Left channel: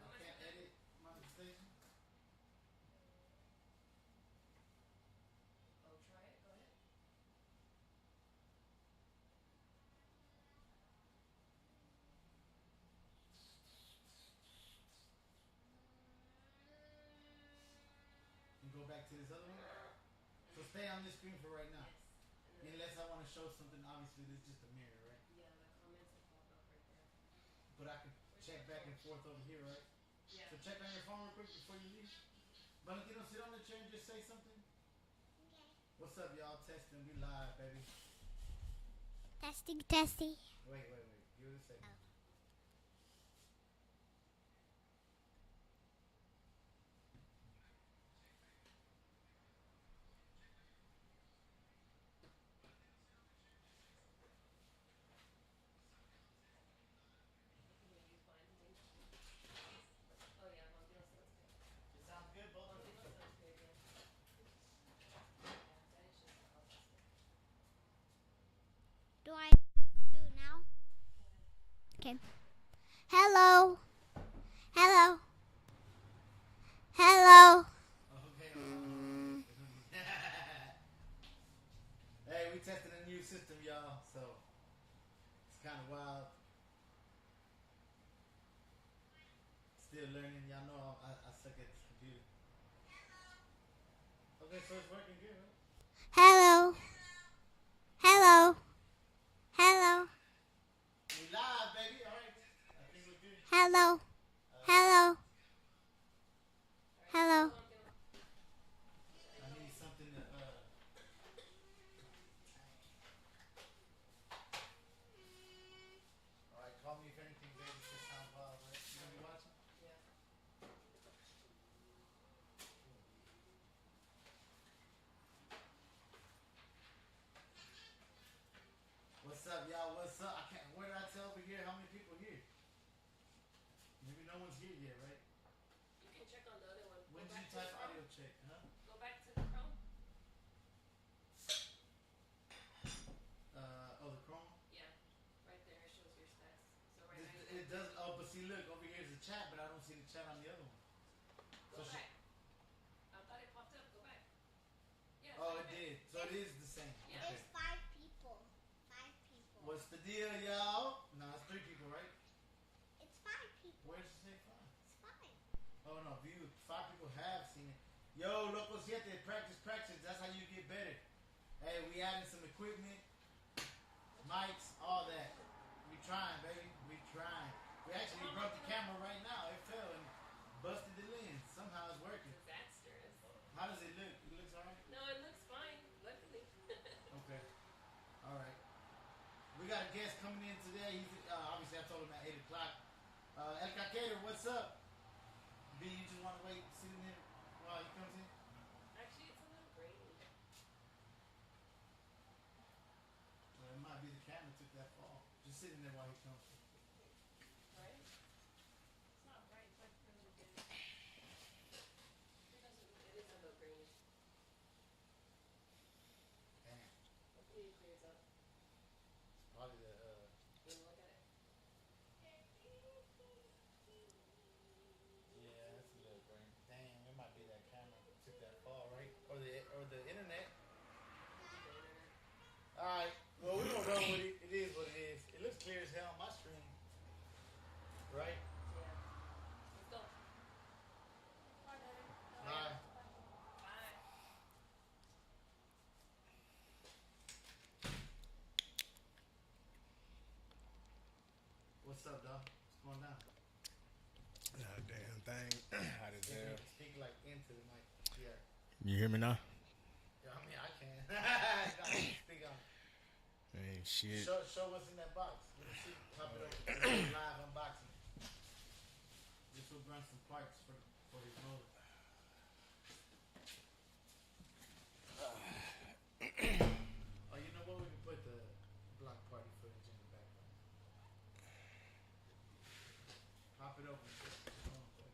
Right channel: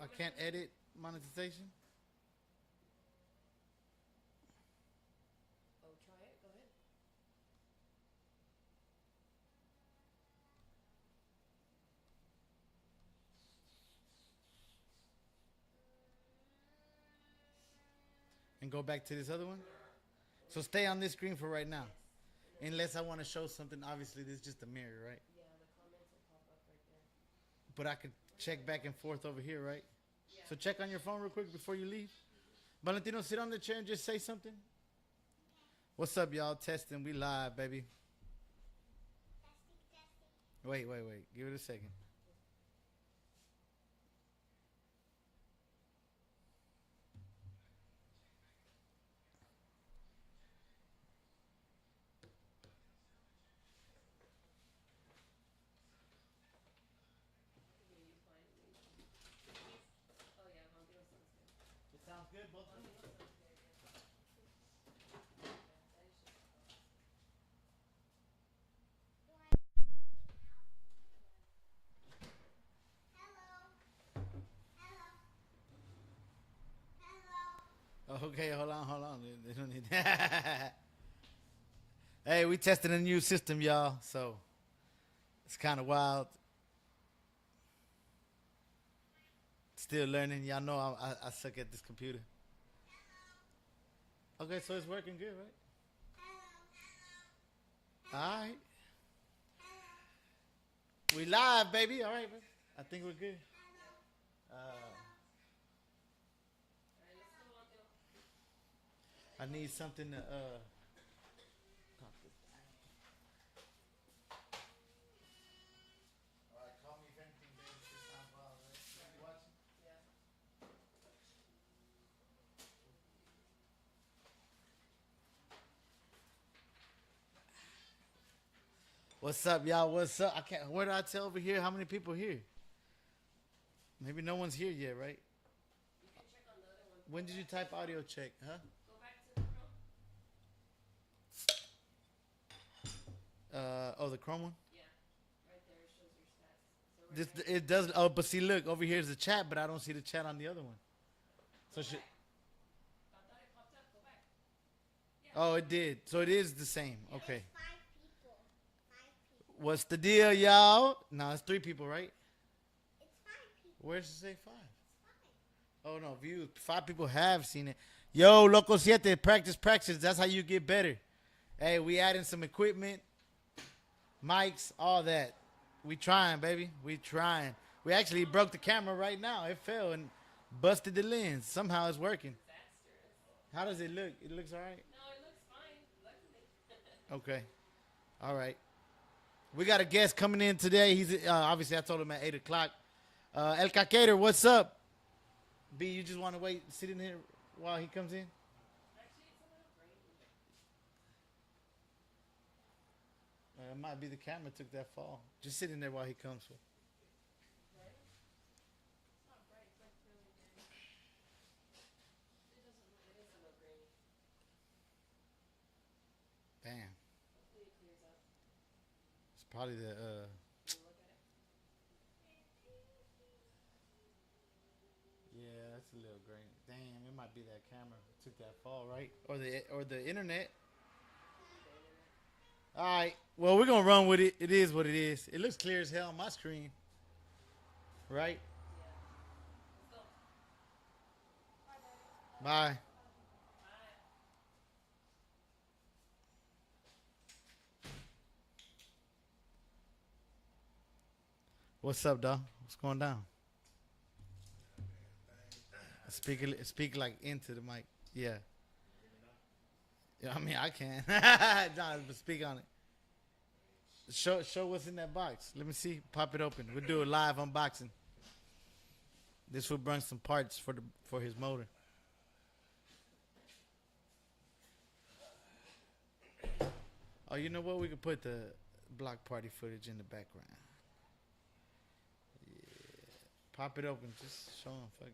I can't edit monetization. Oh, try it. Go ahead. And go back to this other one. So stay on this screen for right now. Yes. And then Unless I want to show something. Obviously, this is just a mirror, right? yeah, the comments will pop up right there. But I could check back and forth over here, right? Yeah. So check on your phone real quick before you leave. Valentino, sit on the chair and just say something. What's up, y'all? Testing. We live, baby. Testing, testing. Wait. Give it a second. You gonna use mine? Oh yeah, Valentino sounds good. It sounds good, both of them. Valentino sounds good. Yeah. Yeah, and it's just oh, that's good. Do I do now? Okay. Hello. Hello. Hello. Okay, hold on. They don't need Hey, we testing a new system, y'all. So it's kind of wild. Still learning. Y'all know I suck at this computer. Okay, so it's working good, right? Hello. Hello. Alright. Hello. We live, baby. All right, man. I think we're good. Hello. Hello. Hello. I need something to All right, call me if anything, baby. This sounds wild, right? You gonna be watching? Yeah. What's up, y'all? What's up? I can't. Where did I tell over here? How many people here? Maybe no one's here yet, right? You can check on the other one. When Go did you back to type the Chrome. audio check? Huh? Go back to the Chrome. Oh, the Chrome one. Yeah. Right there it shows your stats. So right This next. it does. Oh, but see, look over here's the chat, but I don't see the chat on the other one. So Go should. back. I thought it popped up. Go back. Yeah. Oh, right it there. did. So it is the same. Yeah. Okay. 5 people. 5 people. What's the deal, y'all? No, it's 3 people, right? It's 5 people. Where's it say 5? It's 5. Oh no, views. 5 people have seen it. Yo, Loco Siete, practice. That's how you get better. Hey, we adding some equipment, mics, all that. We trying, baby. We trying. We actually broke the camera right now. It fell and busted the lens. Somehow it's working. Disastrous. How does it look? It looks all right. No, it looks fine. Luckily. Okay. All right. We got a guest coming in today. He's obviously I told him at 8 o'clock. El Cacator, what's up? B, you just want to wait, sit in here while he comes in? Actually, it's a little grainy. It might be the camera took that fall. Just sit in there while he comes. Right? It's not bright. It's like really good. It doesn't. It is a little grainy. Damn. Hopefully it clears up. It's probably the Can you look at it? yeah, that's a little green. Damn, it might be that camera took that fall, right? Or the internet. Maybe the internet. All right. Well, we're gonna run with it. It is what it is. It looks clear as hell on my screen, right? Yeah. Let's go. Bye. Bye. What's up, dog? What's going down? Damn thing. Speak like into the mic. Yeah. You hear me now? Yeah. I mean, I can. Nah, speak on it. Hey, shit. Show what's in that box. Let me see. Pop it open. We'll do a live unboxing. This will bring some parts for his motor. Oh, you know what? We could put the block party footage in the background. Yeah. Pop it open. Just show him. Fuck it.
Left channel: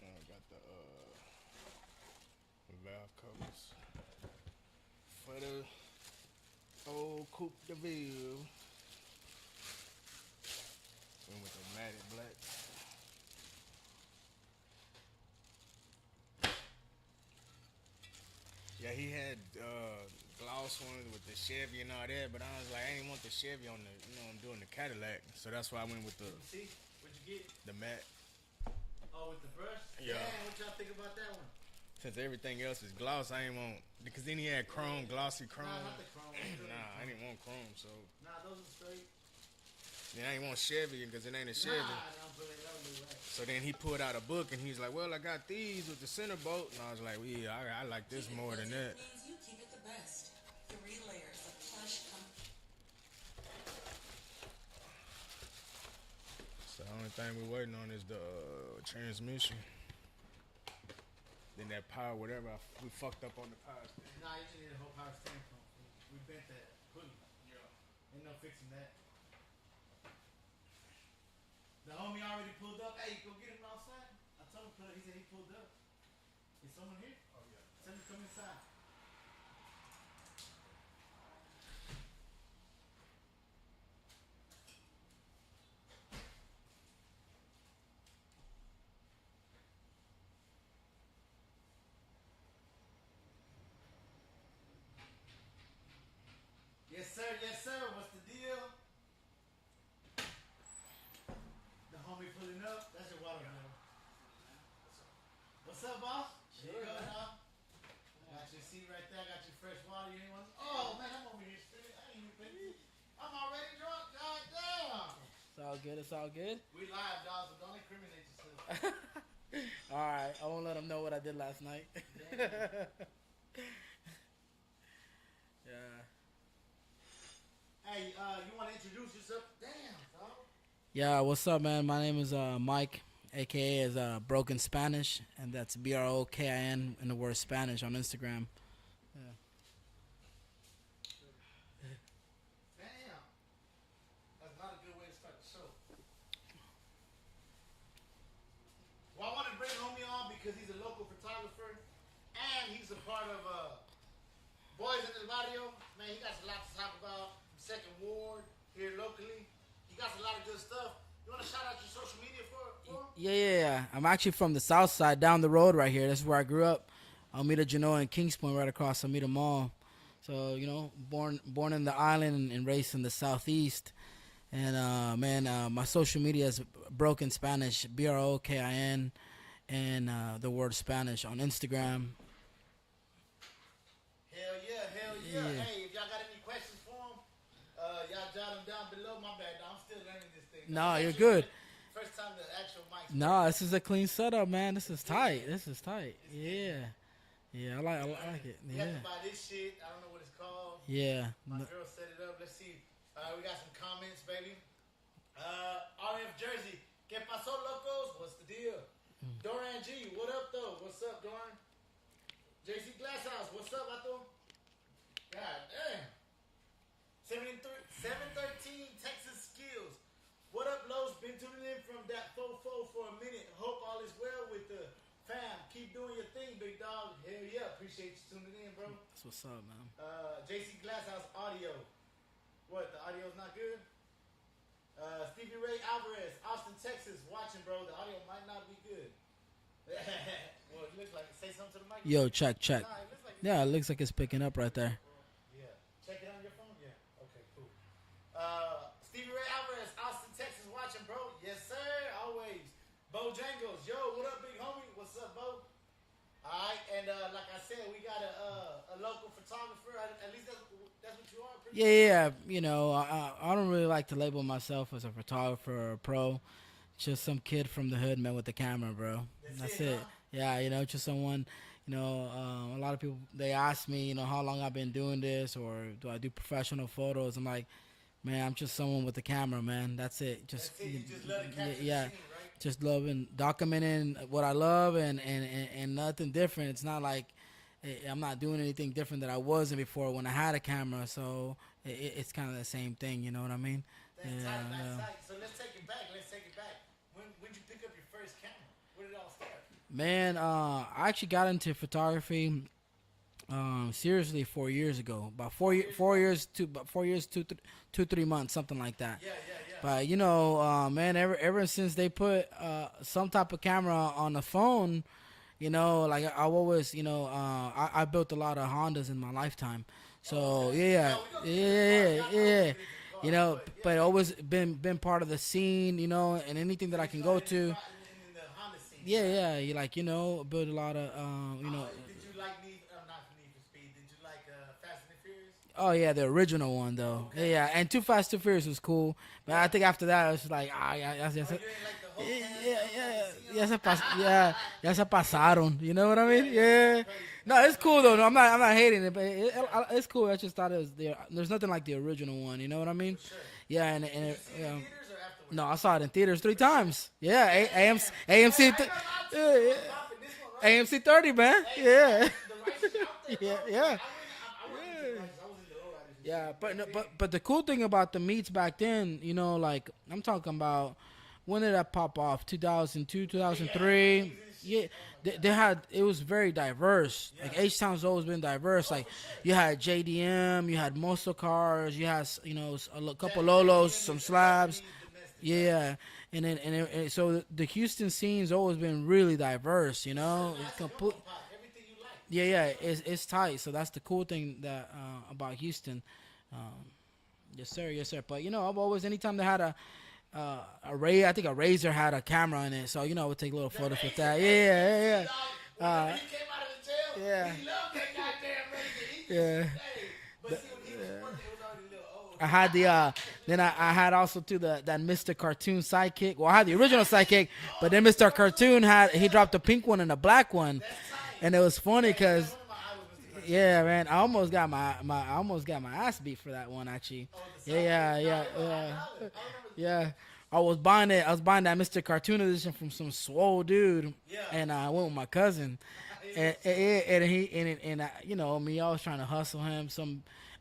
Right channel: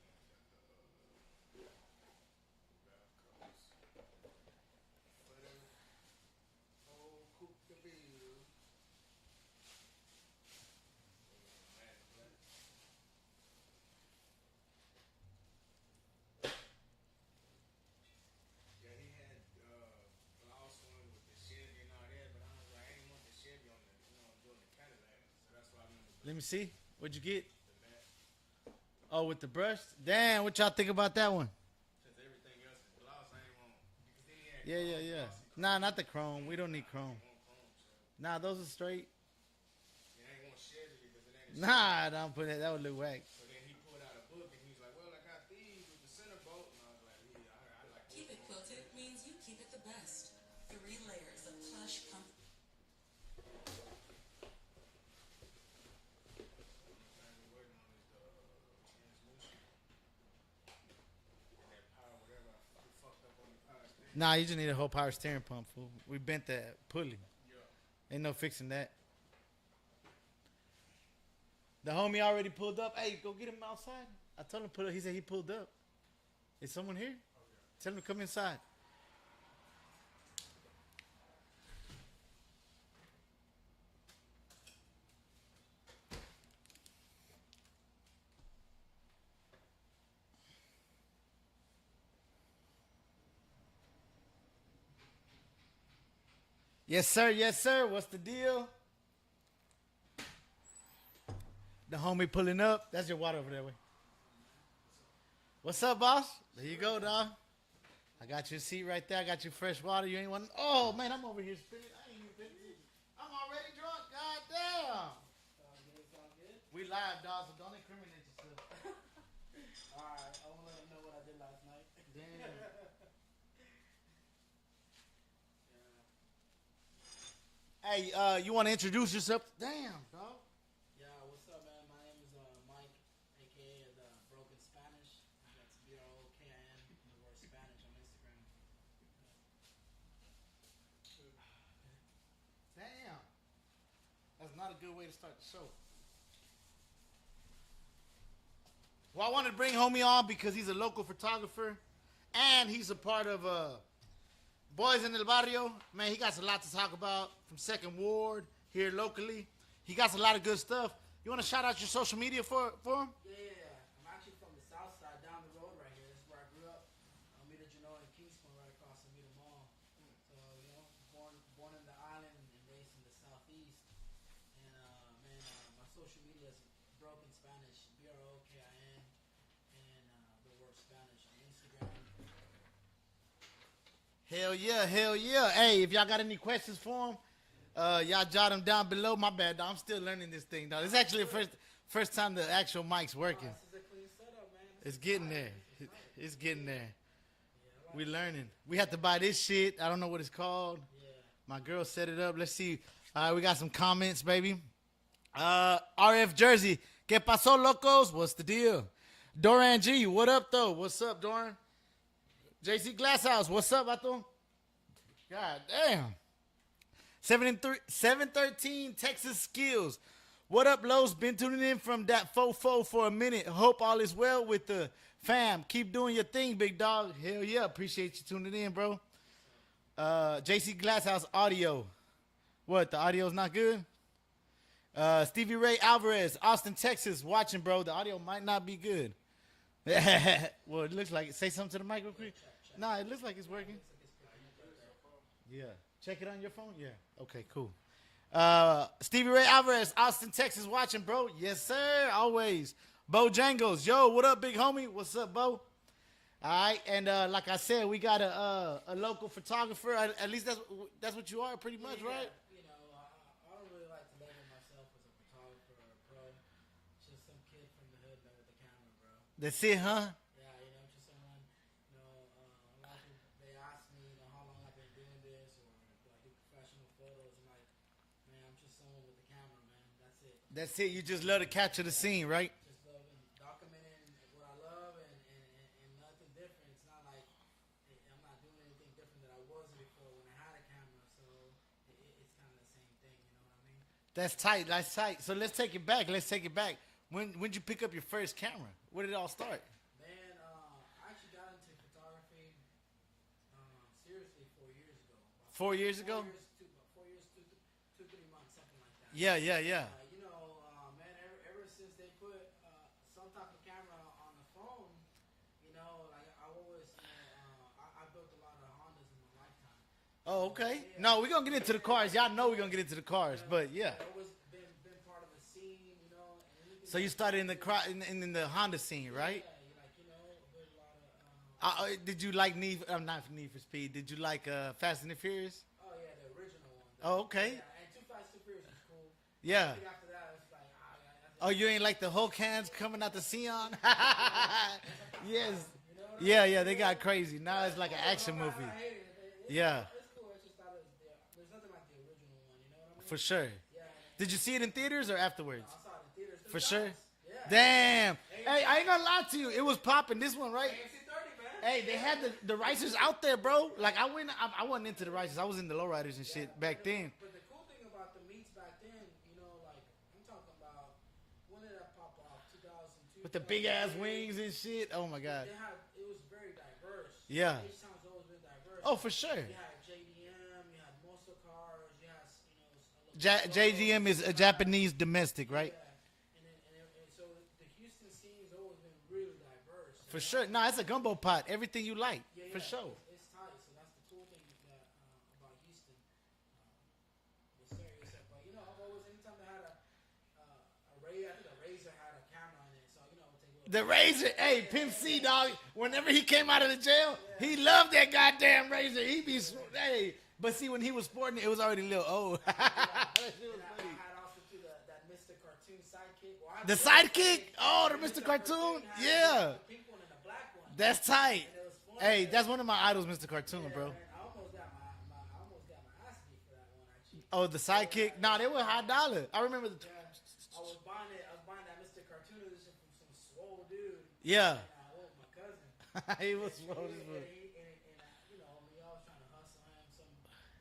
I got the valve covers for the old Coupe de Ville. Chevy and all that, but I was like, I didn't want the Chevy on the, I'm doing the Cadillac, so that's why I went with the Let me see. What'd you get? matte. Oh, with the brush. Yeah. Damn, what y'all think about that one? Since everything else is gloss, I ain't want because then he had Yeah, chrome, yeah, yeah. glossy chrome. Nah, not the chrome. We don't need I chrome. didn't want chrome, so Nah, those are straight. then I ain't want Chevy because it ain't a Chevy. Nah, don't put that. That would look whack. So then he pulled out a book and he's like, "Well, I got these with the center bolt," and I was like, "Well, yeah, I like this more than that." Means you keep it the best. 3 layers of plush comfort. So the only thing we're waiting on is the transmission. Then that power, whatever, we fucked up on the power steering. Nah, you just need a whole power steering pump. Fool. We bent that pulley. Ain't no fixing that. The homie already pulled up. Hey, go get him outside. I told him pull up. He said he pulled up. Is someone here? Tell him to come inside. Yes, sir. Yes, sir. What's the deal? The homie pulling up. That's your water over there. What's up, boss? There you go, dog. I got your seat right there. I got your fresh water. You ain't want. Oh man, I'm over here. I'm already drunk. God damn. It's all good. It's all good. We live, dog. So don't incriminate yourself. All right. I won't let them know what I did last night. Yeah. Hey, you want to introduce yourself? Damn, dog. Yeah. What's up, man? My name is Mike, aka is Broken Spanish, and that's BROKIN in the word Spanish on Instagram. Damn. That's not a good way to start the show. Well, I wanted to bring homie on because he's a local photographer and he's a part of Boys in el Barrio. Man, he got a lot to talk about from Second Ward here locally. He got a lot of good stuff. You want to shout out your social media for him? Yeah. I'm actually from the south side, down the road right here. This is where I grew up. Almeida Genoa and Kings Point, right across Almeida Mall. So, born in the island and raised in the southeast. And, my social media is Broken Spanish, BROKIN, and the word Spanish on Instagram. Hell yeah. Hey, if y'all got any questions for him, y'all jot them down below. My bad, dog. I'm still learning this thing. No, Nah, it's you're actually good. first time the actual mic's working. No, this is a clean setup, man. This It's is getting tight. there. This is tight. It's getting there. Yeah, I like We I like learning. it. We had to buy this shit. I don't know what it's called. Yeah. My girl set it up. Let's see. All right, we got some comments, baby. RF Jersey. ¿Qué pasó, locos? What's the deal? Doran G. What up, though? What's up, Doran? JC Glasshouse. What's up, Vato? God damn. 713 Texas Skills. What up, Los? Been tuning in from that fofo for a minute. Hope all is well with the fam. Keep doing your thing, big dog. Hell yeah. Appreciate you tuning in, bro. That's what's up, man. JC Glasshouse audio. What? The audio's not good? Stevie Ray Alvarez, Austin, Texas, watching, bro. The audio might not be good. Well, it looks like it. Say something to the mic. real Yo, quick. check. Nah, it looks like it's Yeah, good. it looks like it's picking up right there. Yeah. Check it on your phone? Yeah. Okay, cool. Stevie Ray Alvarez, Austin, Texas, watching, bro. Yes, sir. Always. Bo Jangles. Yo, what up, big homie? What's up, Bo? All right, and like I said, we got a local photographer. At least that's what you are, pretty much. Yeah. I don't really like to label myself as a photographer or a pro. Just some kid from the hood, man, with the camera, bro. That's it, huh? Yeah, just someone. A lot of people, they ask me, how long I've been doing this, or do I do professional photos? I'm like, man, I'm just someone with the camera, man. That's it. That's it. You just love to capture the scene, right? Just loving, documenting what I love and nothing different. It's not like I'm not doing anything different that I wasn't before when I had a camera. So it's kind of the same thing. You know what I mean? That's tight. That's tight. So let's take it back. When'd you pick up your first camera? Where did it all start? Man, I actually got into photography seriously 4 years ago. About 4 years, 3 months, something like that. Yeah. But man, ever since they put some type of camera on the phone, like I always, I built a lot of Hondas in my lifetime. So Oh, okay. yeah, No, we're gonna get into the cars. Y'all know we're gonna get into the cars. You know, but yeah. but always been part of the scene, you know, and anything So that I you can go started to. in the Honda scene, Yeah, right? yeah, you like, you know, build a lot of. You know, Did you like not Need for Speed? Did you like Fast and the Furious? oh yeah, the original one though. Oh, okay. Yeah, and Too Fast, Too Furious was cool. But Yeah. I think after that, it was like, Oh, you ain't like the whole cans coming out the scene? ya se pasaron. You know what I mean? Yeah, they got crazy. No, Now it's it's cool like though. an No, I'm action not movie. hating it, but Yeah. it's cool. I just thought it was there. There's nothing like the original one. You know what I mean? For sure. Yeah, and Did you see it in know, theaters or afterwards? No, I saw it in theaters 3 For sure? times. Yeah, Damn. AMC. Hey, I ain't gonna lie to you. Yeah, It was yeah. popping. This one, right? AMC 30, man. Hey, yeah. man, the Ricers out there, bro. Yeah, yeah. Like I wasn't into the Ricers. I was in the low riders and Yeah, shit back but, then. but the cool thing about the meets back then, you know, like I'm talking about, when did that pop off? 2002, the big ass 2003. wings and shit. Oh my God. They had, it was very diverse. Yeah. Like, H-Town's always been diverse. Oh, like for sure. you had JDM, you had muscle cars, you had, you know, couple Ja- Lolos, JDM some is a slabs. Japanese domestic, right? Yeah, and so the Houston scene's always been really diverse, you For know. sure. Nah, it's a Complete- gumbo pot. Everything you like. Yeah, For yeah, sure. it's tight. So that's the cool thing that about Houston. Yes, sir, yes, sir. But you know, I've always, anytime they had a I think a Razor had a camera in it, so you know, I would take a little The photos with Razor, that. hey, Yeah, Pimp C, yeah, yeah. dog. Whenever he came out of the jail, yeah. he loved that goddamn Razor. He be, Yeah. hey. But see, when he was sporting it, it was already a little old. I had the then I had also too that Mr. Cartoon sidekick. Well, I had the The original sidekick? sidekick, Oh, but the then Mr. Mr. Cartoon had he Yeah. dropped a pink one and a black one, That's tight. and it was funny Hey, because that's one of my idols, Mr. Cartoon. yeah, bro. man, I almost got my ass beat for that one actually. Oh, the sidekick. Yeah, Nah, yeah, they were high yeah. dollar. I remember. Yeah. I was buying that Mr. Cartoon edition from some swole dude. Yeah. And I went with my cousin. He and, was- and you know me, I was trying to hustle him.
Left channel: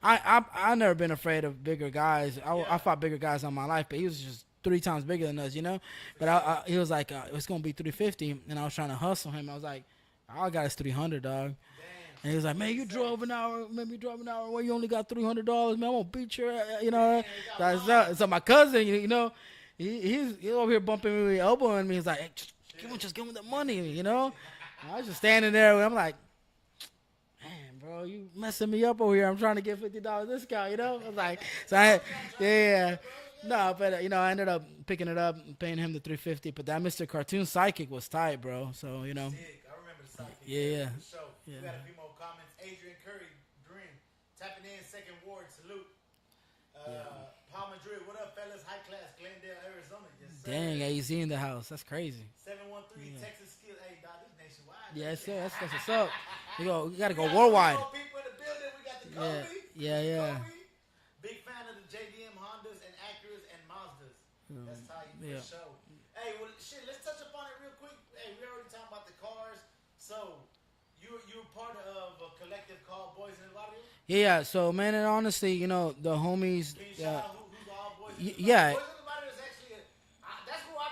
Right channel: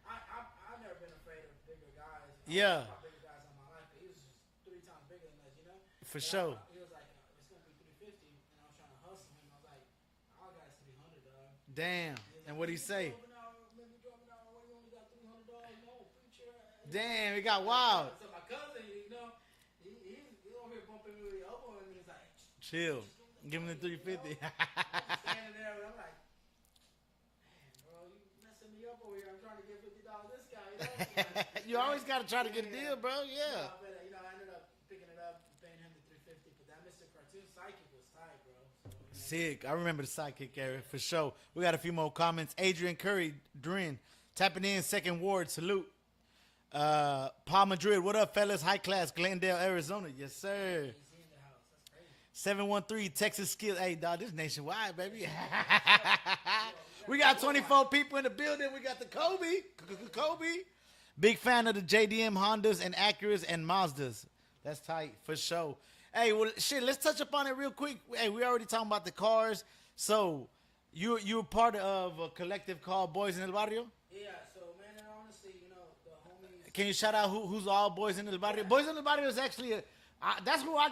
I never been afraid of bigger guys. Yeah. I fought bigger guys all my life, but he was just 3 times bigger than us, you know. For but sure. he was like, it's gonna be 350, and I was trying to hustle him. I was like, all I got is 300, dog. Damn. And he was like, What'd man, he you say? drove an hour. Well, you only got $300, man. I'm gonna beat your, you know. Damn, it got That's wild. so my cousin, you know, he's over here bumping me, elbowing me. He's like, hey, Chill. just give him the Give him money, the you know. 350. I was just standing there. I'm like, man, bro, you messing me up over here. I'm trying to get $50 discount, you know. I'm like, You always gotta try to get good, bro. Yeah. no, but you know, I ended up picking it up and paying him the $350. But that Mr. Cartoon sidekick was tight, bro. So you know, Sick. I remember the sidekick Yeah, era yeah. for sure. We got a few more comments. Adrian Curry, Drin, tapping in, second ward, salute. Paul Madrid, what up, fellas? High class, Glendale, Arizona. Yes, sir. dang, AZ in the house. That's crazy. 713 Texas Skill. Hey, dog, this nationwide, baby. Yes, sir. That's what's up. We gotta We go got worldwide. 24 people in the building. We got the Kobe. Yeah, yeah. Kobe. Big fan of the JDM Hondas and Acuras and Mazdas. That's tight for Yeah. sure. Hey, well, shit, let's touch upon it real quick. Hey, we already talking about the cars. So, you were part of a collective called Boys in el Barrio? Yeah. So man, and honestly, you know, the homies. Can you shout out who's all Boys in the Y- Barrio? yeah. Boys in the Barrio is actually that's who I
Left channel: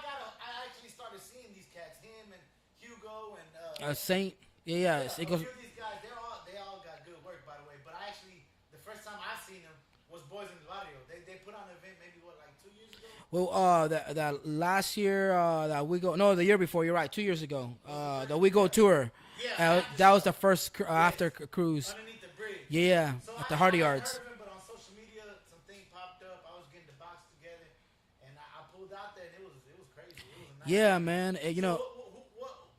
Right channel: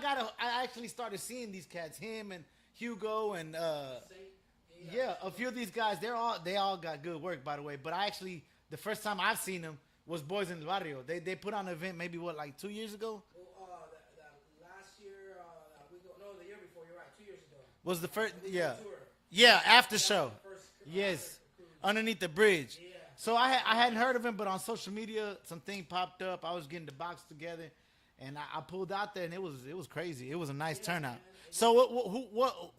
actually started seeing these cats. Him and Hugo and Saint. Yeah. yeah, It a goes- few of these guys, they all got good work, by the way. But I actually, the first time I've seen them was Boys in the Barrio. They put on an event maybe like 2 years ago. Well, that last year, that we go. No, the year before. You're right. 2 years ago Was the first- that we go yeah. tour. Yeah, after that was show. the first after Yes. cruise. Underneath the bridge. Yeah. So at I the hadn't Hardy Yards. heard of him, but on social media, something popped up. I was getting the box together, and I pulled out there, and it was crazy. It was a nice Yeah, turnout. man. You So know-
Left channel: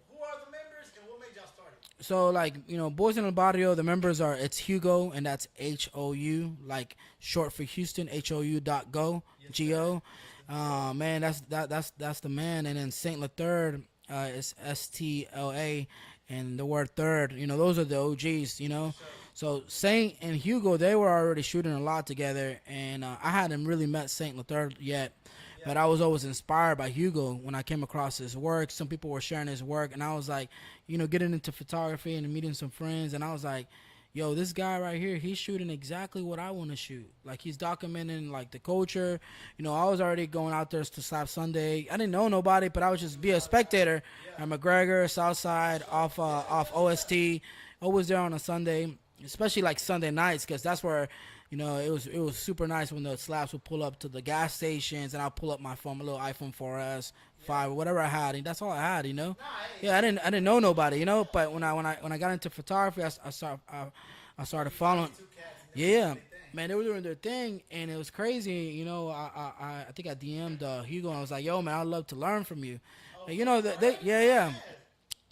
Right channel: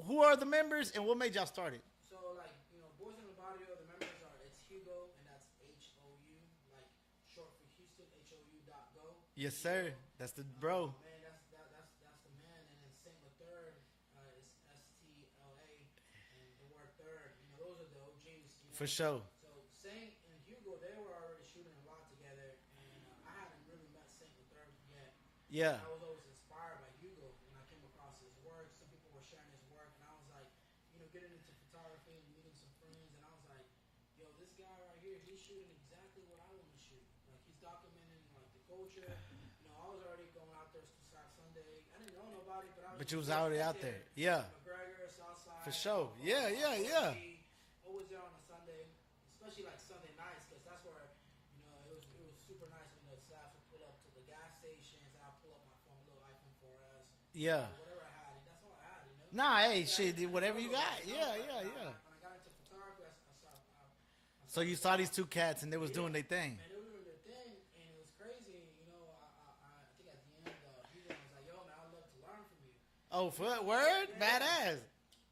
who are the members, and what made y'all start it? So like, you know, Boys in el Barrio, the members are, it's Hugo, and that's HOU, like short for Houston, HOU.go, Yes, Go. sir. That's the bro. Man, that's the man. And then Saint Lathird, is STLA, and the word third. You know, those are the OGs. You know. For sure. So Saint and Hugo, they were already shooting a lot together, and I hadn't really met Saint Lathird yet. Yeah. But I was always inspired by Hugo when I came across his work. Some people were sharing his work, and I was like, you know, getting into photography and meeting some friends, and I was like, yo, this guy right here, he's shooting exactly what I want to shoot. Like, he's documenting, like, the culture. You know, I was already going out there to Slap Sunday. I didn't know nobody, but I would just you be was a already out spectator. there. Yeah. At McGregor, Southside, For sure. off Yeah, off yeah, OST. Always there on a Sunday, especially, like, Sunday nights, because that's where, you know, it was super nice when the slaps would pull up to the gas stations, and I'll pull up my phone, my little iPhone 4S, Yeah. 5, whatever I had. And that's all I had, you know. Nah, hey, Yeah, I shit, didn't whatever know you nobody, got, you know. yeah, But yeah, when I got into photography, I I So started you saw following. these two cats and they were Yeah, doing their thing. man, they were doing their thing, and it was crazy. You know, I think I DM'd Hugo. And I was like, "Yo, man, I'd love to learn from you." Oh, And, you know, word? yeah. Badass.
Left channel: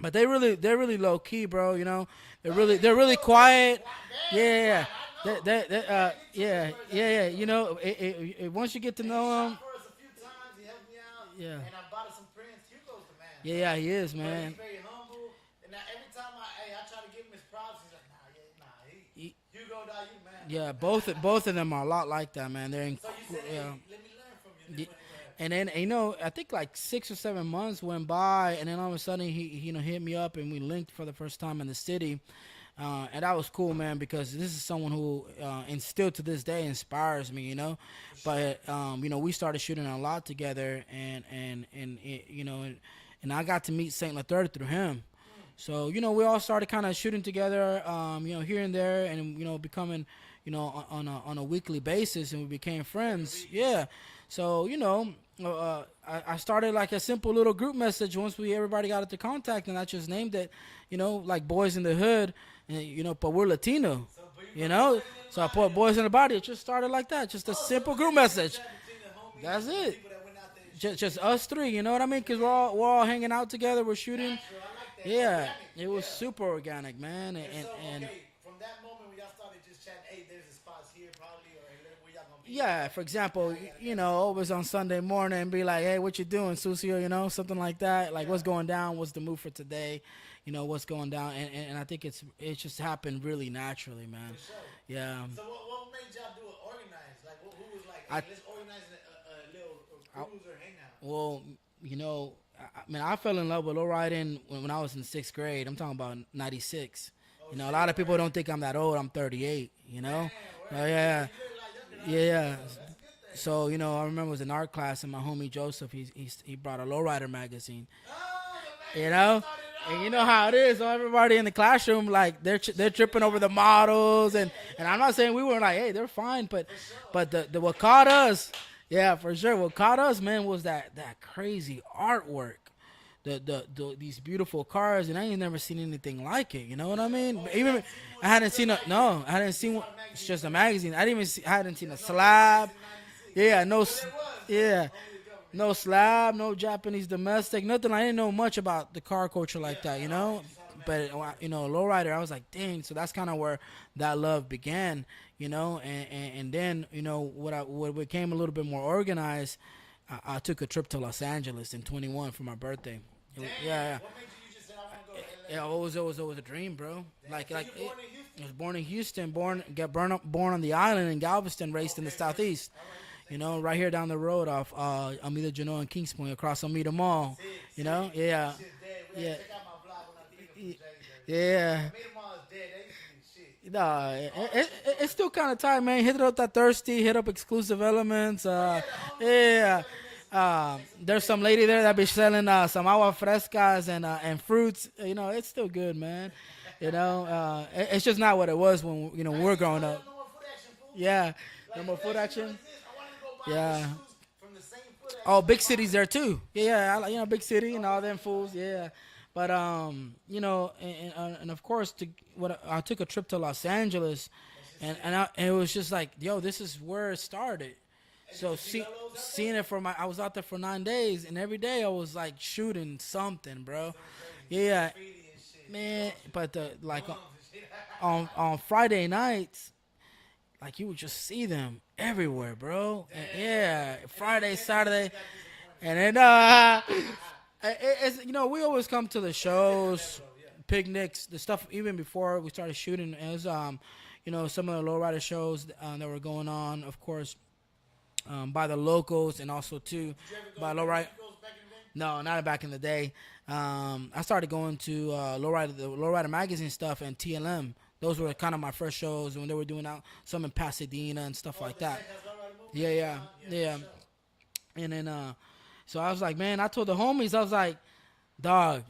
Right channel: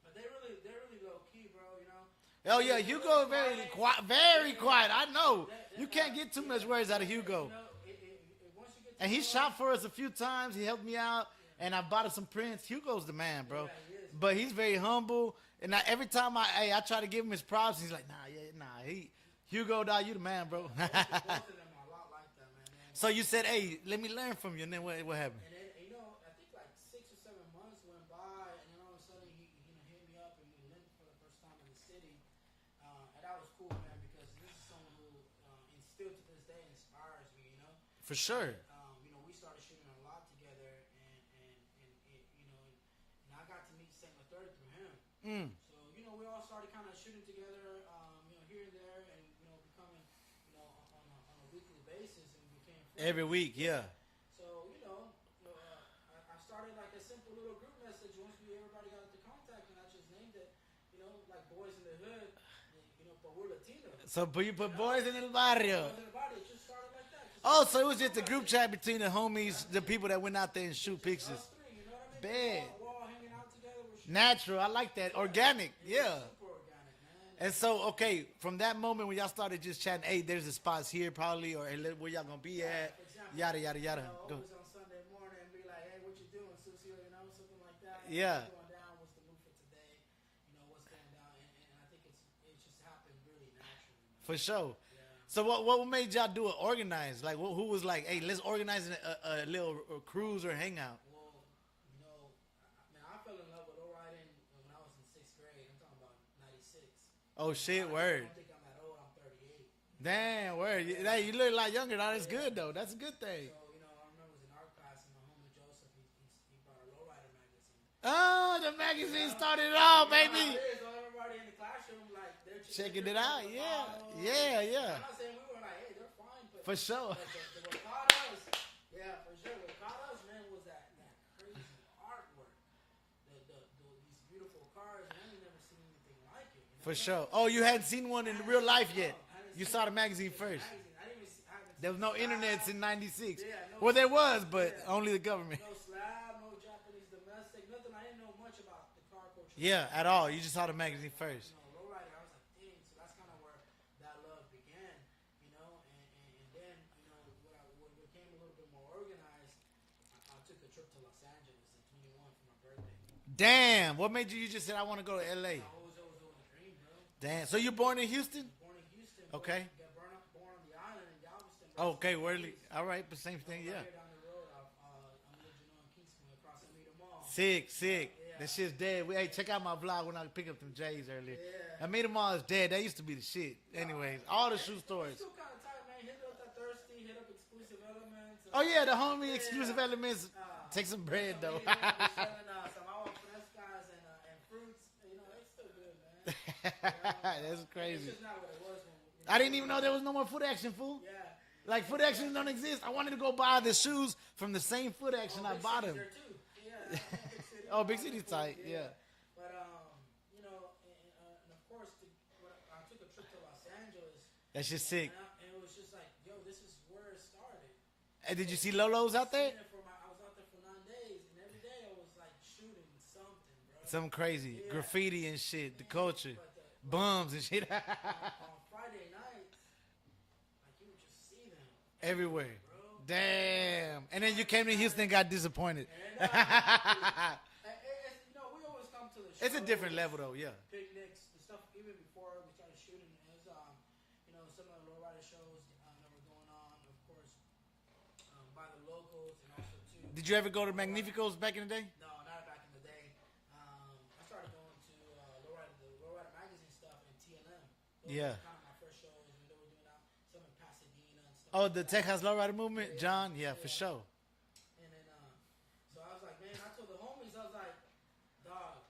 But they're really low key, bro. You know, they're Oh, really yeah, they're Hugo really very quiet. Very Yeah, quiet. I know. They- You can't get too yeah, much words out of yeah. Hugo. You know, once you get to And he know shot him, for us a few times. He helped me out. Yeah. And I bought us some prints. Hugo's the man, bro. yeah, he is, man. But he's very humble. And every time I try to give him his props, he's like, nah. Hugo, dog, you the man, bro. yeah, both of them are a lot like that, man. They're So you said, you hey, know. let me learn from you. And then what happened? And then you know, I think like 6 or 7 months went by, and then all of a sudden he you know hit me up and we linked for the first time in the city, and that was cool, man, because this is someone who and still to this day inspires me, you know. For sure. But you know, we started shooting a lot together, and it, you know, and I got to meet Saint Lethard through him. So you know, we all started kind of shooting together, you know, here and there, and you know, becoming, you know, on a weekly basis, and we became friends Every week, yeah. yeah. So you know, I started like a simple little group message once everybody got into contact, and I just named it, you know, like Boys in the Hood, and, you know, but we're Latino. So, but you put You know, boys in the so I body put Boys in the Body. It just started like that, just a Oh, so it simple was group just a message. chat between the homies, That's the it. people that went out there and shot Just pictures. us three, you know what I mean? Because Big. we're all hanging out together. We're shooting. Natural. I like that. Yeah, Organic. It yeah. was super organic, man. And so, okay, from that moment when y'all started just chatting, hey, there's the spots here probably, or hey, where y'all gonna be? Yeah, at? for example, Yada, yada, you yada. know, always on Sunday morning, be like, "Hey, what you doing, Sucio?" You know, something like that. Like, Yeah. what's going down? What's the move for today? You know, what's going down? And I think it's just happened really naturally, man. For sure. Yeah. So what made y'all do it organized? Like, who was like, hey, let's organize a little cruise or hangout? Well, you know, I fell in love with lowriding when I was in 6th grade. I'm talking about '96. Oh, You know, shit, a lot of people word. don't think I'm that old. I'm 38. You know. Man, word. Yeah. You look a lot younger. That's Yeah. good, though. That's a good thing. So you know, I remember it was an art class, and my homie Joseph, he brought a lowrider magazine. Oh, the magazine You know, started it all, and you know how it baby. is. So everybody in the classroom, like they're it tripping over out, the yeah. models, Yeah, and yeah. I'm not saying we weren't like, hey, they're fine, but For sure. but the what caught us, yeah, for sure. What caught us, man, was that crazy artwork. These beautiful cars, and I ain't never seen anything like it. You know For what sure. I mean? Oh, you Even- hadn't seen one I in hadn't real seen life it. No, yet? I hadn't You seen. saw the It's magazine just a first. magazine. I didn't even. I hadn't seen There a was no slab. internets in '96. Yeah, no. Well, there was, but yeah. only the government. No slab, no Japanese domestic, nothing. I didn't know much about the car culture like Yeah, that. at You all. know? You just saw the But magazine first. you know, lowrider, I was like, dang. So that's kind of where that love began. You know, and then you know what became a little bit more organized. I took a trip to Los Angeles in 21 for my birthday. Damn. Yeah. What made you just said I want to go to LA? Yeah, it was a dream, bro. Damn. So you born in Houston? I was born in Houston, Okay. born on the island in Galveston, raised in the word. southeast. All right, the same You know, thing, right yeah. here down the road off Amita Genoa and Kings Point, across Amita Mall. Sick, You sick. know, yeah. That shit's dead. Hey, Yeah. check out my vlog when I pick up some J's earlier. Yeah. I made them all is dead. That used to be the shit. Nah, Anyway, all the true stories. it's still kind of tight, man. Hit it up that thirsty, hit up exclusive elements. Oh yeah, the homies. yeah. Exclusive Elements. Take some There's bread, some bro. lady there that be selling some agua frescas and fruits. You know, it's still good, man. You know, it's just not what it was when I we didn't were even know growing there up. was no more foot action, fool. Yeah, Like no more foot action don't exist. I wanted to go buy the Yeah. shoes from the same foot action. Oh, I big bought cities them. there too. Yeah, I like, big city Oh, and big all them city fools. tight, Yeah. yeah. But you know, and of course, I took a trip to Los Angeles, That's just and, sick. and it was just like, yo, this is where it started. And did So you see Lolo's out there? Seeing it I was out there for 9 days, and every day I was like shooting something, bro. Something crazy. Yeah. Graffiti and shit. Man, the culture. but like Bums and shit. on Friday nights, like you would just see them everywhere, bro. Damn. Yeah, And Friday, then you came to Saturday, Houston and got disappointed. and then it's, you know, we always come to the It's a different shows, level though, yeah. picnics, the stuff even before we started shooting. As you know, some of the lowrider shows that were going on, of course, by the locals, and also too. Did you ever go by to lowrider- Magnificos back in the day? No, not back in the day. I started going to the Lowrider magazine stuff and TLM. Those Yeah. were kind of my first shows when they were doing out some in Pasadena and stuff Oh, like the that. Texas Lowrider movement? Yeah, yeah. John? Yeah, Yeah. for sure. And then, so I was like, man, I told the homies, I was like, dog,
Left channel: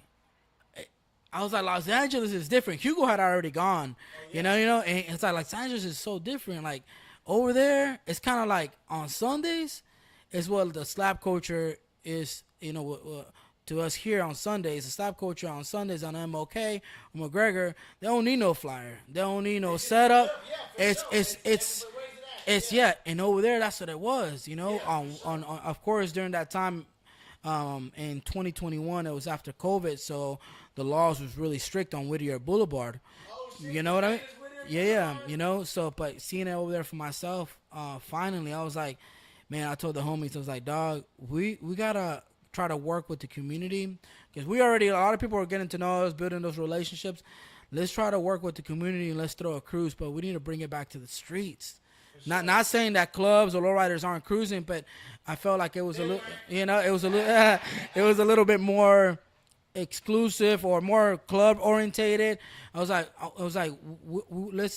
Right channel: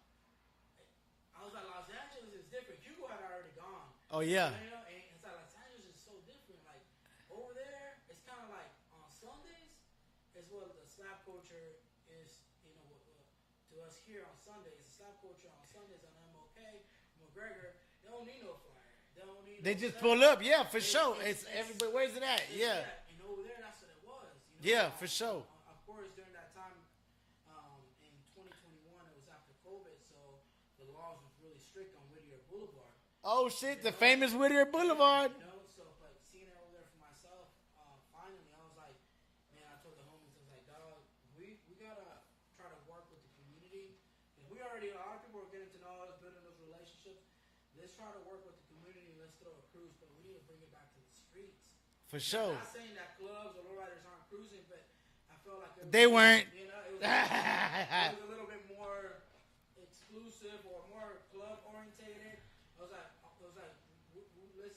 I was like, Los Angeles is different. Hugo had already gone. Oh, yeah. You know, and it's like Los Angeles is so different. Like over there, it's kind of like on Sundays, is what the slap culture is. You know, to us here on Sundays, the stop culture on Sundays on MOK or McGregor, they don't need no flyer. They don't need They no just setup. pull up. Yeah, for It's- sure. it's- everybody, where's it at? It's and over there, that's what it was. You know, Yeah, for sure. on of course during that time, in 2021, it was after COVID, so the laws was really strict on Whittier Boulevard. Oh shit! You know the what famous Whittier Yeah, Boulevard. you know. So, but seeing it over there for myself, finally, I was like, man. I told the homies, I was like, dog, we gotta try to work with the community because we already a lot of people are getting to know us, building those relationships. Let's try to work with the community and let's throw a cruise, but we need to bring it back to the streets. For sure. Not saying that clubs or lowriders aren't cruising, but I felt like it was They weren't. You know, it was it was a little bit more exclusive or more club orientated. I was like,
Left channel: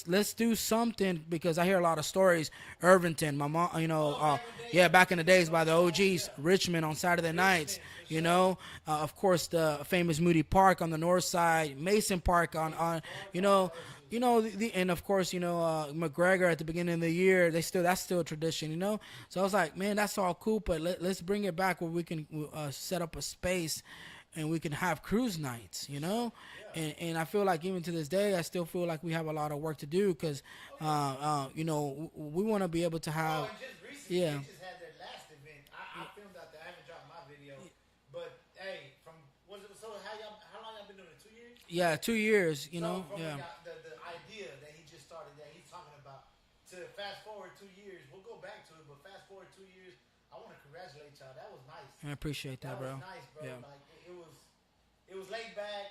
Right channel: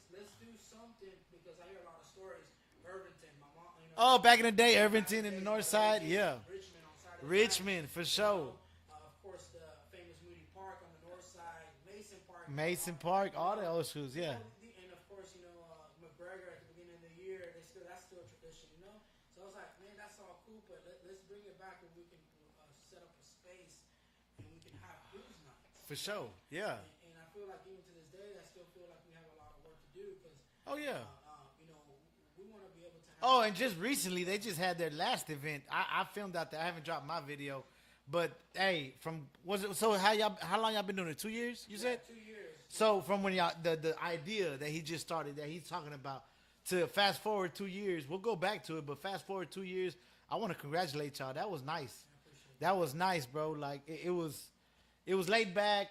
let's do something because I hear a lot of stories. Irvington, my mom, you know. Oh, back in the day, yeah, back in the Irvington days is by the North OGs. Side, yeah. Richmond on Saturday nights. Richmond, for You sure. know, of course the famous Moody Park on the north side, Mason Park Mason on Park, you all know, those schools, you yeah. know, and of course, you know, McGregor at the beginning of the year, that's still a tradition, you know. So I was like, man, that's all cool, but let's bring it back where we can set up a space and we can have cruise nights, you know. sure, yeah. And I feel like even to this day, I still feel like we have a lot of work to do because, Oh, yeah. you know, we want to be able to have. Oh, and just recently Yeah. they just had their last event. I filmed out there. I haven't dropped my video, but hey, how long y'all been doing it? 2 years? You yeah, said? 2 years. You So know? from when Yeah. y'all the idea that he just started that he's talking about to fast forward 2 years, we'll go back to it, but fast forward 2 years, I want to congratulate y'all. That was nice. I appreciate that. That was bro. nice, bro. Yeah. Like it was laid back.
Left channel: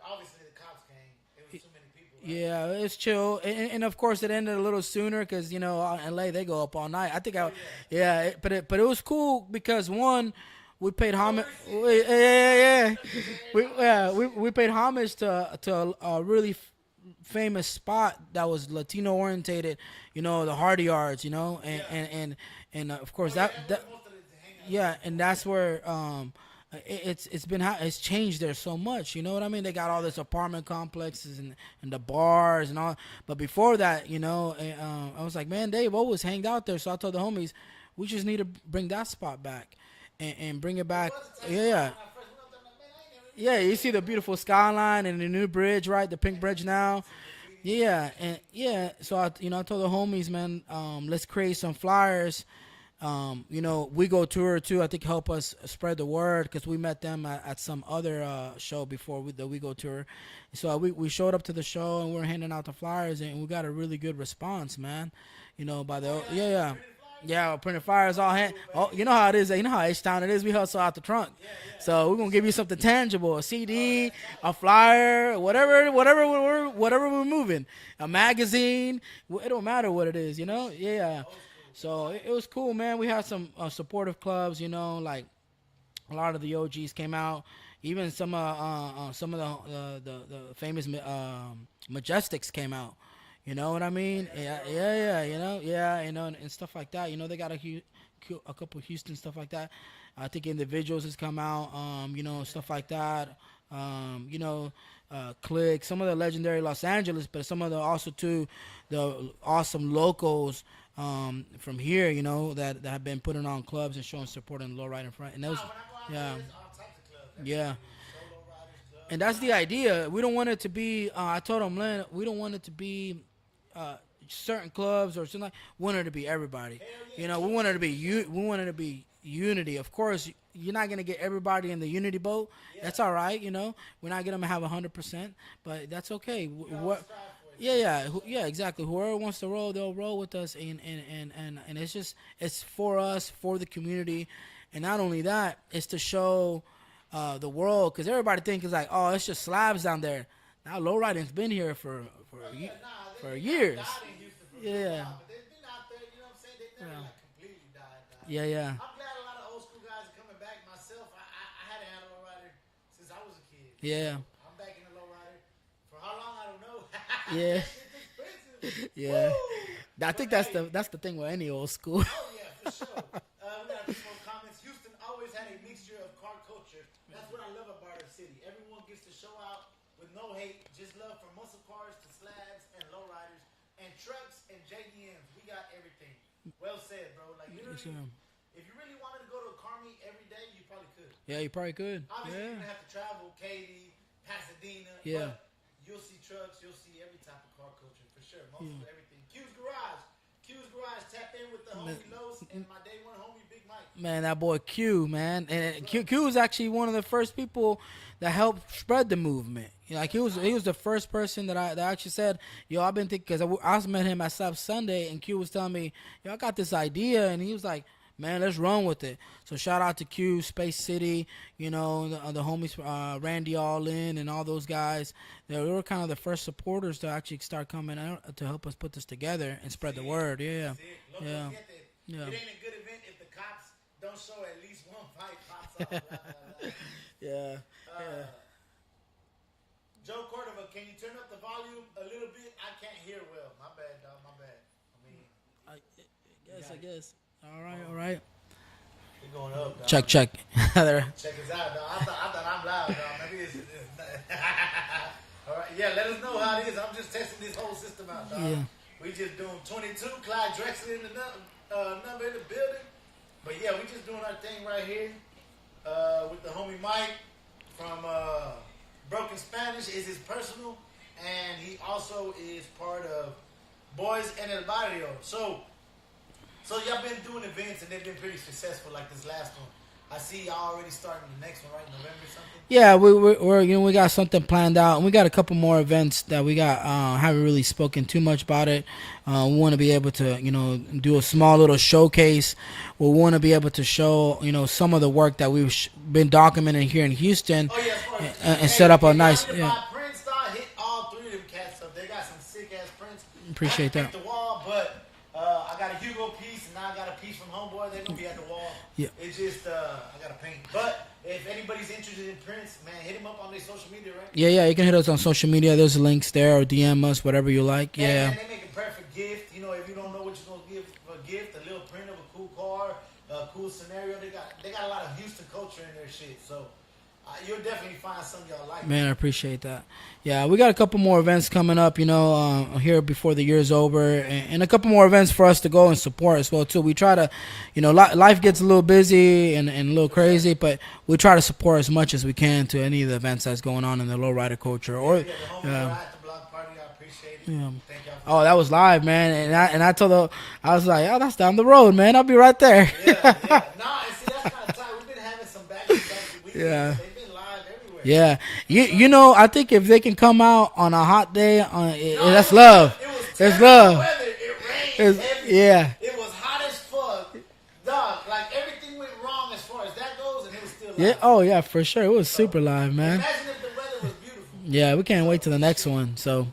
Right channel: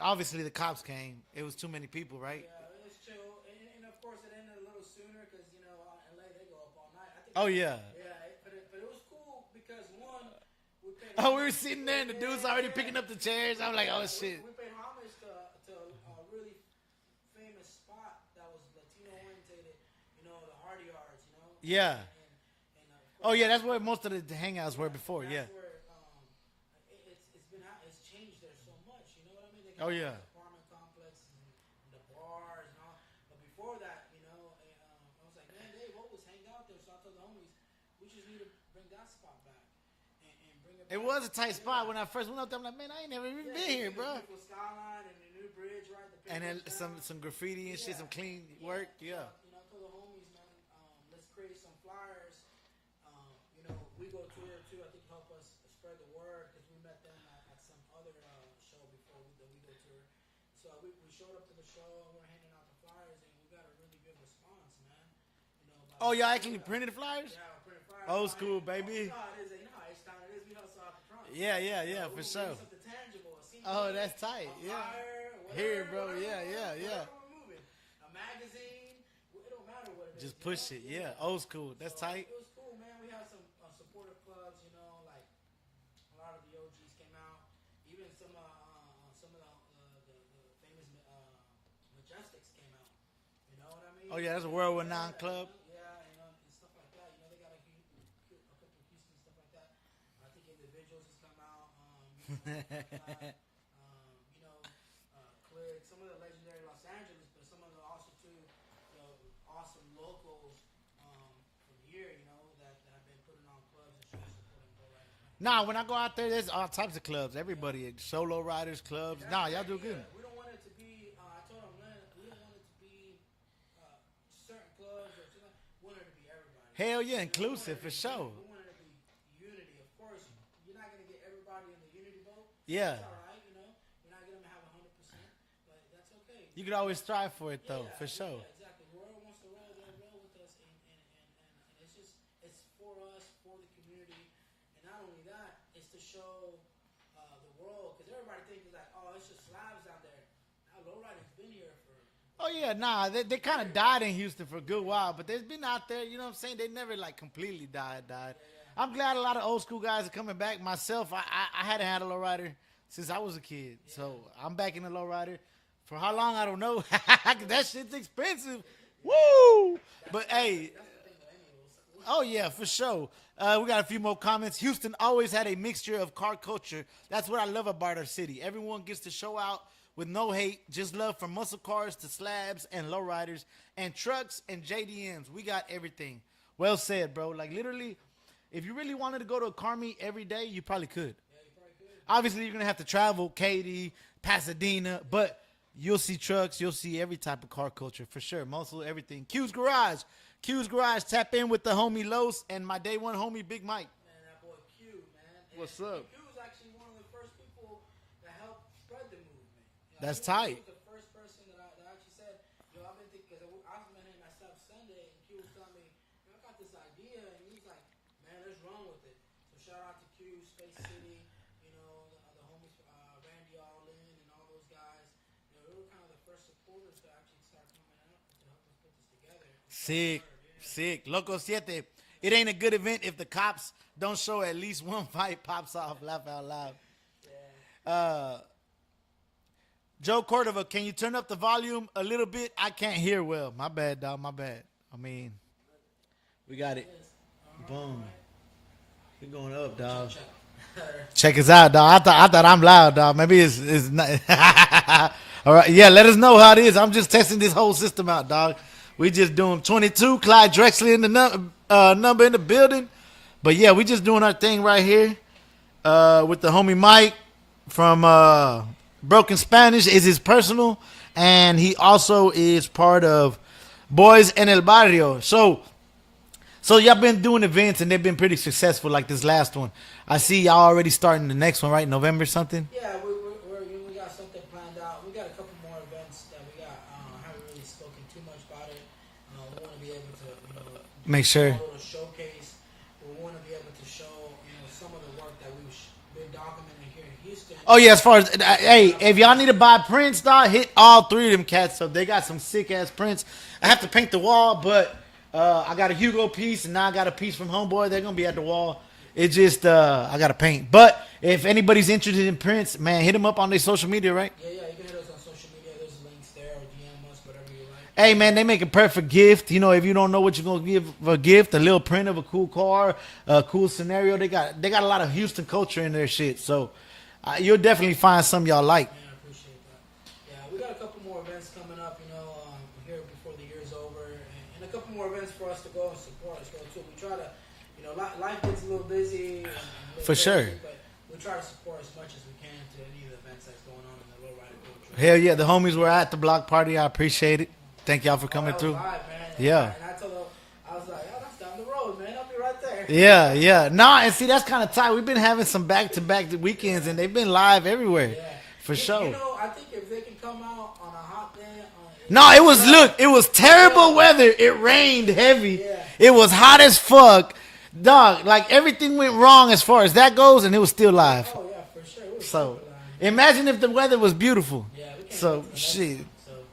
Obviously, the cops came. It was too many people, right? Yeah, it's chill, and of course it ended a little sooner because you know in LA they go up all night. I think. Oh, yeah. Yeah, but it was cool because one, we paid Oh, we homage. were sitting we- there, yeah, picking up the chairs. We, I'm like, yeah, oh, shit. we paid homage to a really famous spot that was Latino orientated. You know, the Hardy Yards. You know, and, Yeah. and of course. Oh yeah, that- that's where that- most of the hangouts. yeah, were and before, that's yeah. where it's changed there so much. You know what I mean? They got Oh, all yeah. this apartment complexes and the bars and all. But before that, you know, I was like, man, Dave always hanged out there. So I told the homies, we just need to bring that spot back and bring it back. It was a tight yeah. spot when I first went up there. I'm like, man, I ain't never. Really Yeah, been you see here, the bro. beautiful skyline and the new bridge, right? The pink And bridge then now. Some graffiti. and Yeah, shit, some and clean yeah. work, So I told the homies, man, let's create some flyers. You know, We Go Tour too. I think help us spread the word because we met them at some other show before the We Go Tour. So we showed up to the show and we were handing out the flyers and we got a really good response, man. You know, by the Oh, y'all actually yeah. printed the flyers? Yeah, printed flyers Old all hand. school, Oh, baby. you know how it is. You know how H-Town it is. We hustle out the trunk. Yeah, yeah. So yeah, we're for gonna give you sure. something tangible, a CD, Oh, that's tight. a flyer, whatever, Yeah, whatever yeah, we're yeah, whatever yeah. we're moving, a magazine. It don't matter what it is, you Push know. it, Yeah. Old school. That's So tight. it was cool, man. We had some supportive clubs, you know, like a lot of the OGs came out. Even some of the famous Majestics came out. You know what I mean? Oh, yeah, that's a world-renowned you know, and stuff like that. You know, they got a couple Houston stuff like that. I think individuals has come out, you know, stuff like that. You know, Click, some of the legendary Los Angeles, but some of the also too, the awesome locals from here, you know, that have been putting on clubs and showing support in low rider front. And Nah, that's- when I go out there, yeah. there's all types of clubs. Everybody, solo riders clubs. and that's Nah, the y'all do idea. good. We don't want it to be. I told him, Len, we don't want it to be certain clubs or something. Like, we want it to be everybody. Hell yeah, You know, we want it to be. inclusive, for sure. We want it to be unity. Of course, you're not gonna get everybody in the unity boat. Yeah. That's all right. You know, we're not gonna have 100%, but that's okay. You can always strive for it. Yeah, though, yeah, for sure. yeah, exactly. Whoever wants to roll, they'll roll with us, and it's just it's for us, for the community, and not only that, it's to show the world because everybody thinks like, oh, it's just slabs down there. Now lowriding's been here for Oh yeah, nah, they for kind of years. died in Houston for a good Yeah. while, but there's been out there, you know what I'm saying? They never like completely died. Yeah, yeah. I'm glad a lot of old school guys are coming back. Myself, I hadn't had a lowrider since I was a kid. Yeah. So I'm back in the lowrider. For how long I don't know. Yeah. That shit's expensive. Yeah. Woo! I But, think hey, that's the thing with any old school. Oh yeah, for sure. We got a few more comments. Houston always had a mixture of car culture. That's what I love about our city. Everyone gets to show out with no hate, just love from muscle cars to slabs and lowriders and trucks and JDMs. We got everything. Well said, bro. Like literally, if you really wanted to go to a car meet every day, you probably could. Yeah, you probably could. Obviously, you're gonna have to travel, Katy, Pasadena, Yeah. but you'll see trucks, you'll see every type of car culture for sure. Mostly everything. Q's Garage. Q's Garage. Tap in with the homie Los and my day one homie Big Mike. Man, that boy Q, man, and What's Q, up? Q was actually one of the first people that helped spread the movement. You know, like That's tight. he was the first person that I actually said, yo, I've been thinking, because I met him at South Sunday, and Q was telling me, yo, I got this idea, and he was like, man, let's run with it. So shout out to Q, Space City, you know, the homies, Randy Allin and all those guys. They were kind of the first supporters to actually start coming out to help us put this together and spread the word. Yeah. Sick. Loco Yeah. Siete. Yeah. It ain't a good event if the cops don't show at least one fight pops off. Laugh out loud. Yeah. Joe Cordova, can you turn up the volume a little bit? I can't hear well. My bad, dog. My bad. I mean, we got it. All right, all right. We're going up, dog. Check. There. Check us out, dog. I thought I'm loud, dog. Maybe it's not. All right. Yeah, let us know how it is. I'm just testing this whole system out, dog. We just doing 22. Clyde Drexler in the number in the building. But yeah, we just doing our thing right here with the homie Mike from Broken Spanish is his personal, and he also is part of Boys en el Barrio. So y'all been doing events and they've been pretty successful, like this last one. I see y'all already starting the next one, right? November something. Yeah, we're we got something planned out, and we got a couple more events that we got. Haven't really spoken too much about it. We want to be able to do Make a small sure. little showcase. We want to be able to show some of the work that we've been documenting here in Houston. Oh yeah, as far as hey, set up a if y'all nice- need to buy prints, dog, hit all three of them cats up. They got some sick ass prints. I have to Appreciate paint that. the wall, but I got a Hugo piece and now I got a piece from Homeboy. They're gonna be at the wall. Yeah. It just I gotta paint. But if anybody's interested in prints, man, hit them up on their social media, right? Yeah, you can hit us on social media. There's links there, or DM us, whatever you like. Hey Yeah. man, they make a perfect gift. If you don't know what you're gonna give for a gift, a little print of a cool car, a cool scenario. They got a lot of Houston culture in their shit. So you'll definitely find some y'all like. Man, I appreciate that. Yeah, we got a couple more events coming up, here before the year's over, and a couple more events for us to go and support as well too. We try to, life gets a little busy and a little For crazy, sure. but we try to support as much as we can to any of the events that's going on in the lowrider culture. Hell Or- yeah, the homies Yeah. were at the block party. I appreciate it. Yeah. Thank y'all for coming. Oh, that was through. live, man. And Yeah. I told her, I was like, oh, that's down the road, man. I'll be right there. Yeah. Nah, and see, that's kind of tight. We've been having some back-to-back weekends, Yeah. and they've been live everywhere. Yeah, For you, sure. I think if they can come out on a hot day, No, that's it was love. it was That's terrible love. weather. It rained It's- heavy. yeah. It was hot as fuck. Dog, like everything went wrong as far as that goes, and it was still live. Yeah, oh yeah, for sure. It was So, super live, man. Imagine if the weather was beautiful. Yeah, we can't So, wait to the next shit. one. So,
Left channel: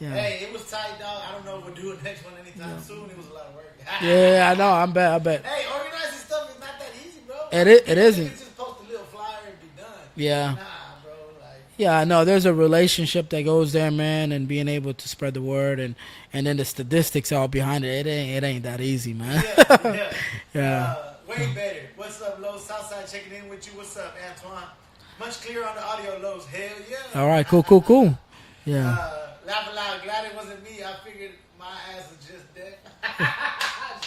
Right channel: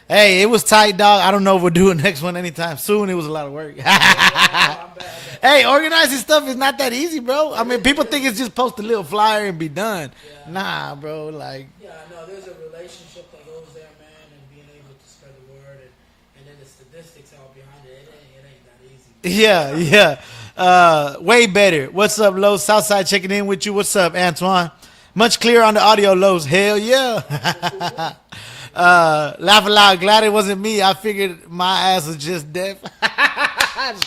yeah. Hey, it was tight, dog. I don't know if we'll do a next one anytime soon. It was a lot of work. yeah, I know. I bet. Hey, organizing stuff is not that easy, bro. I It mean, is- people it think isn't. it's just post a little flyer and be done. Yeah. Nah, bro. Like, Yeah, I know. There's a relationship that goes there, man, and being able to spread the word, and then the statistics all behind it. It ain't that easy, man. yeah. Way better. What's up, Lowe's? Southside checking in with you. What's up, Antoine? Much clearer on the audio, Lowe's. Hell yeah. All right, cool. Yeah. Laugh aloud. Glad it wasn't me. I figured my ass was just deaf.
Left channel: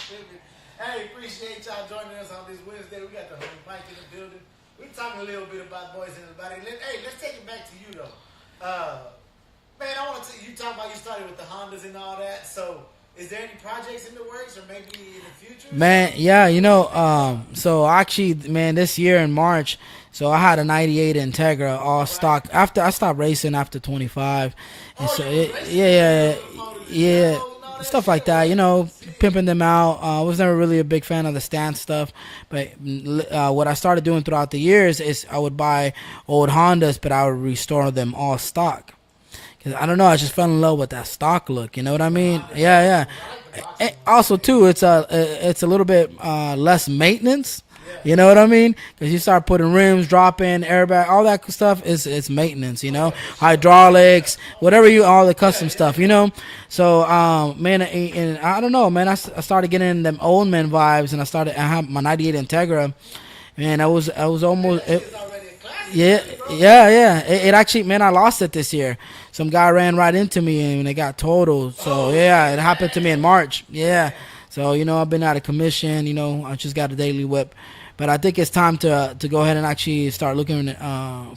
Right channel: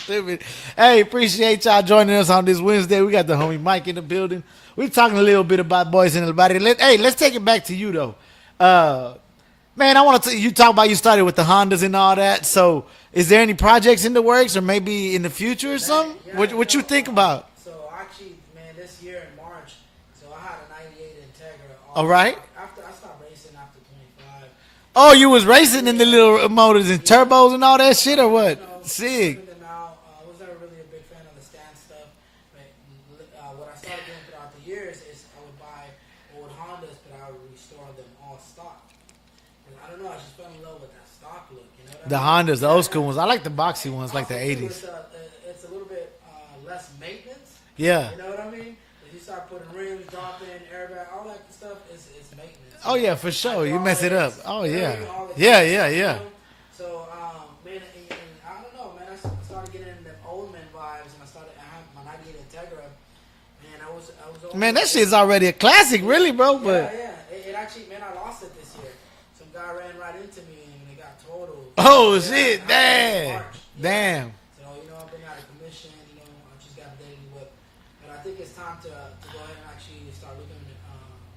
Stupid. Hey, appreciate y'all joining us on this Wednesday. We got the homie Mike in the building. We're talking a little bit about Boys in the Body. Let's take it back to you, though. Man, I want to you talk about you started with the Hondas and all that. So, is there any projects in the works, or maybe in the future? Or Man, something? yeah, What you think about? So actually, man, this year in March, so I had a '98 Integra all right. stock. After I stopped racing after 25. Oh, And you so was racing in the little motors and turbos and all that stuff shit, like or that, what? Sick. pimping them out. I was never really a big fan of the stance stuff, but what I started doing throughout the years is I would buy old Hondas, but I would restore them all stock. 'Cause I don't know, I just fell in love with that stock look. You know what I The mean? Hondas, Yeah, old yeah. school ones. I like the boxy And ones. also, like the too, 80s. it's a little bit less maintenance. Yeah. You know what I mean? Because you start putting rims, dropping, airbag, all that stuff is it's maintenance. You Oh, know, yeah, for sure. You mess it hydraulics, up. Oh, whatever yeah. all the custom Yeah, stuff. yeah. You know. So, man, and I don't know, man. I started getting them old man vibes, and I have my '98 Integra. Man, I was almost. Man, that shit's already a classic, Yeah, really, bro. Yeah. It actually, man, I lost it this year. Some guy ran right into me and it got totaled. So, Oh, yeah, shit. it happened to me in Damn. March. Yeah. Damn. So you know, I've been out of commission. You know, I just got a daily whip, but I think it's time to go ahead and actually start looking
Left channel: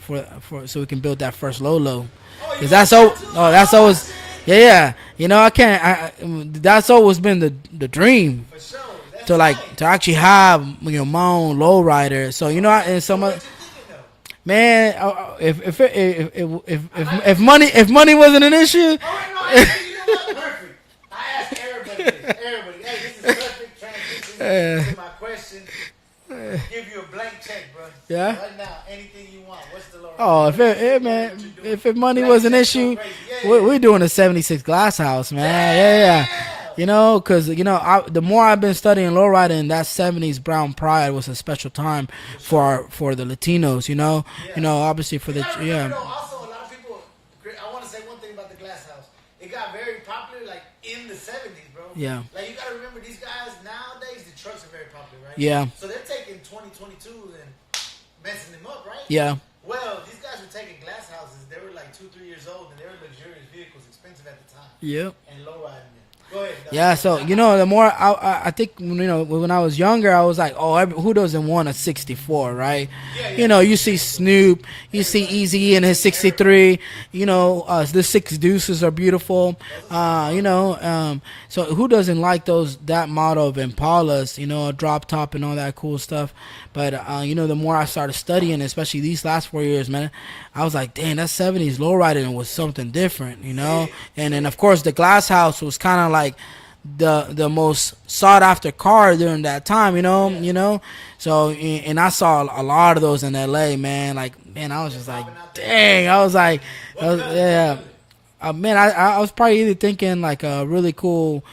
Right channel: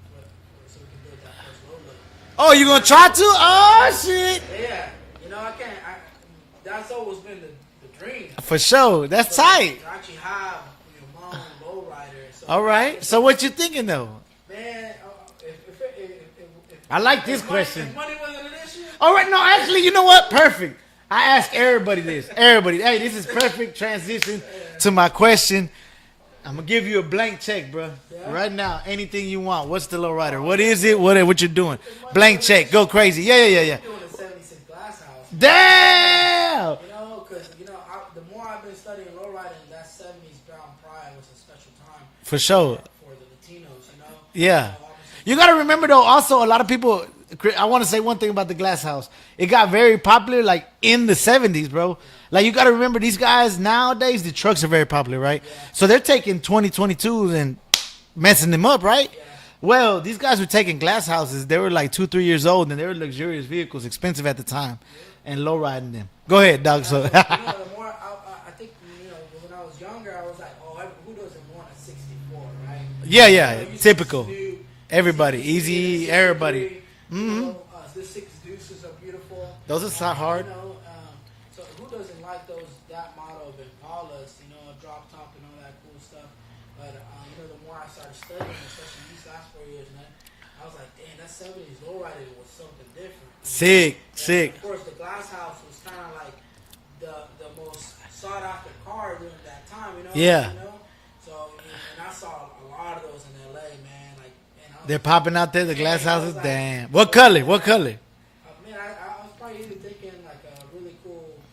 for so we can build that first low. Oh, you 'Cause gonna that's try al- to? oh, that's always shit. yeah. You know, I can't. That's always been the dream For sure. That's to tight. like to actually have my own lowrider. So you All know, right. and So what you thinking though? man, I like if this money question. if money wasn't an issue, All right, no, actually, you know what? Perfect. I ask everybody this. Everybody, hey, this is perfect transition to my question. I'm gonna give you a blank check, bro. Yeah? Right now, anything you want. What's the low rider? Oh, What if is it- it? What man, what you doing? if money Blank was an check, issue, go crazy. Yeah. we're doing a 76 glass house, man. Damn. Yeah. You know, because the more I've been studying lowriding, that 70s Brown Pride was a special time For sure. for the Latinos. You know, Yeah. You know, obviously for You the- gotta remember yeah. though. Also, a lot of people. I want to say one thing about the Glass House. It got very popular like in the 70s, bro. Yeah. Like you gotta remember these guys nowadays. The trucks are very popular, right? Yeah. So they're taking 2022s and messing them up, right? Yeah. Well, these guys were taking glass houses. They were like 2-3 years old, and they were luxurious vehicles, expensive at the time. Yep. And low riding them. Go ahead, dog. Yeah, so you know, the more I think when I was younger, I was like, oh, who doesn't want a 64, right? Yeah. You know, you see Typical. Snoop, you Everybody. see Easy Easy, in his 63. everybody. You know, the 6 Deuces are beautiful. Those are sound hard. You know, so who doesn't like that model of Impalas? You know, a drop top and all that cool stuff. But you know, the more I started studying, especially these last 4 years, man, I was like, dang, that 70s lowriding was something different, you know. Sick, and sick. then of course the Glass House was kind of like the most sought after car during that time, you know. Yeah. You know, so and I saw a lot of those in L.A., man. Like, man, I was They're just popping like, out there. the dang, Glass I House. was like, Damn. I What was- color? yeah. What color? Man, I was probably either thinking like a really cool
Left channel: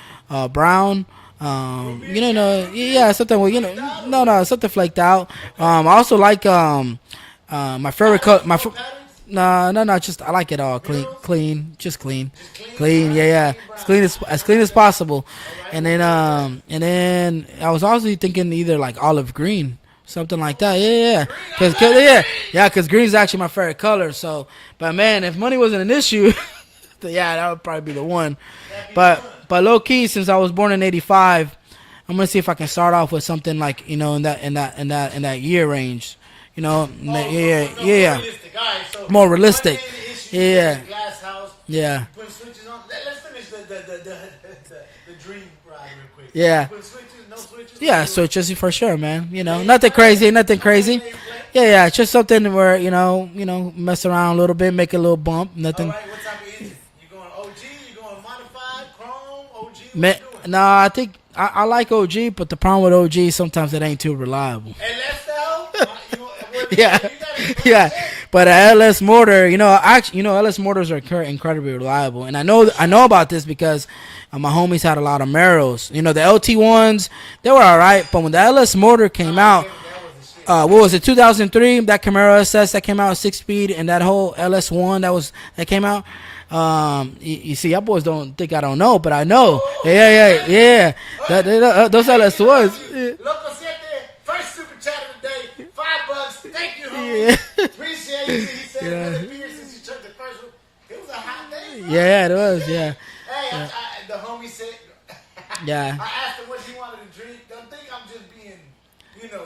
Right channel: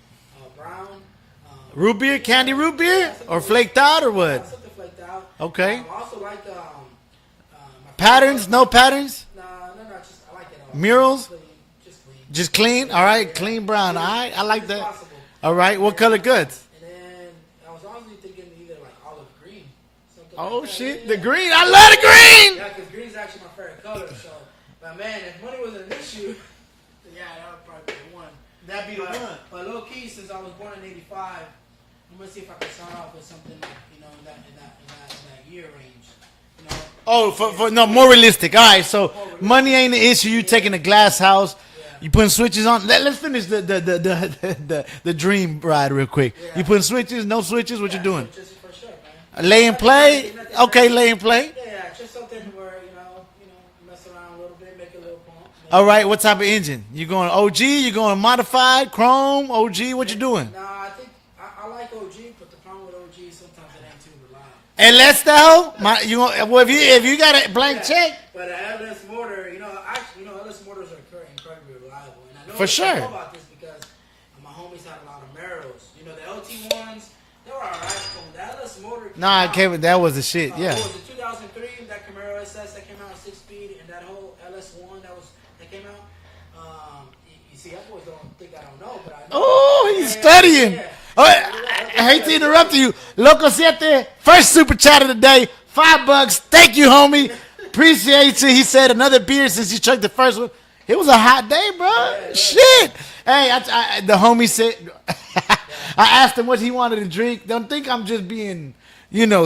brown. Root beer? you know, Candy root beer? Yeah, something Or with- flaked out or no, what? No, something flaked out. Okay. I also like my favorite Patterns? color. No patterns? No. Just I like it all. Murals? Clean, just clean. Just clean? Clean, All right, yeah. clean brown. Clean All right, as I clean like as that. possible. All right, And what then, color goods? And then I was also thinking either like olive green, something like Oh, that. shit, Yeah, the yeah. green. I 'Cause- love the yeah. green. Yeah, because green is actually my favorite color. So, but man, if money wasn't an issue, yeah, that would probably be the one. But low key, since I was born in '85, I'm gonna see if I can start off with something like in that year range. You know. Oh, yeah, no, yeah. more realistic. All right, so More realistic. money ain't the issue. You Yeah. taking a Glass House. Yeah. You putting switches on. Let's finish the dream ride real quick. Yeah. You putting switches? No switches? What Yeah, you doing? so just for sure, man. You know, Lay and nothing play? crazy, nothing Okay, crazy. lay and play. Yeah, it's just something where you know, mess around a little bit, make a little bump. Nothing, All right, what type of engine? You going OG? You going modified, chrome, OG? What you doing? Nah, I think I like OG, but the problem with OG sometimes it ain't too reliable. LS though? If you got a blank check, But a LS motor, LS motors are incredibly reliable, and I know For sure. I know about this because my homies had a lot of Maros. You know, the LT ones, they were all right, but when the LS motor came nah, out, Kevin, that was the shit. what was it, 2003? That Camaro SS that came out 6-speed, and that whole LS1 that came out. You see, y'all boys don't think I don't know, but I know. Oh, he's yeah. studying. Oh, Those I hate to interrupt LS1s. you. Loco Siete, first super chat of the day, $5. Thank you, homie. Appreciate you. He said another beer since you chugged the first one. It was a hot day, bro. Yeah, it was, Shit. yeah. Hey, the homie said. Yeah. I asked him what he wanted to drink. Don't think I'm just being,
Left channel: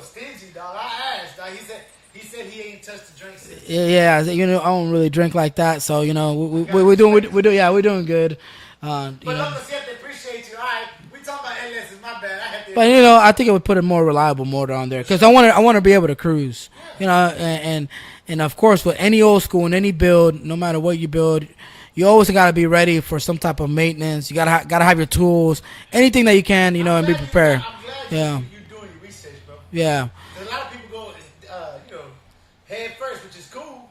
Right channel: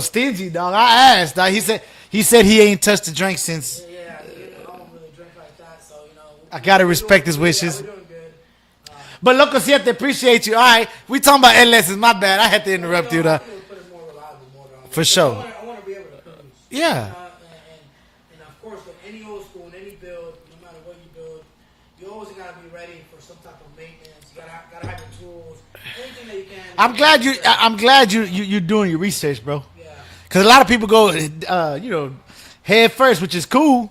stingy, dog. I asked, dog. He said he ain't touched a drink since. Yeah, I don't really drink like that, so I gotta we're respect doing, his we're, wishes. Yeah, we're doing good. But Loco Siete, appreciate you. All right, we talking about LS's. My bad. I had to But interrupt you. I dog. think it would put a more reliable motor on there For because sure. I want to be able to cruise. Yeah. And of course with any old school and any build, no matter what you build, you always got to be ready for some type of maintenance. You gotta have your tools, anything that you can. I'm glad be prepared. I'm glad Yeah. you're doing your research, bro. Yeah. Because a lot of people go, head first, which is cool,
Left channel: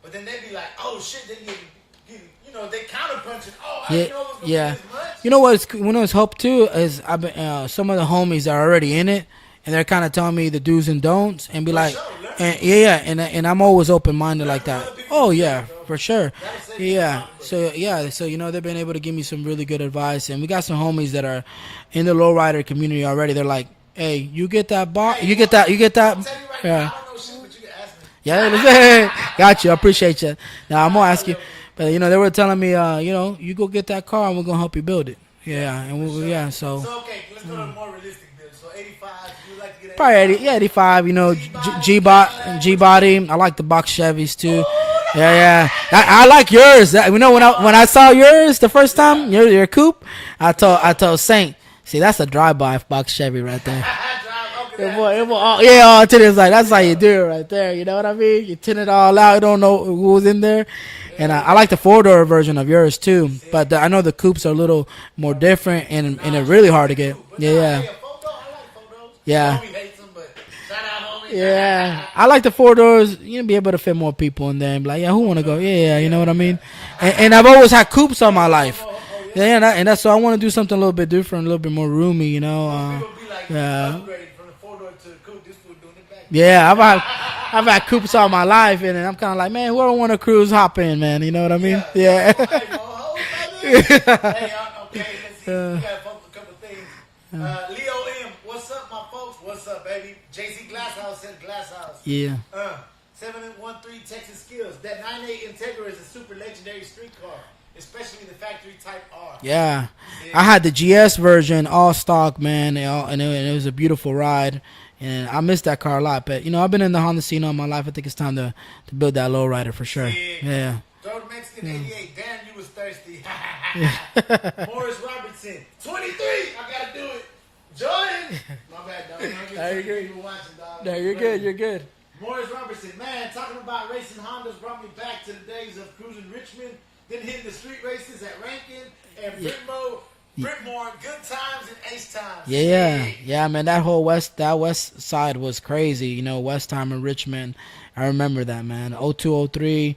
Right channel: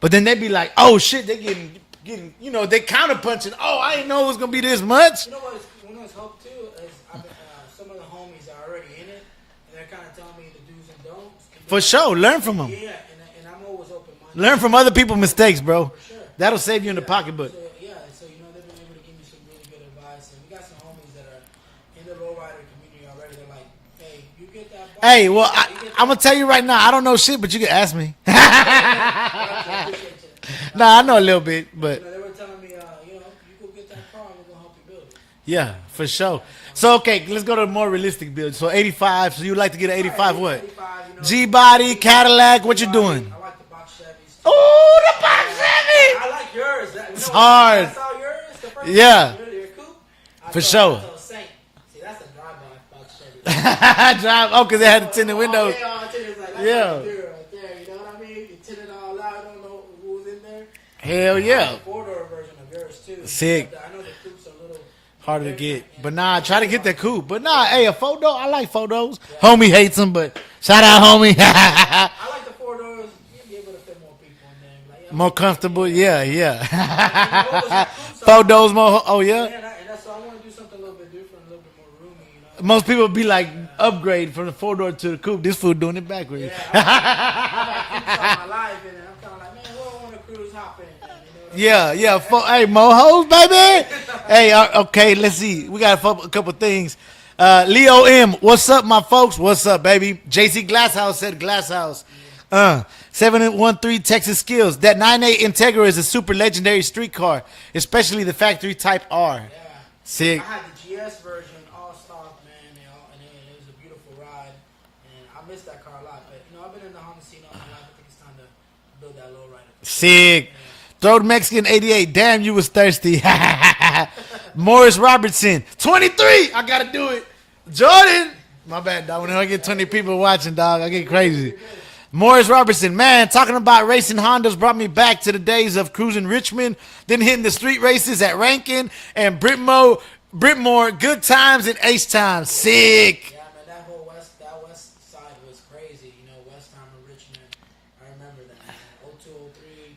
but then they be like, oh shit, they getting, they counterpunching. Oh, I didn't know it was gonna Yeah. be this much. You know what's helped too is I've been, some of the homies that are already in it, and they're kind of telling me the do's and don'ts, and be For like, sure, learn from and- them. Yeah, and I'm always open minded. Learn from other people's mistakes, bro. For sure, That'll save you in the pocketbook. So they've been able to give me some really good advice, and we got some homies that are in the lowrider community already. They're like, hey, you get that box, Hey, you well, get that. I'm gonna tell you right now, Yeah. I don't know shit, but you can ask me. Got you. I appreciate you. Nah, I'm gonna I know a ask little you. bit, But, but- they were telling me, you go get that car and we're gonna help you build it. Yeah, and for we- sure. Yeah, so, Okay, let's go to a more realistic build. So 85. So you like to get an probably 85? 80, yeah, 85. You know, G-body, Cadillac, what you G-body. doing? I like the box Chevys too. Yeah. I like yours. You know, when I saw yours the first time, Yeah. your coupe, I For told Saint. See, that's a drive-by box Chevy right there. Drive. Oh, because they had Well, tinted well, windows. yeah, all tinted. Like that's how Yeah. you do it right there. You know what I mean? You tint it all out. You don't know who was in there. Hell And I yeah. like the 4-door version of yours too. Sick. But I know the coupes are a little more Hard to different get. and, But nah, and try really to hard get to the get. coupe. But yeah. nah, hey, a photo. I like photos. Yeah. Homie hates them, but shout out, homie. Yeah. I like the 4 doors. You know, be able to fit more people in there and be like, yeah, who More want to go? comfortable, Yeah, you know what I yeah. mean? And I've always had coupes on my Photos life. more. Oh yeah. Yeah, and that's so I want to do something a little bit different, a little bit more roomy. You know, Most people be like, Yeah. upgrade from the 4-door to the coupe. This fool doing it backwards. Yeah, I've had coupes all my life, and I'm kind of like, man, whoever want to cruise, hop in, man. You know what I mean? Yeah. Hey, Mohos, baby. Hey, okay, let's see. We got a couple things. Leo M, what's up, my folks? What's up, baby? JC Glasshouse said Glasshouse. Yeah. 713 Texas Skills. That 98 Integra is a super legendary street car, especially the factory type R. Yeah. Sick. I had the GS version, all stock, man, and it was a beautiful ride. And I missed that car a lot. But, you know, I've been in the Honda scene all my life. I think it's time to build that lowrider for sure. Sick. Yeah. Throat Mexican 88. Damn, you was thirsty. Morris Robertson 23. I gotta do it. Jordan. My bad, dog. When I get 20 people watching, dog, I get crazy. You're good. Morris Robertson, man, talking about racing Hondas brought me back to the days of cruising Richmond, then hitting the street races at Rankin and Britmore. Good times and H times. Yeah. Sick. Yeah, man, that west side was crazy. You know, Westheimer and Richmond. I remember that, man. 02, 03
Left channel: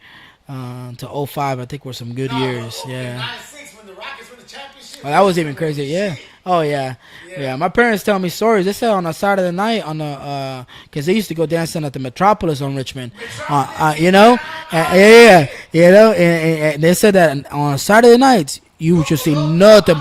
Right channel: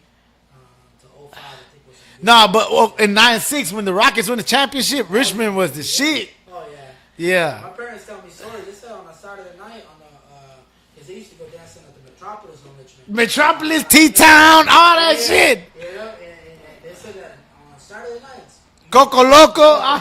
to 05, I think were some good Nah, years. but Yeah. in 96 when the Rockets won the championship, Oh, that was Richmond even was the crazy, yeah. shit. Oh yeah. Yeah. My parents tell me stories. They said on a Saturday night on the because they used to go dancing at the Metropolis on Richmond. Metropolis, You know? T-Town, all that yeah, shit. You know, and they said that on Saturday nights you would Coco just see Loco. nothing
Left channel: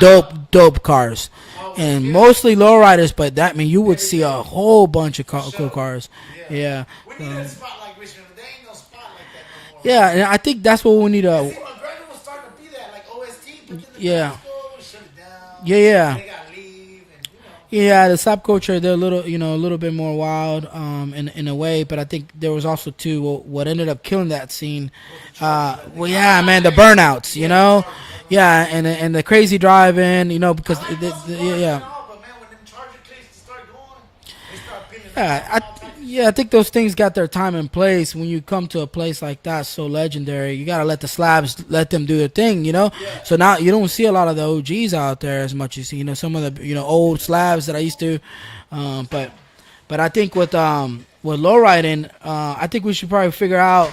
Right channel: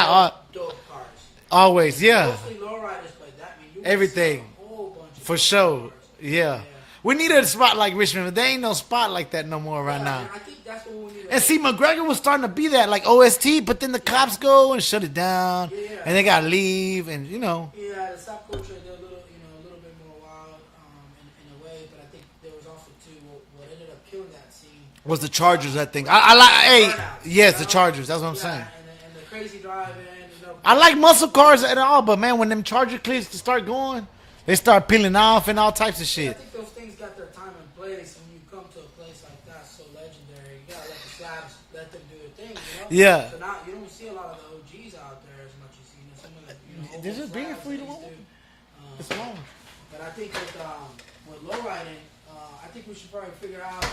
but dope cars. Always, and yeah. mostly lowriders, but that mean you would see a Everything. whole bunch of For cool sure. cars. Yeah. Yeah. We need a spot like Richmond, but there ain't no spot like that no more. Yeah, Right and now. I think that's what we need to. And see, McGregor was starting to be that, like OST, but then the Yeah. cops go and shut it down. Yeah. And they got to leave, and, you know. Yeah, the slap culture, they're a little bit more wild, in a way. But I think there was also too what ended up killing that scene Was the Chargers, I think. Well, yeah, man, the hey, burnouts. yes, you know? the Chargers. That's what I'm yeah, and the crazy driving, you know. I because like the- muscle the- cars yeah. and all, but man, when them Charger clips start going, they start peeling off and all types of shit. Yeah, I think those things got their time and place. When you come to a place like that, so legendary, you gotta let the slabs let them do their thing, you know. Yeah. So now you don't see a lot of the OGs out there as much as you know some of the old slabs that I used to, but I think with lowriding, I think we should probably figure out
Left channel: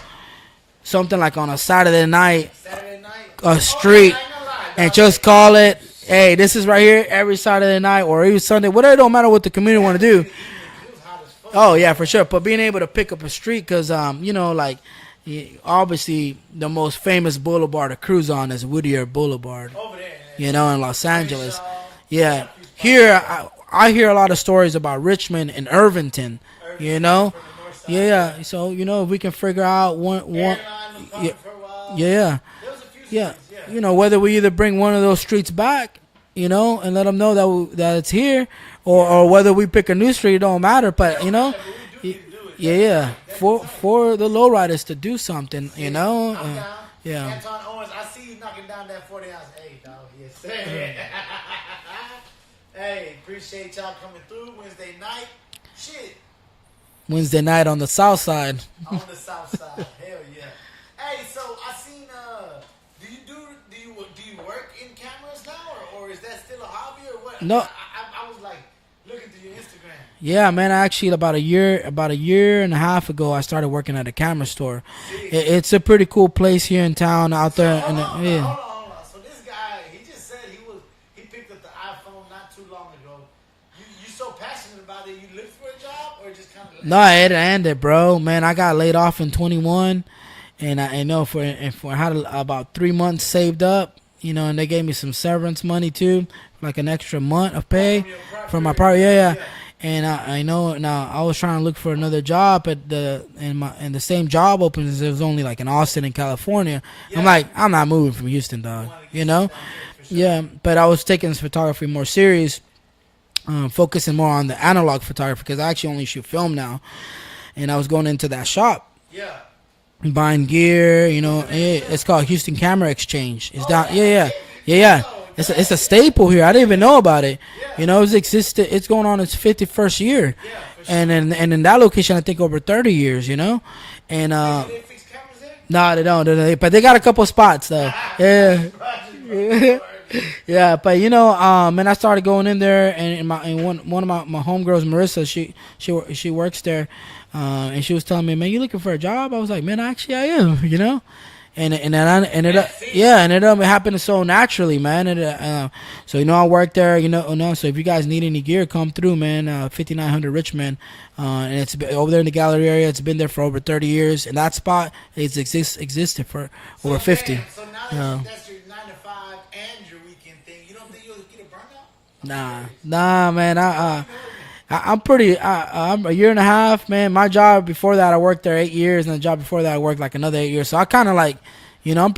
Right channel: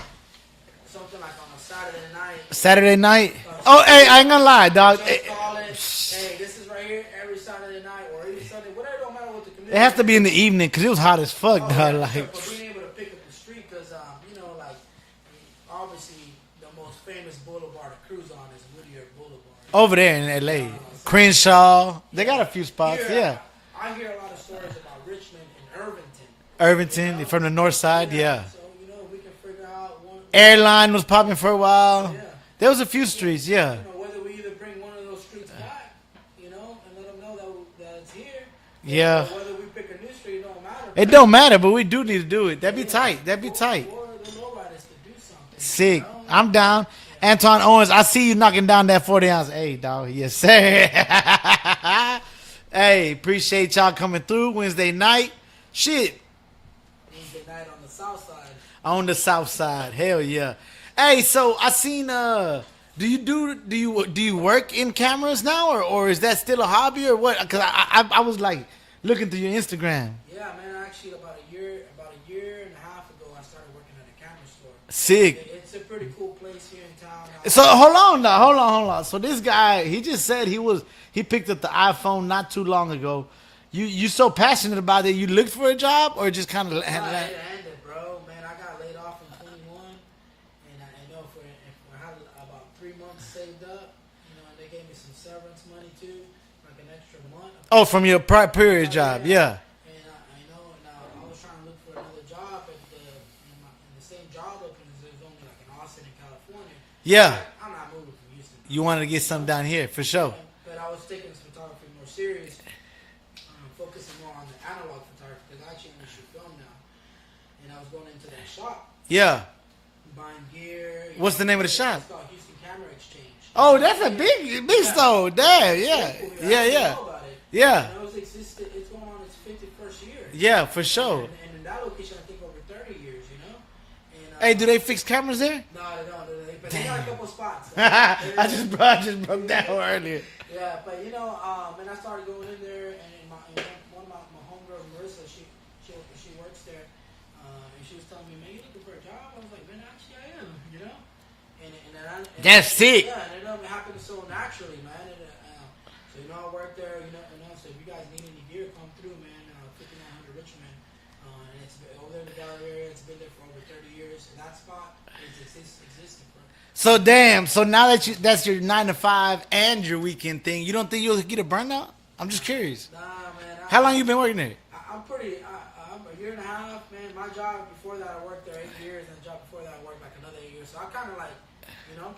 something like on a Saturday night. Saturday night. A Oh, hey, street, I ain't gonna lie, dog. And just call it, hey, this is right here every Saturday night or every Sunday, whatever. It don't matter what the it community has want to to be do. in the evening because it was hot as fuck. Oh dog. yeah, for sure. But being able to pick up a street, because like obviously the most famous boulevard to cruise on is Whittier Boulevard. Over there in LA. You know, in Los Angeles. Crenshaw. They Yeah. got a few spots. Here, yeah. I hear a lot of stories about Richmond and Irvington. Irvington you know? from the north side. Yeah. Yeah. So if we can figure out one Airline was popping Yeah. for a while. Yeah. There was a few streets. Yeah. You know, whether we either bring one of those streets back, and let them know that it's here, Yeah. or whether we pick a new street, it don't matter. But, It don't you know, matter, but we do need to do it. That'd be tight. That'd be tight. For the lowriders to do something. Sick. You know? I'm down. Yeah. Anton Owens, I see you knocking down that 40 ounce. Hey, dog. Yes, sir. Hey, appreciate y'all coming through Wednesday night. Shit. Wednesday night on the south side. On the south side. Hell yeah. Hey, so I seen do you work in cameras now or is that still a hobby or what? 'Cause No. I was like looking through your Instagram. Yeah, man. Actually, about a year and a half ago, I started working at a camera store. Sick. It's a pretty cool place here in town. So hold on Yeah. now, hold on. So this guy, he just said he picked up the iPhone not too long ago. You so passionate about it, you looked for a job or just kind of No, it ended, bro. Man, I got laid off in 21, and I know for I had about 3 months saved up, and they gave me some severance money too, like an extra month of pay. from your from my period job, yeah. And I know now I was trying to look for another job at and the same job opens. It was only like in Austin in California. Yeah. I'm like, I'm not moving from Houston, dog. You wanted to get you something know? down here for sure. Yeah, but I was taking this photography more serious, focusing more on the analog photography because I actually only shoot film now, and I was going into that shop. Yeah. Buying gear, you know. What's the name of the shop? It's called Houston Camera Exchange. It's Oh, that's a big store. It's Yeah, a yeah. staple here. I Yeah, didn't even yeah. know about it. Yeah. You know, it's existed. It's going on its 51st year. Yeah, for sure. And in that location, I think over 30 years. You know, and hey, do they fix cameras there? no, they don't. But they got a couple spots though. I Yeah. just broke that earlier. Yeah, but you know, and I started going in there, and one of my homegirls, Marissa, she works there, and she was telling me, man, you looking for a job? I was like, man, actually I am, you know, and That's it. yeah, and it happened so naturally, man. So you know, I work there, you know, so if you guys need any gear, come through, man. 5900 Richmond. And it's been over there in the gallery area. It's been there for over 30 years, and that spot existed for. So over 50. damn. So now that that's your 9 to 5 and your weekend thing, you don't think you'll get a burnout? I'm just curious. Nah, man. How long you been working there? I'm a year and a half, man. My job before that, I worked there 8 years, and the job before that, I worked like another 8 years. So I kind of like, you know, I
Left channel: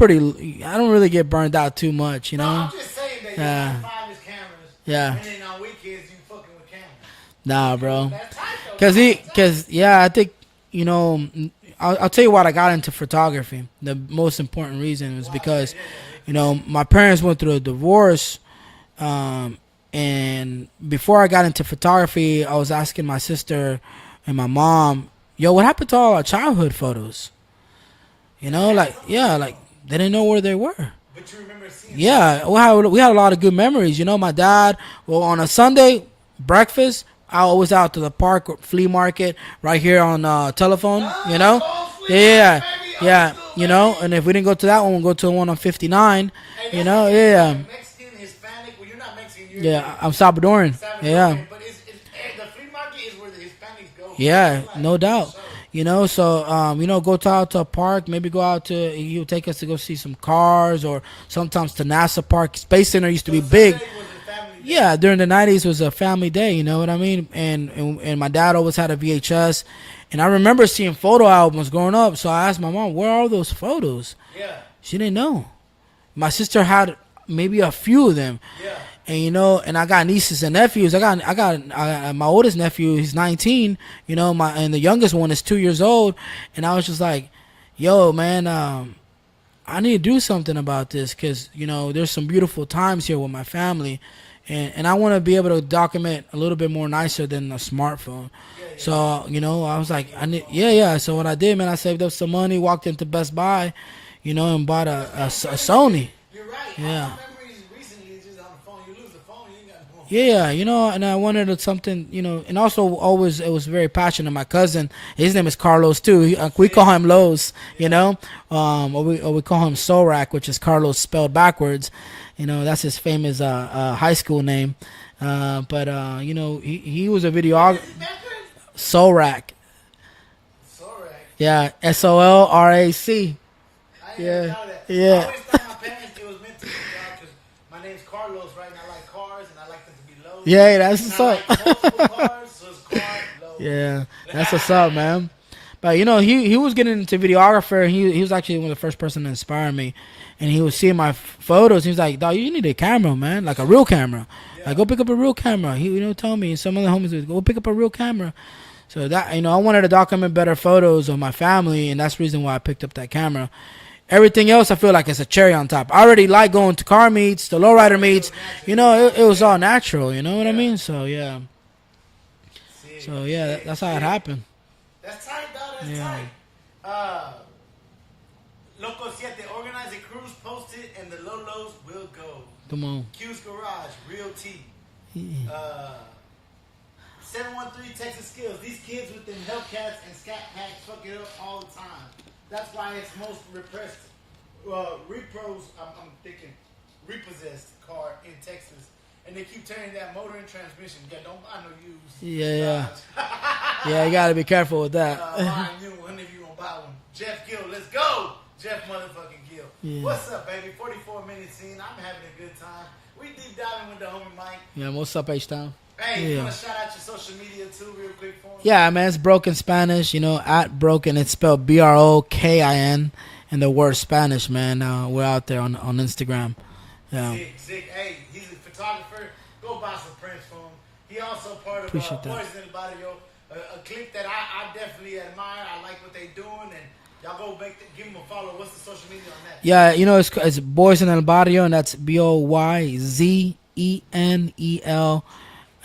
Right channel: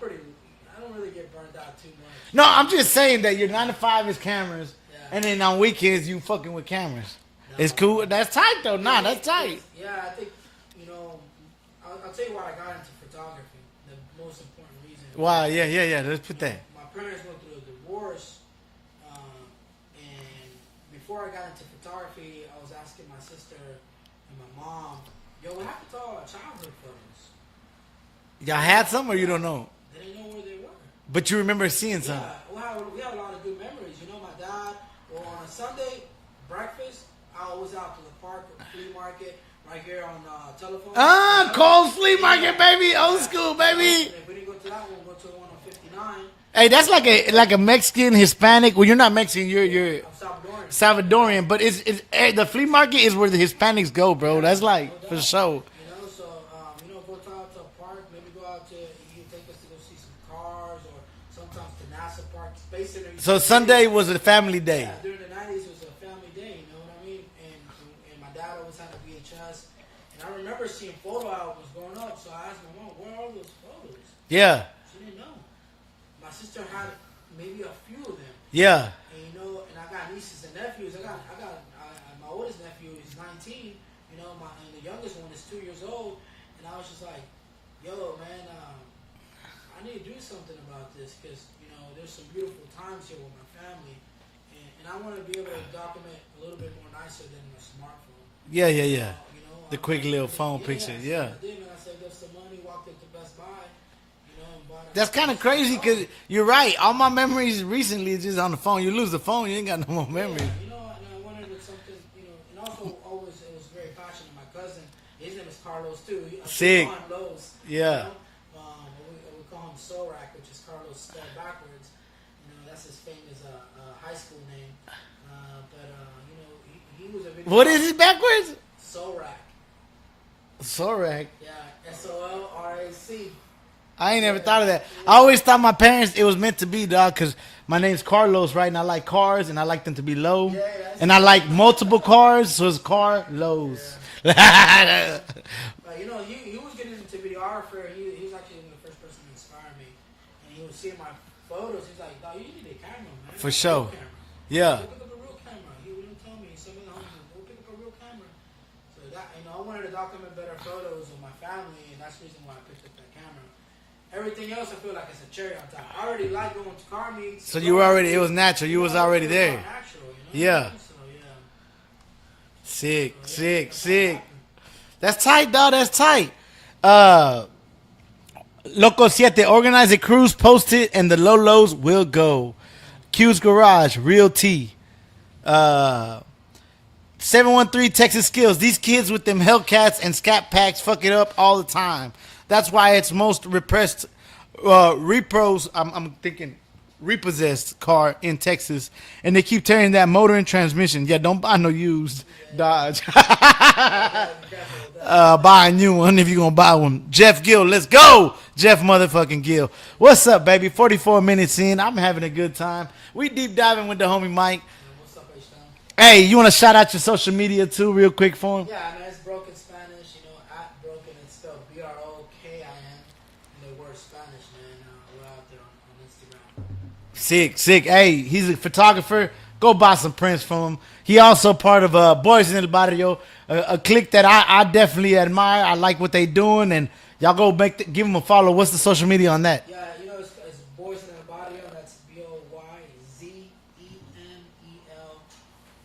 don't really get burned out too much. You No, know? I'm just saying that your Yeah. 9 to 5 is cameras. Yeah. And then on weekends you fucking with cameras. Nah, it's cool. bro. That's tight though. Because That's tight. yeah, I think, you know, I'll tell you what I got into photography. The most important reason was Wow, because, yeah. you know, my parents went through a divorce, and before I got into photography, I was asking my sister and my mom, "Yo, what happened to all our childhood photos?" You Y'all know, had like, some or you yeah, don't like know? they didn't know where they were. But you remember seeing some. Yeah, we had a lot of good memories. You know, my dad, well, on a Sunday breakfast, I was out to the park flea market right here on telephone. Ah, you know, Cole's Flea Market, baby. Old school, You know, baby. and if we didn't go to that one, we'll go to the one on 59. Hey, that's you know? like a Mexican, Hispanic. Well, you're not Mexican. You're I'm Salvadoran. Salvadorian, Yeah. but it's the flea market is where the Hispanics go, bro. Yeah, That's like no doubt. For sure. You know, so you know, go out to a park. Maybe go out to he'll take us to go see some cars, or sometimes to NASA Park. Space Center used to So be Sunday big. was a family day. Yeah, during the 90s was a family day. You know what I mean? And my dad always had a VHS, and I remember seeing photo albums growing up. So I asked my mom, "Where are those photos?" Yeah. She didn't know. My sister had maybe a few of them. Yeah. And you know, and I got nieces and nephews. I got my oldest nephew. He's 19. You know, and the youngest one is 2 years old. And I was just like, "Yo, man, I need to do something about this because you know there's some beautiful times here with my family, and I want to be able to document a little bit more nicer than a smartphone." Yeah. So you know, I The was quick like, little I need, phone yeah. pictures, So yeah. what I did, man, I saved up some money, walked into Best Buy, you know, and bought a That's kind a of crazy. 'cause Sony. You're right. All Yeah. my memories recently is just on the phone. You lose the phone, you ain't got no more. Yeah, memories. you know, and I wanted something, you know, and also always it was very passionate. My cousin, his name is Carlos too. We Sick. call him Lowe's, Yeah. you know, or we call him Sorak, which is Carlos spelled backwards. You know, that's his famous high school name. But you know, he was a video. What is it backwards? Sorak. Sorak. Yeah, SOLRAC. I ain't never Yeah. thought of that. Yeah. I always thought my parents it was meant to be, dog, because my name's Carlos, right? And I like cars, and I like them to be low. Yeah, that's And I what's up. like multiple cars, so it's car low. Yeah, that's what's up, man. But you know, he was getting into videographer. And he was actually one of the first person to inspire me. And he was seeing my photos. He was like, "Dog, you need a camera, man, like sure. a real camera. Yeah. Like, go pick up a real camera." He, you know, told me. And some other homies would go pick up a real camera. So that, you know, I wanted to document better photos of my family, and that's the reason why I picked up that camera. Everything else, I feel like it's a cherry on top. I already like going to car meets, the So you lowrider already- it meets. was natural. You You was know, already it was there. all natural. You know what Yeah. I mean? So yeah. Sick. So yeah, sick, that's sick. how it happened. That's tight, dog. That's tight. Loco Siete, organize a cruise, post it, and the Lolos will go. Come on. Q's Garage, Real T. 713 Texas Skills. These kids with them Hellcats and Scat Packs fuck it up all the time. That's why it's most repressed, repros, I'm thinking repossessed car in Texas. And they keep tearing that motor and transmission. Yeah, don't buy no used Yeah. Dodge. Yeah, you gotta be careful with that. Buy a new one if you're gonna buy one. Jeff Gill, let's go. Jeff motherfucking Gill. What's up, baby? 44 minutes in. I'm having a good time. We deep diving with the homie Mike. Yeah, what's up, H-Town? Hey, you want to shout out your social media too, real quick for him? Yeah, man, it's Broken Spanish. You know, at Broken, it's spelled BROKIN, and the word Spanish, man. We're out there on Instagram. Yeah. Sick. Hey, he's a photographer. Go buy some prints from him. He also part of Boys in El Barrio, a clique that I definitely admire. I like what they doing, and y'all go give him a follow. What's the social media on that? Yeah, you know, it's Boys in El Barrio, and that's BOYZENEL,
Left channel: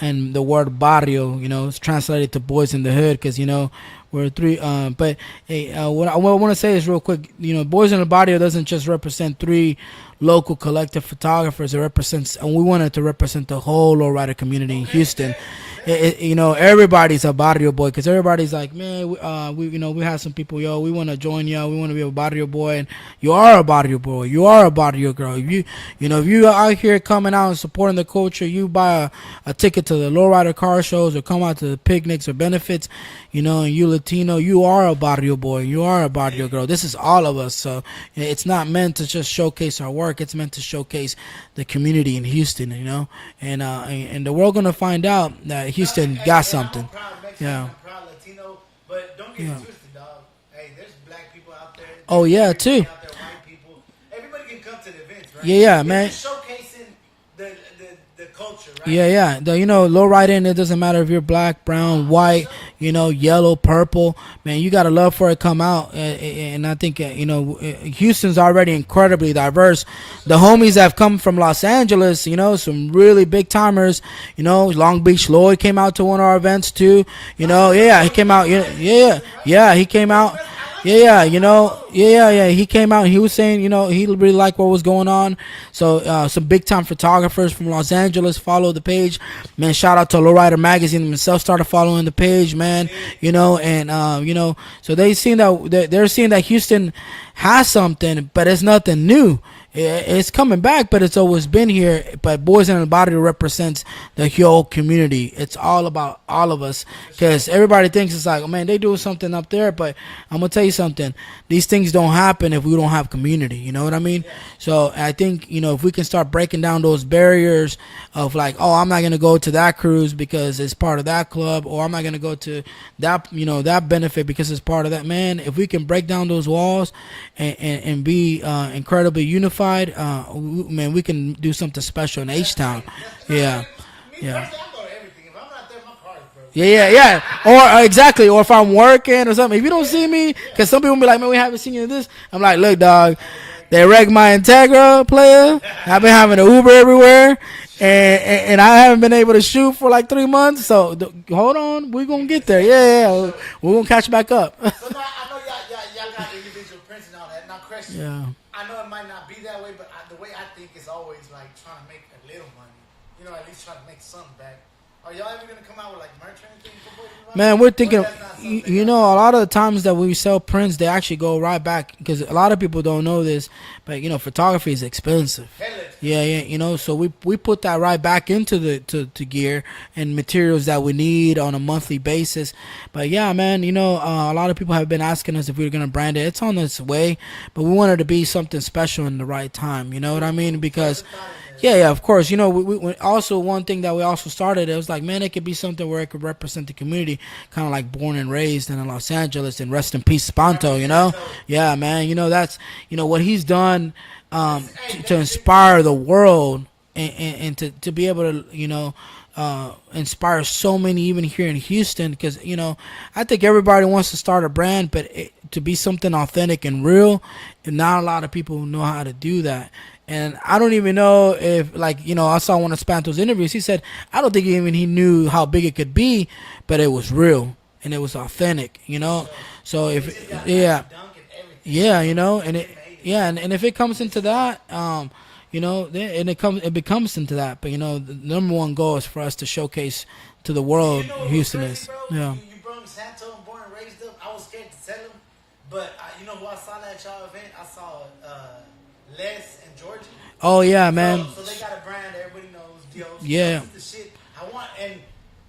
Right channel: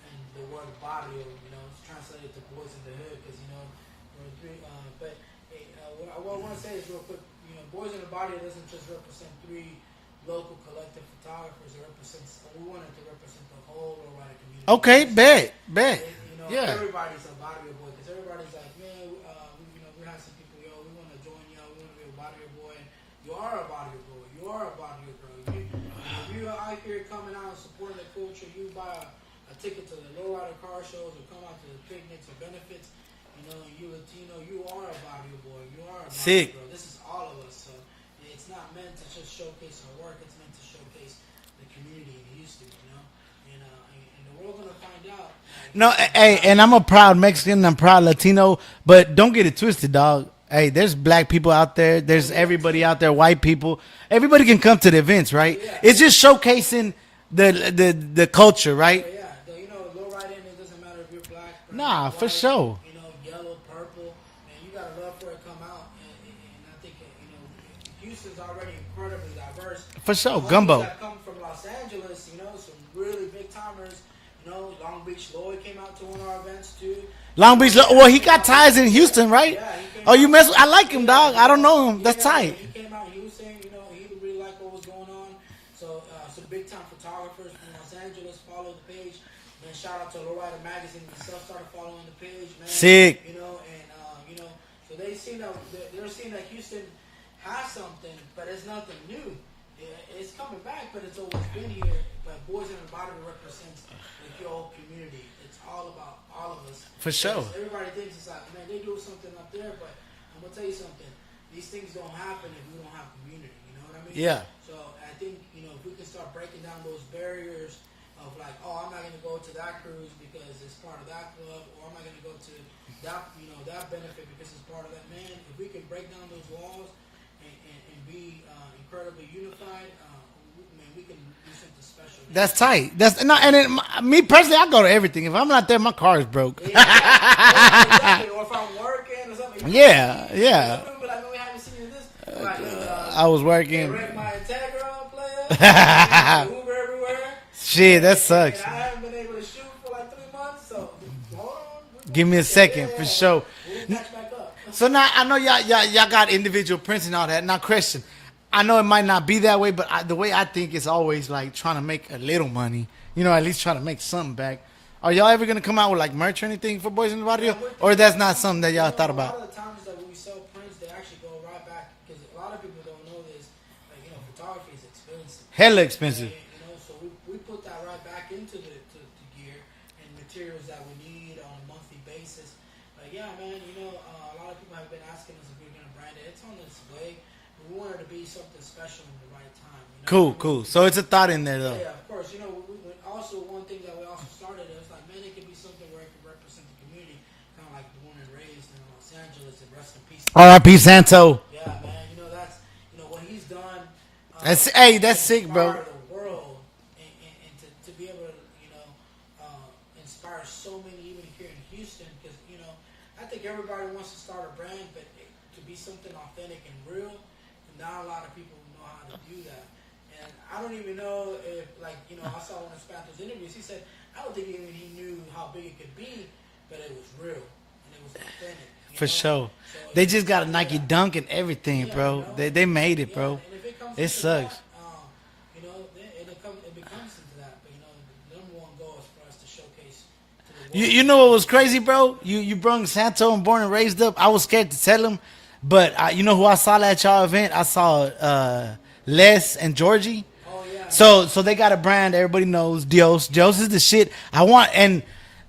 and the word barrio, you know, it's translated to boys in the hood, because, you know, we're three. But hey, what I want to say is real quick, you know, Boys in El Barrio doesn't just represent three local collective photographers. It represents, and we wanted to represent the whole lowrider community. Okay, in Houston. bet. You know, everybody's a barrio boy, because everybody's like, man, we you know, we have some people, yo, we want to join y'all, we want to be a barrio boy, and you are a barrio boy, you are a barrio girl. If you are out here coming out and supporting the culture, you buy a ticket to the lowrider car shows or come out to the picnics or benefits, you know, and you Latino, you are a barrio boy, you are a barrio Sick. girl. This is all of us. So it's not meant to just showcase our work. It's meant to showcase the community in Houston, you know, and the world gonna find out that Houston. No, hey, got and I'm a something. proud Mexican. Yeah. I'm proud Latino, but don't get it twisted, dog. Hey, there's black people out there. There's yeah, everybody too. out there, white people. Everybody can come to the events, right? Yeah, it's man. just showcasing the culture, right? Yeah. You know, low riding, it doesn't matter if you're black, brown, Nah, for white, sure. you know, yellow, purple. Man, you got to love for it come out. And I think, you know, Houston's already incredibly diverse. For sure. The homies Gumbo. have come from Los Angeles, you know, some really big timers. You know, Long Beach Lloyd came out to one of our events too. Long Beach Lloyd, well, he came got ties in Houston, right? Yeah, he came Oh, out. you mess with- I like him, yeah, dog. you I know, don't know him. Yeah, That's yeah, tight. he came out and he was saying, you know, he really liked what was going on. So some big time photographers from Los Angeles follow the page. Man, shout out to Lowrider Magazine themselves, started following the page, man. Sick. You know, and you know, so they're seeing that Houston has something, but it's nothing new. It's coming back, but it's always been here. But Boys in the Body represents the whole community. It's all about all of us. For sure. Because everybody thinks it's like, oh, man, they do something up there. But I'm going to tell you something. These things don't happen if we don't have community. You know what I mean? Yeah. So I think, you know, if we can start breaking down those barriers of like, oh, I'm not going to go to that cruise because it's part of that club, or I'm not going to go to that, you know, that benefit because it's part of that, man. If we can break down those walls and be incredibly unified, man, we can do something special in That's H-Town. tight. That's no, Yeah. and me personally, I go to everything. If I'm not there, my car is broke. Yeah. Or exactly. Or if I'm working or something. If you don't Yeah, see me, yeah. because some people be like, man, we haven't seen you in this. I'm like, look, dog. I was working. They wrecked my Integra player. I've been having an Uber everywhere. Shit, that sucks. and I haven't been able to shoot for like 3 months. So hold on. We're going Give to me get a there. second, Yeah. for sure. We're going to catch back up. So now I know y'all got individual prints and all that. Now, question. Yeah. I know it might not be that way, but the way I think is always like trying to make a little money. You know, at least try to make something back. Are y'all ever gonna come out with like merch or anything for Boys in the Body? Man, we're thinking. Or that's not something that you y'all know. thought A lot about? of the times that we sell prints, they actually go right back, because a lot of people don't know this, but you know, photography is expensive. Hella expensive. Yeah, you know, so we put that right back into the to gear and materials that we need on a monthly basis. But yeah, man, you know, a lot of people have been asking us if we were gonna brand it. It's on its way, but we wanted to be something special in the right time. You know Cool, what I mean? cool. Because So it's a thought in there. though. yeah, of course. You know, we also, one thing that we also started, it was like, man, it could be something where it could represent the community, kind of like born and raised in Los Angeles, and rest in peace, Spanto, R.I.P. you know? Santo. Yeah, man. You know, that's, you know, what he's done That's to sick, inspire bro. the world, and to be able to, you know, inspire so many even here in Houston, because, you know, I think everybody wants to start a brand, but to be something authentic and real, and not a lot of people know how to do that. And I don't even know if, like, you know, I saw one of Spanto's interviews. He said, I don't think even he knew how big it could be, but it was real and it was authentic, you For know? sure. So They if, just got a yeah, Nike dunk and everything. yeah, bro. you know, They made it. Yeah, bro. and if it comes It into sucks. that, you know, and it becomes into that. But you know, the number one goal is for us to showcase to the world. You know what was Houston crazy, is. bro? Yeah. You brung Santo and Born and Raised Up. I was scared to tell him, but you know who I saw at y'all event? I saw Les and Georgie. Oh yeah, man. So they got a brand everybody knows, Dios. Yeah. Dios is the shit. I want, and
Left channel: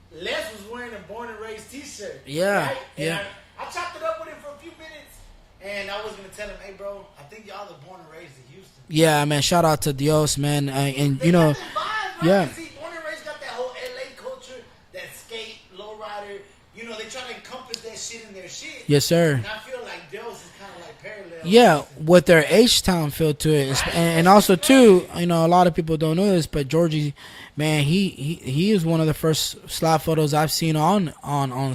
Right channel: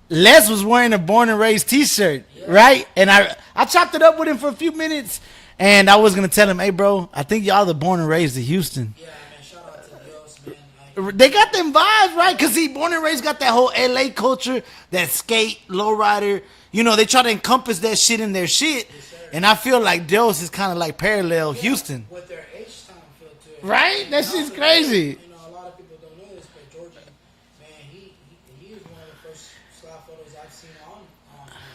Les was wearing a Born and Raised T-shirt, Yeah. right? And Yeah. I chopped it up with him for a few minutes, and I was gonna tell him, "Hey, bro, I think y'all the Born and Raised of Houston." Yeah, man. Shout out to Dios, man. And, They you got know, them vibes, right? Yeah. Because he Born and Raised got that whole LA culture, that skate, lowrider. You know, they try to encompass that shit in their shit. Yes, sir. And I feel like Dios is kind of like parallel Yeah, Houston. with their H-Town feel to it, Right? That And shit's also crazy. too, you know, a lot of people don't know this, but Georgie, man, he is one of the first slap photos I've seen on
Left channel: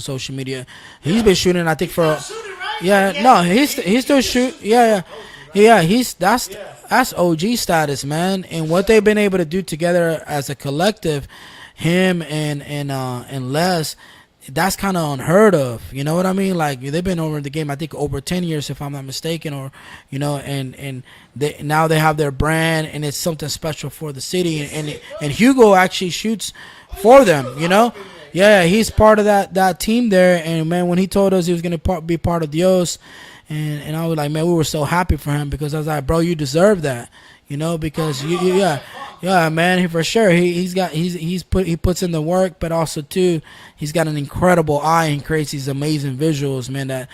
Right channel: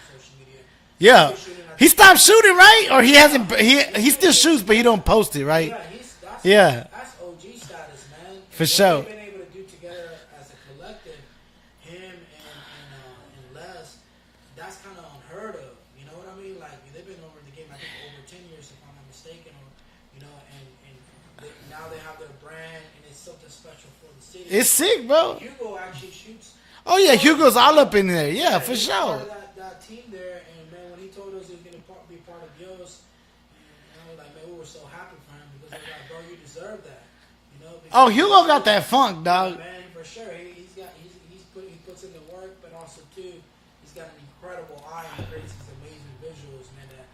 social media. Yeah. He's been shooting. I He think stopped shooting, right? Yeah, Or he no, hasn't. he still shoot- shoots, but he don't post it, right? Yeah, Yeah. that's OG status, man. And For what sure. they've been able to do together as a collective, him and Les, that's kind of unheard of. You know what I mean? Like they've been over the game, I think over 10 years, if I'm not mistaken, or you know, and now they have their brand, and it's something special for the city. It's and, sick, bro. And Hugo actually shoots. Oh, yeah, for them, Hugo's you all know? up in there. Yeah, Yeah, for he's sure. part of that team there. And man, when he told us he was gonna be part of Dios, and I was like, man, we were so happy for him because I was like, bro, you deserve that. You know, because Hugo got yeah, that funk, yeah, dog. man, for sure. He puts in the work, but also too, he's got an incredible eye and creates these amazing visuals, man. That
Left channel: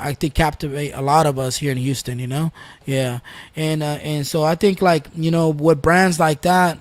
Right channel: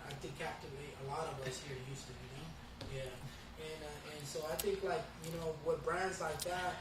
I think captivate a lot of us here in Houston. You know, yeah, and so I think like you know with brands like that,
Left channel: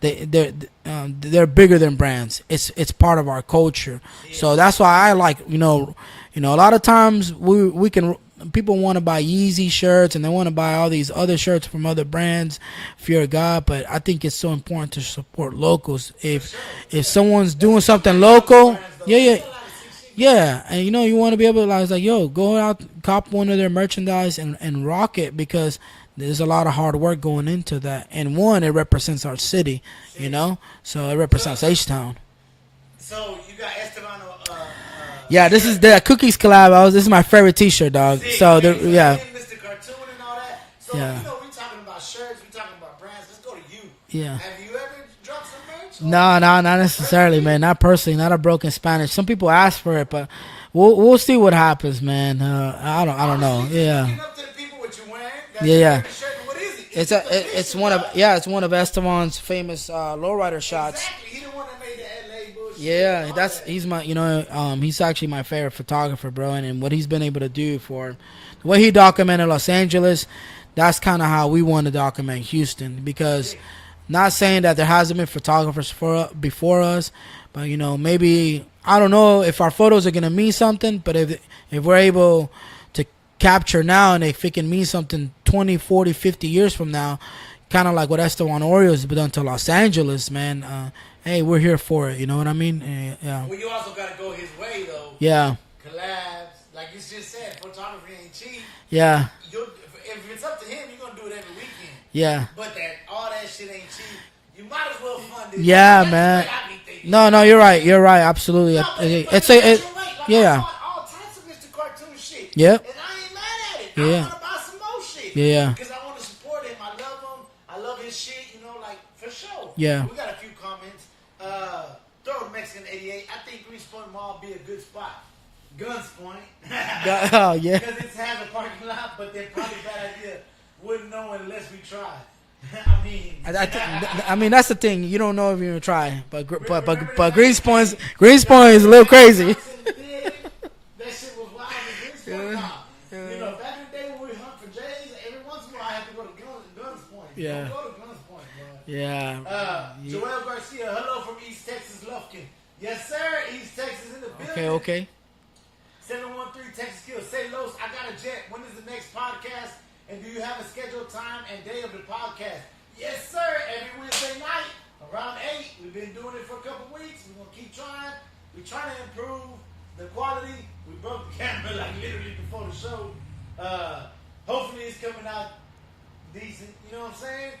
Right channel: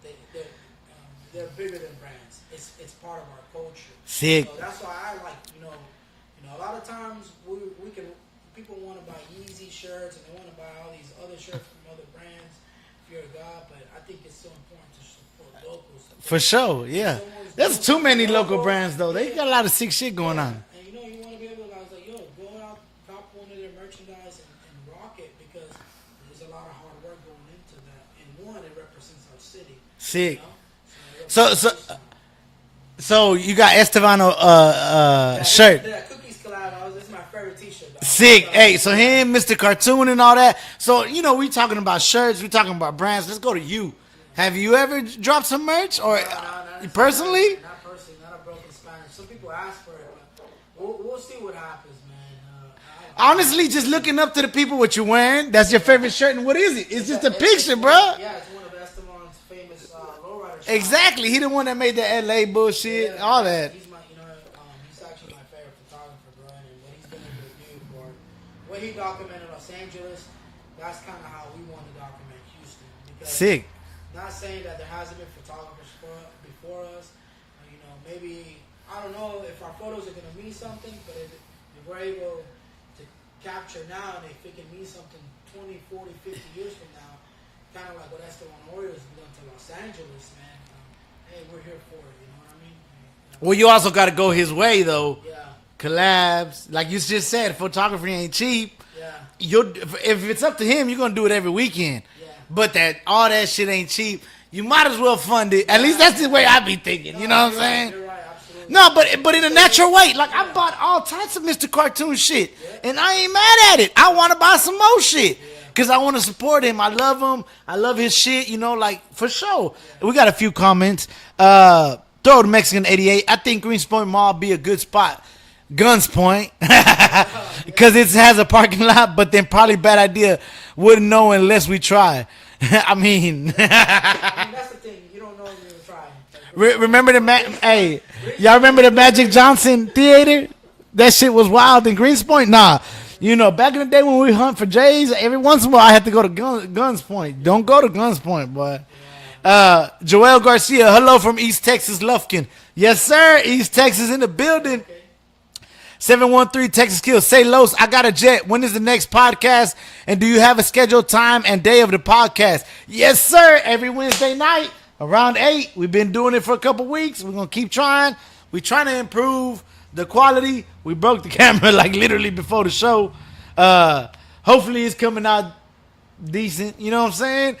they're bigger than brands. It's part of our culture. Sick. So that's why I like you know a lot of times we can. People want to buy Yeezy shirts and they want to buy all these other shirts from other brands, fear of God. But I think it's so important to support locals. For sure. Yeah. If someone's There's doing too something many local, brands, though. yeah, They yeah, got a lot of sick shit going on. yeah, and you know you want to be able to like yo, go out, cop one of their merchandise and rock it because there's a lot of hard work going into that. And one, it represents our city, you Sick. know, so it represents H-Town. So you got Estevano Yeah, this shirt. is the Cookies collab. This is my favorite T-shirt, dog. Sick. So, Hey, this- so yeah. him, Mr. Cartoon and all that. So, Yeah. you know, we talking about shirts. We talking about brands. Let's go to you. Yeah. Have you ever dropped some merch? Or No, not necessarily, personally? man. Not personally. Not a broken Spanish. Some people ask for it, but we'll see what happens, man. I don't Honestly, know. just Yeah. looking up to the people what you're wearing. That's Yeah, your yeah. favorite shirt. And what is it? It's just a it's picture, one bro. of- yeah, it's one of Esteban's famous lowrider shots. Exactly. He the one that made the LA bullshit. Yeah, all that's, that. he's my, he's actually my favorite photographer, bro, and what he's been able to do for the way he documented Los Angeles, that's kind of how we want to document Houston. Because Sick. not saying that there hasn't been photographers before us, but maybe I don't know if our photos are gonna mean something, but if we're able to capture now and if it can mean something 20, 40, 50 years from now, kind of like what Esteban Oreo has done to Los Angeles, man. Hey, we're here for it. You know what I mean? Yeah. Well, you also got to go his way, though. Yeah. Collabs. Like you just said, photography ain't cheap. Yeah. If it's up to him, you're going to do it every weekend. Yeah. But all that shit ain't cheap. You might as well fund it. Yeah, At least that's man. the way I be thinking. No, you know no, what you're I'm right. saying? You're right. Absolutely. No, but in It's a natural way. Like, I yeah. bought all types of Mr. Cartoon shit. Yep. And I ain't mad at it. I Yeah. want to buy some more shit. Yeah. Because I want to support him. I love him. I love his shit, like, for sure. Yeah. We got a few comments. Throw the Mexican 88. I think Greens Point Mall be a good spot. Guns Point. yeah. Because it has a parking lot, but then probably bad idea. Wouldn't know unless we try. I mean, I mean, that's the thing. You don't know if you even try. But remember the Greens Point? Hey, Greens y'all Point is remember a the little Magic crazy. Johnson Theater? That shit was wild in Greens Point. Nah, back in the day when we hunt for Jays, every once in a while I had to go to Guns Point. Don't go to Guns Point, boy. Yeah. Joel Garcia, hello from East Texas, Lufkin. Yes, sir. East Texas in the building. Okay. 713 Texas Kills. Say Los, I got a jet. When is the next podcast? And do you have a scheduled time and day of the podcast? Yes, sir. Every Wednesday night around 8. We've been doing it for a couple weeks. We're going to keep trying. We're trying to improve the quality. We broke the camera like literally before the show. Hopefully it's coming out decent. You know what I'm saying?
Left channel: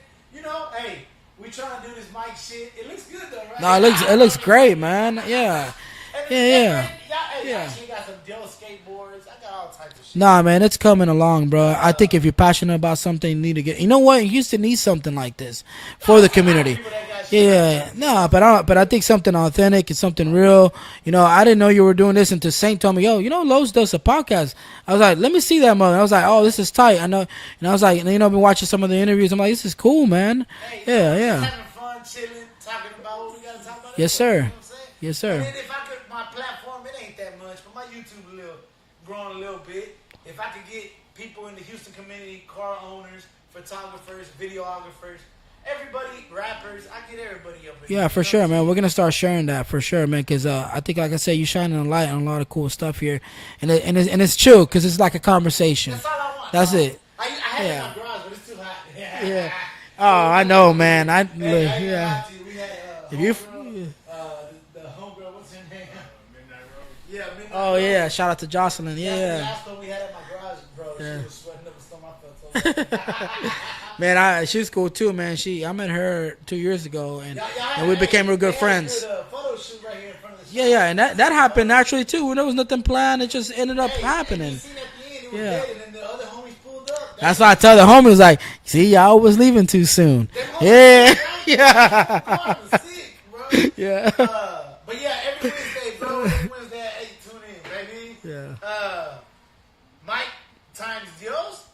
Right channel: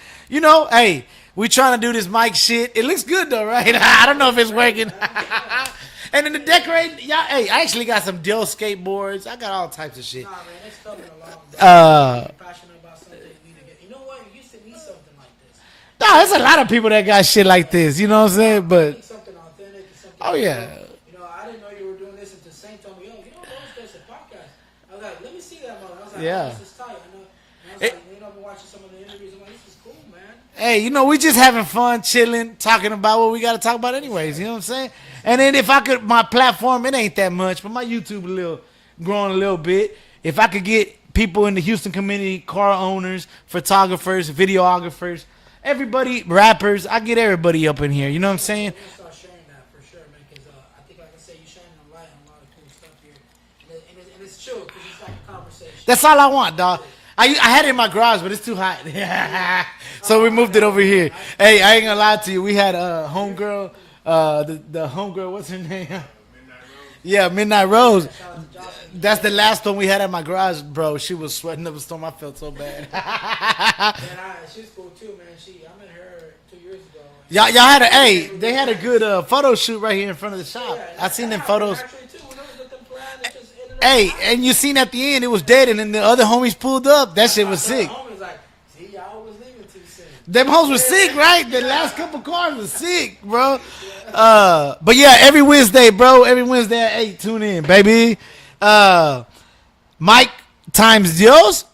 Hey, we trying to do this mic shit. It looks good though, right? I don't know if it's great, working. man. Yeah. And then the Yeah. decorating, y'all. Hey, I actually got some Dell skateboards. I got all types of shit. Nah, man, it's coming along, bro. I think if you're passionate about something, you need to get. You know what? Houston needs something like this. No, for the there's a lot of community. people that got shit like Yeah. this. You No, know what I'm but saying? but I think something authentic and something Oh, real. yeah. You know, I didn't know you were doing this until Saint told me, yo, you know, Lowe's does a podcast. I was like, let me see that mother. I was like, Yeah. oh, this is tight. I know. And I was like, you know, I've been watching some of the interviews. I'm like, this is cool, man. Hey, you Yeah, know, we just yeah. having fun, chilling, talking about what we got to talk about anyways. Yes, sir. You know what I'm saying? Yes, sir. And then if I could, my platform, it ain't that much, but my YouTube growing a little bit. If I could get people in the Houston community, car owners, photographers, videographers, everybody, rappers, I get everybody up in Yeah, here. for You know sure, what I'm man. saying? We're gonna start sharing that for sure, man. Because I think, like I said, you shining a light on a lot of cool stuff here, and it's chill because it's like a conversation. That's all I want. That's dog. it. I had it in my garage, but it's too hot. So Oh, we I moved it know, over man. here. I- Hey, I ain't gonna yeah. lie to you. We had a homegirl, the homegirl. What's her name? Yeah, Midnight Oh, Rose. yeah, shout out to Jocelyn. That's the Yeah. last one we had at my garage, bro. She was sweating up a storm. I felt so bad. Man, she's cool too, man. I met her 2 years ago. And y'all had a we hey, became real good they had friends. a good photo shoot right here in front of the shop. Yeah, and I that seen them happened photos. naturally too. There was nothing planned. It just ended up Hey, happening. and you seen at the end it was Yeah. dead, and then the other homies pulled up. That That's shit why I was tell the sick. homie was like, see, y'all was leaving too soon. Them hoes Yeah. was sick, right? The last couple cars was sick, bro. Yeah. But yeah, every Wednesday, bro. Every Wednesday at 8, tune in, baby. Mike times Dios.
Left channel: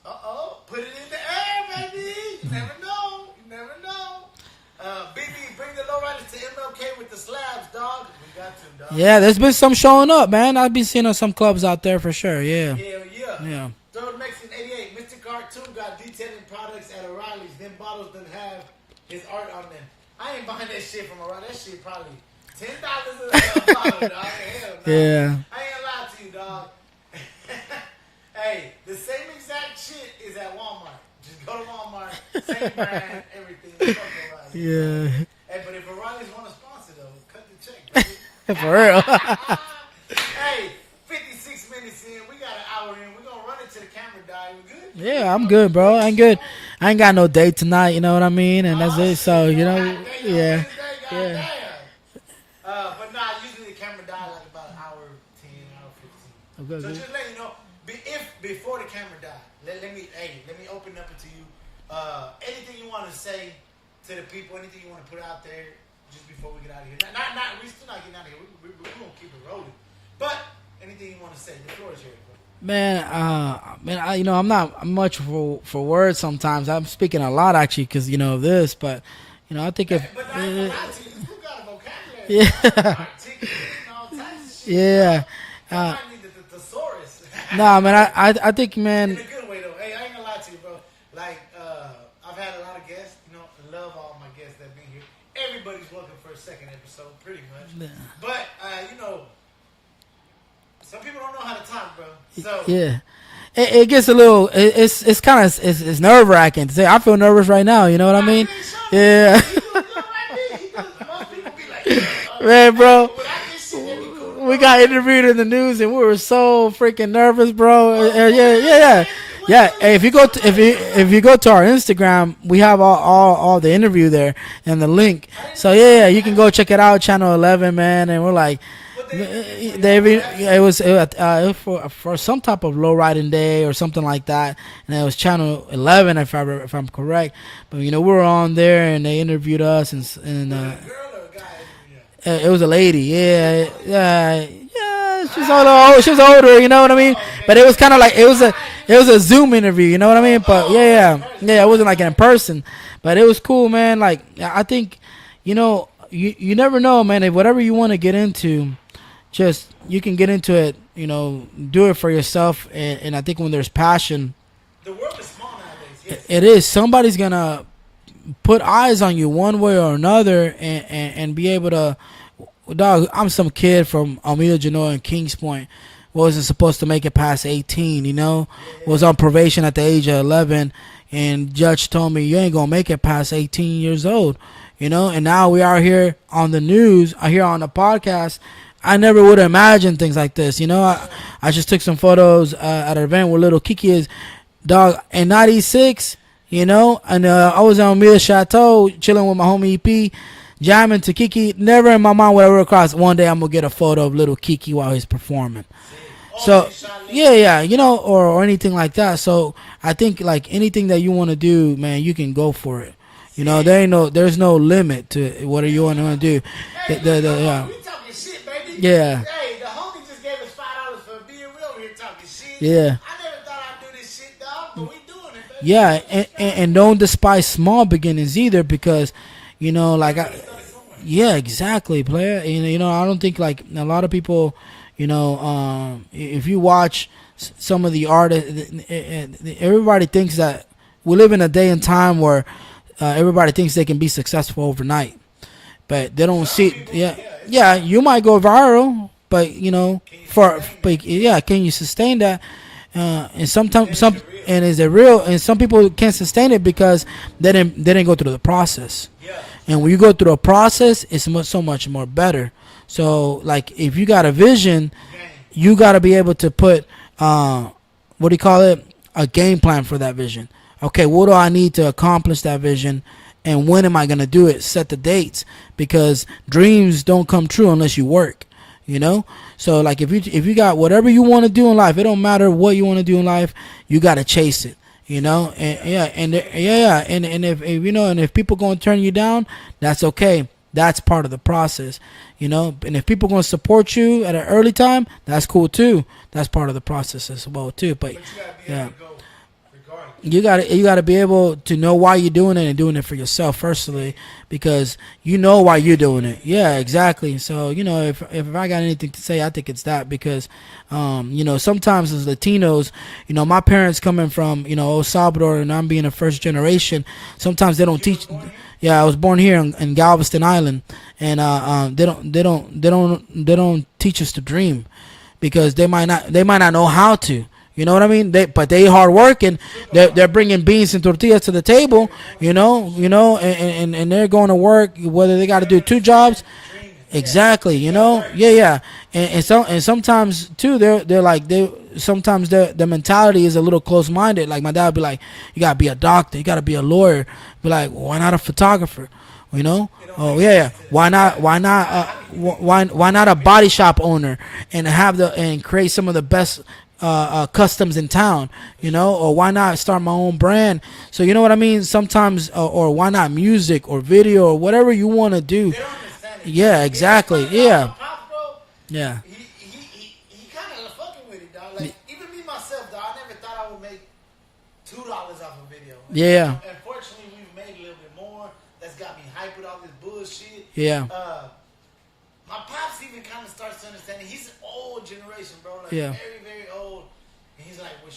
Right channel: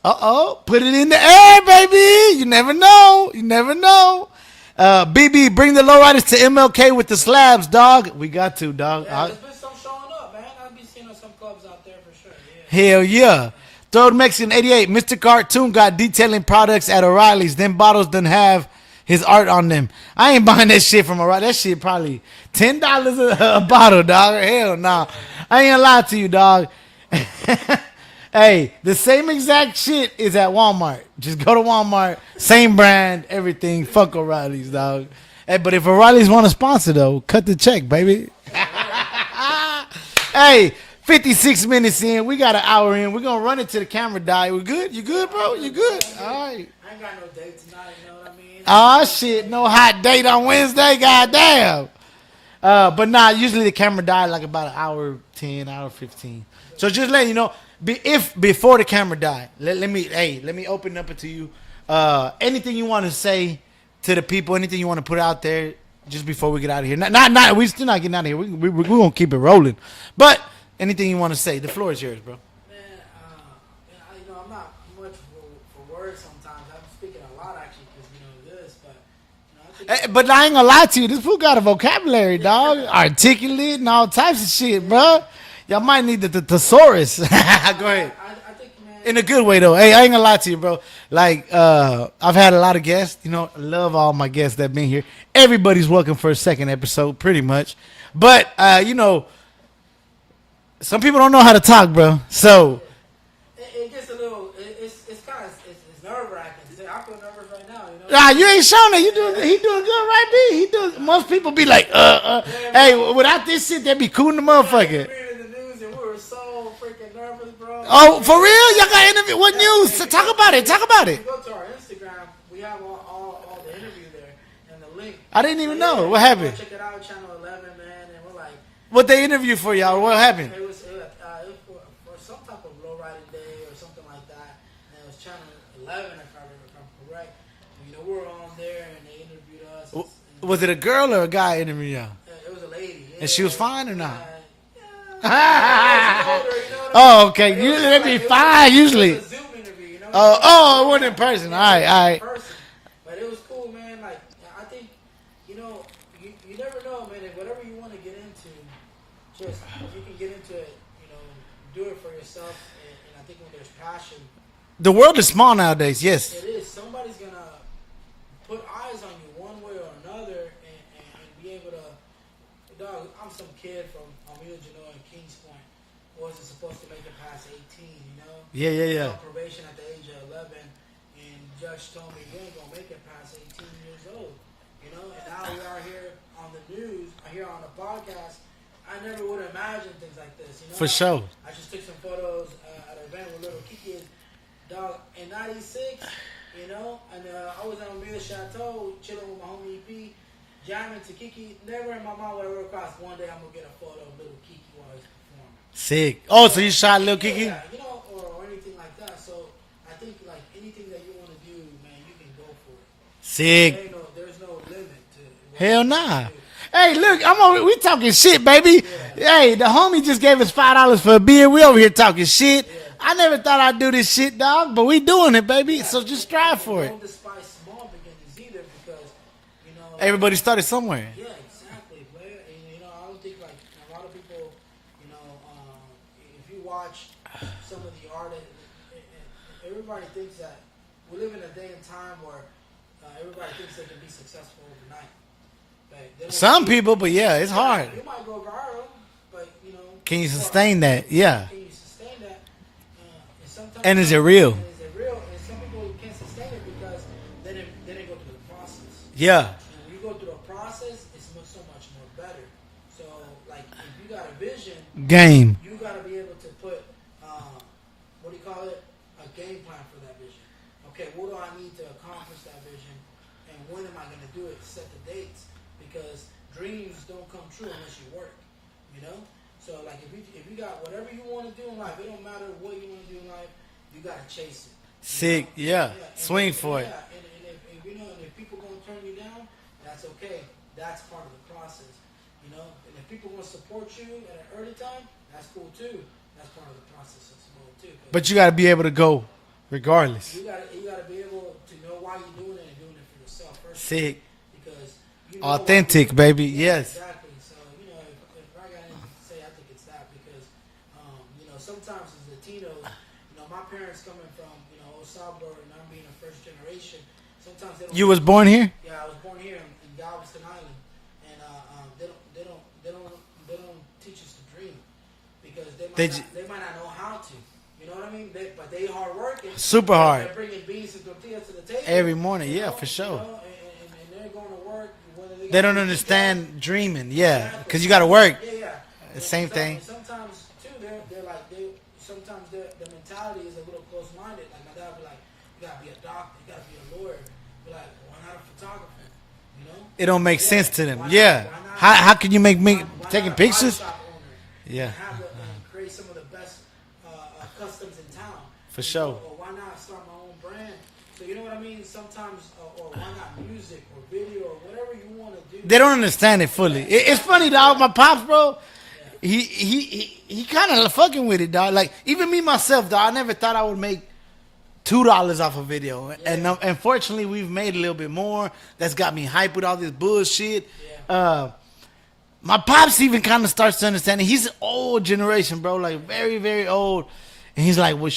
Put it in the air, baby. You never know. You never know. BB, bring the lowriders to MLK with the slabs, dog. We got to, dog. Yeah, there's been some showing up, man. I've been seeing some clubs out there for sure. Yeah. Hell yeah. Yeah. Third Mexican 88. Mr. Cartoon got detailing products at O'Reilly's. Them bottles done have his art on them. I ain't buying that shit from O'Reilly. That shit probably $10 a bottle, dog. Hell no. Yeah. I ain't gonna lie to you, dog. Hey, the same exact shit is at Walmart. Just go to Walmart. Same brand, everything. Fuck O'Reilly's, dog. Hey, but if O'Reilly's want to sponsor, though, cut the check, baby. For real. Hey, 56 minutes in. We got an hour in. We're going to run it to the camera die. We good? You good, Yeah, bro? I'm good, You bro. I'm good. All right. I ain't got no date tonight. You know what I mean? And Oh, that's it, shit. so, No you know, hot date on yeah. Wednesday? Goddamn. But nah, usually the camera die like about an hour 10, hour 15. So just letting you know, if before the camera die, let me open up it to you. Anything you want to say to the people, anything you want to put out there just before we get out of here. Not we still not getting out of here. We're going to keep it rolling. But anything you want to say, the floor is yours, bro. Man, I'm not much for words sometimes. I'm speaking a lot actually because of this, but I think. Hey, but I ain't gonna lie to you. This fool got a vocabulary, dog. Articulate and all types of shit, Yeah. bro. Y'all might need the thesaurus. Nah, man, I think, man. In a good way, though. Hey, I ain't gonna lie to you, bro. Like, I've had a lot of guests. I love all my guests that been here. Everybody's welcome for a second episode, pretty much. But, some people don't know how to talk, bro. So, Yeah. It gets a little. It's kind of it's nerve wracking to say. I feel nervous right now. You know what nah, I mean? you ain't showing it. Yeah. He doing good, right, B? He does. Most people be like, Man, bro. Hey, without this shit, they'd be cool in the We got motherfucker. interviewed in the news and we were so freaking nervous, bro. Oh, for real? Y'all got interview- what news? Hey, if you Talk go about if it. you, Talk about if it. you go to our Instagram, we have all the interview there and the link. I didn't so even know. yeah, What you can go happened? check it out, Channel 11, man. And we're like, What they interview for y'all? They- What happened? It was for some type of low riding day or something like that, and it was Channel 11 if I'm correct. But we were on there and they interviewed us and Was it a girl or a guy interviewing y'all? it was a lady, yeah. she was fine or Yeah, yeah. She was older, you know what I mean? Oh, okay. But it was kind of like Usually fine, it was usually. a Zoom interview, you know what I mean? But oh, it yeah, wasn't in person. yeah, it wasn't Alright, like in alright. person. But it was cool, man. Like I think, you never know, man. If whatever you want to get into, just you can get into it. Do it for yourself, and I think when there's passion, The world is small nowadays. Yes. it is somebody's gonna put eyes on you one way or another, and be able to. Dog, I'm some kid from Almeda Genoa and Kings Point. Wasn't supposed to make it past 18. Yeah. Was on probation at the age of 11, and judge told me you ain't gonna make it past 18 years old. And now we are here on the news, here on the podcast. I never would have imagined things like this. For sure. I just took some photos at an event where little Kiki is, dog, in '96. And I was on Mille Chateau chilling with my homie EP. jamming to Kiki. Never in my mind would I ever cross one day I'm gonna get a photo of little Kiki while he's performing. Sick. Oh, so you shot little yeah, Kiki? yeah, you know, or anything like that. So I think like anything that you want to do, man, you can go for it. You know, there's no limit to what you want to do. Hey, look, we talking shit, baby. Yeah. Hey, the homie just gave us $5 for a beer. We over here talking shit. Yeah. I never thought I'd do this shit, dog, but we doing it, baby. Yeah, So just strive and for don't it. despise small beginnings either, because you know, like Everybody started somewhere. Yeah, exactly, player. You know, I don't think like a lot of people, you know, if you watch some of the artists, everybody thinks that we live in a day and time where everybody thinks they can be successful overnight, but they don't. Some people, but it's hard. You might go viral, but you know, can you sustain that? Yeah, can you sustain that? And sometimes, and is it real? And is it real? And some people can't sustain it because they didn't go through the process. Yeah. And when you go through a process, it's so much more better. So, like, if you got a vision, you got to be able to put, what do you call it? A game plan for that vision. Okay, what do I need to accomplish that vision, and when am I gonna do it? Set the dates, because dreams don't come true unless you work. You know. So like if you got whatever you want to do in life, it don't matter what you want to do in life, you gotta chase it. You know, and and if you know, and if people gonna turn you down, that's okay. That's part of the process. You know, and if people gonna support you at an early time, that's cool too. That's part of the process as well too. But you gotta be able to go. Regardless, you gotta be able to know why you're doing it and doing it for yourself firstly, because you know why you're doing baby. it. Yeah, exactly. So you know, if I got anything to say, I think it's that, because you know, sometimes as Latinos, you know, my parents coming from, you know, El Salvador, and I'm being a first generation. Sometimes they don't. You was born here? Yeah, I was born here in Galveston Island, and they don't teach us to dream, because they might not know how to. You know what I mean? But they hard working. They're bringing beans and tortillas to the table. Every morning, you know, sure. You know, and they're going to work, whether they got to do 2 jobs. Dreaming, exactly. You got to work. Yeah. And sometimes too, they're like sometimes the mentality is a little close minded. Like my dad would be like, you gotta be a doctor, you gotta be a lawyer. Be like, well, why not a photographer? You know, it don't make sense to them. Why not? Why not? How can you make? Why not a body shop owner and create some of the best customs in town, you know, or why not start my own brand? So you know what I mean? Sometimes, or why not music or video or whatever you want to do? They don't understand it. Yeah, exactly. It's funny, dog. My pops, bro. Yeah. He kind of fucking with it, dog. Like even me myself, dog. I never thought I would make $2 off a video. Yeah. And unfortunately, we've made a little bit more. That's got me hyped with all this bullshit. Yeah. My pops even kind of starts to understand it. He's an old generation, bro. Like very, very old. And he's like, well,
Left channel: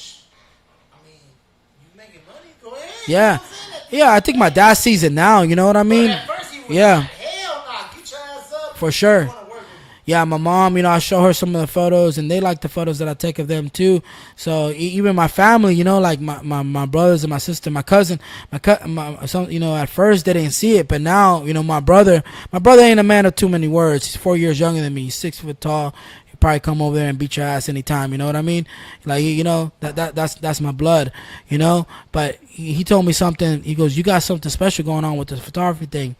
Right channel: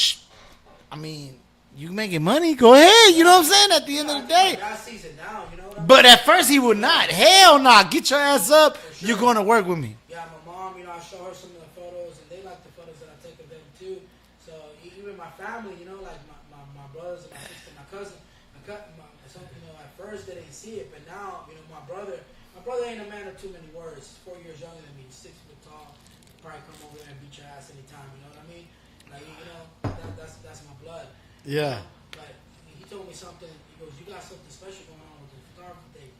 I mean, you making money? Go ahead. Yeah. You know what I'm saying? At the end I of the think day. my dad sees it now. You know what I mean? But at first he would not. Hell nah. Get your ass up. For sure. You're going to work with me. Yeah, my mom, you know, I show her some of the photos, and they like the photos that I take of them too. So even my family, you know, like my brothers and my sister, my cousin, some, you know, at first they didn't see it, but now, you know, my brother ain't a man of too many words. He's 4 years younger than me. He's 6 foot tall. He'll probably come over there and beat your ass anytime. You know what I mean? Like, you know, that's my blood. You know. But he told me something. He goes, "You got something special going on with the photography thing."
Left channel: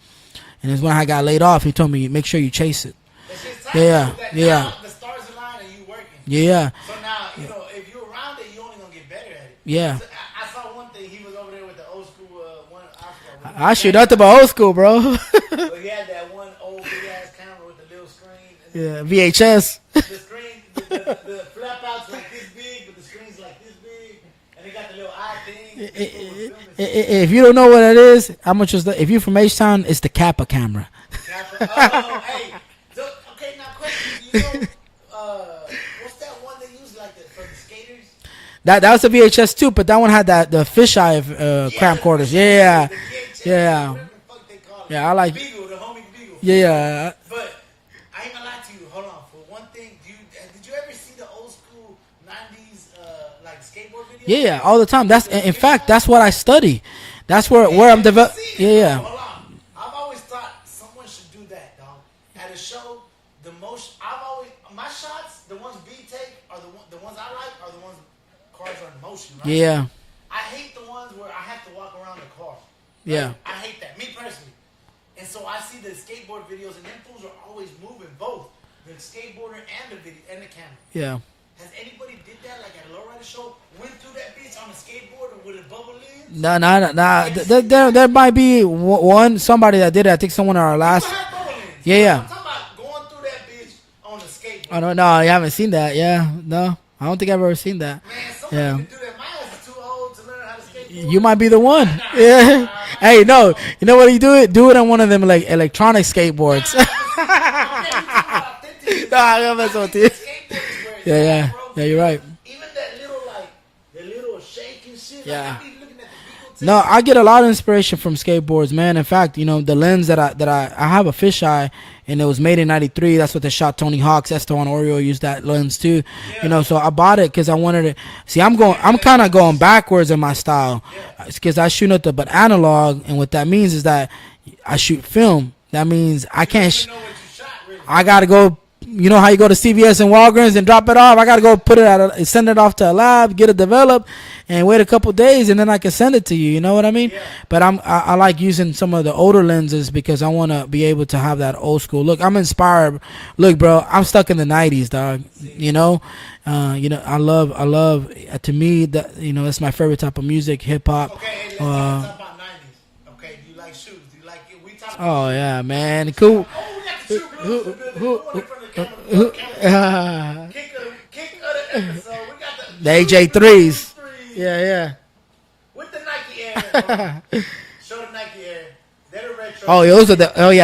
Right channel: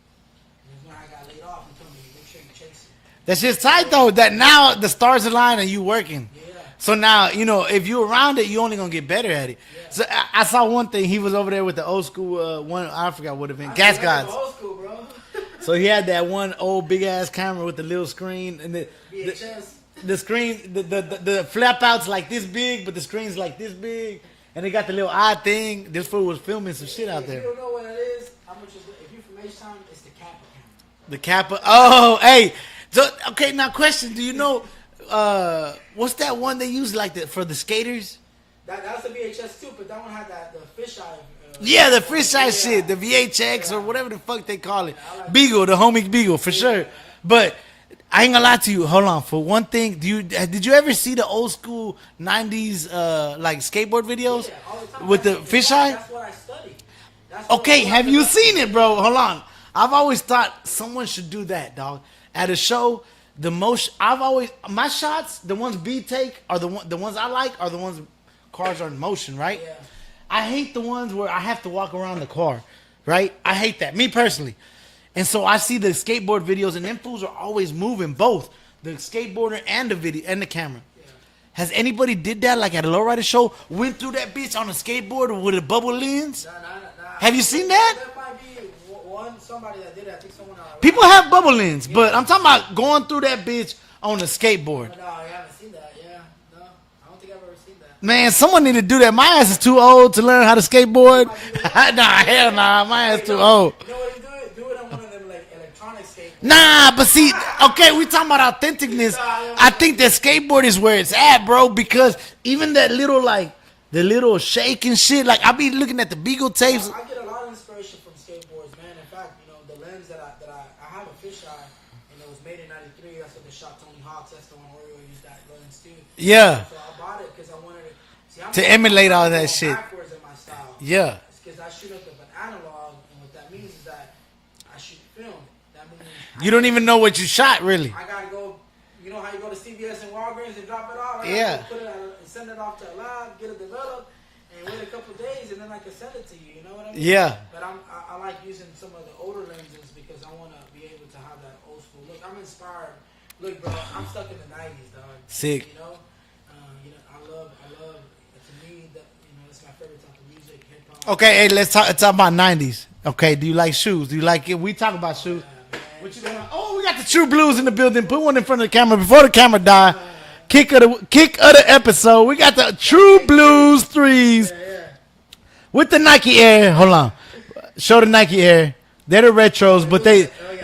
And it's when I got laid off. He told me, "Make sure you chase it." That's just tight though. That now the stars align and you working. Yeah. So now, you know, if you around it, you only gonna get better at it. Yeah. So I saw one thing. He was over there with the old school one. I forgot what it was. I shit nothing but old school, bro. So he had that one old big ass camera with the little screen and the VHS. The screen, the flap outs like this big, but the screen's like this big. And they got the little eye thing. This fool was filming some shit. If you don't know what it is, how much is if you're from H-Town, it's the Kappa camera. The Kappa. Oh, hey. So okay, now question: do you know what's that one they use like for the skaters? That was the VHS too, but that one had the fisheye camcorders. Yeah, the VHX or whatever the fuck they call it. Yeah, I like Beagle, the homie Beagle for sure. But I ain't gonna lie to you. Hold on. For one thing, did you ever see the old school '90s like skateboard videos? Yeah, all the time. In fact, that's what I study. That's where I'm developing. Have you seen it, bro? Hold on. I've always thought someone should do that, dog. At a show, my shots, the ones B take are the ones I like are the ones cars are in motion, right? Yeah. I hate the ones where I have to walk around the car, right? Yeah. I hate that. Me personally. And so I see the skateboard videos, and them fools are always moving both the skateboarder and the video and the camera. Yeah. Has anybody did that like at a lowrider show? Went through that bitch on a skateboard with a bubble lens? Nah. Have you seen that? There might be somebody that did it. I think someone in our last. People have bubble lens. Yeah, but yeah. I'm talking about going through that bitch on a skateboard. I don't know. I haven't seen that. Yeah. No. I don't think I've ever seen that. Man, someone Yeah. need to do that. My ass is too old to learn how to skateboard. You might be the one. Nah, Yeah. hell nah, my ass Hey, too no. old. You know what you do it? Do it on one of them like electronic skateboards. Nah, but see, okay, we talking about authenticness. Nah, I'm I not think gonna the skateboard is where it's Yeah, at, yeah. bro. Yeah, you're Because right. even that little the little shake and shit. Like I be looking at the Beagle taste. No, I get a lot of inspiration from skateboards, man. In fact, the lens that I have a fisheye, and it was made in '93. That's what they shot Tony Hawk's. Esteban Oreo used that lens too. Yeah. So I bought it because I wanted to see. I'm To kind emulate all of that going shit. backwards in my style. Yeah. Because I shoot nothing but analog, and what that means is that I shoot film. That means I you can't. don't even know what you shot, really. I gotta go. You know how you go to CVS and Walgreens and drop it off? I gotta Yeah. go put it send it off to a lab, get it developed, and wait a couple days, and then I can send it to you. You know what I mean? Yeah. But I like using some of the older lenses because I want to be able to have that old school look. I'm inspired. Look, bro, I'm stuck in the '90s, dog. Sick. I love. To me, that's my favorite type of music, hip hop. Okay, hey, let's talk about '90s. Okay, do you like shoes? Do you like it? We talk about Oh shoes. yeah, man, cool. Oh, we got the True Blues in the building. Put one in front of the camera before the camera died. Kick of the episode. We got the True AJ Blues threes Yeah. with the Nike Air. Hold on, show the Nike Air. They're the retro. Oh,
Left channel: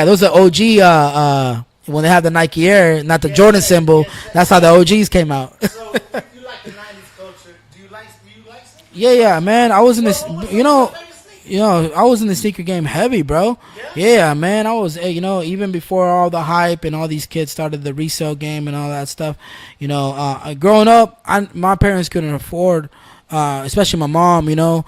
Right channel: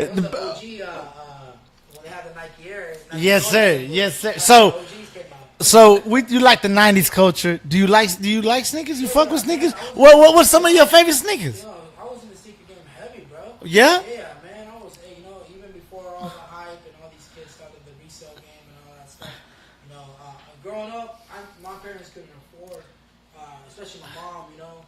those are OG. When they have the Nike Air, not the Yes, Jordan sir. symbol. Yes, sir. That's So- how the OGs came out. So you like the '90s culture? Do you like sneakers? You Yeah, fuck yeah, with man. sneakers? I was in What, this- what was some you of know- your favorite sneakers? I was in the sneaker game heavy, bro. Yeah? Yeah, man. I was, even before all the hype and all these kids started the resale game and all that stuff. Growing up, my parents couldn't afford, especially my mom.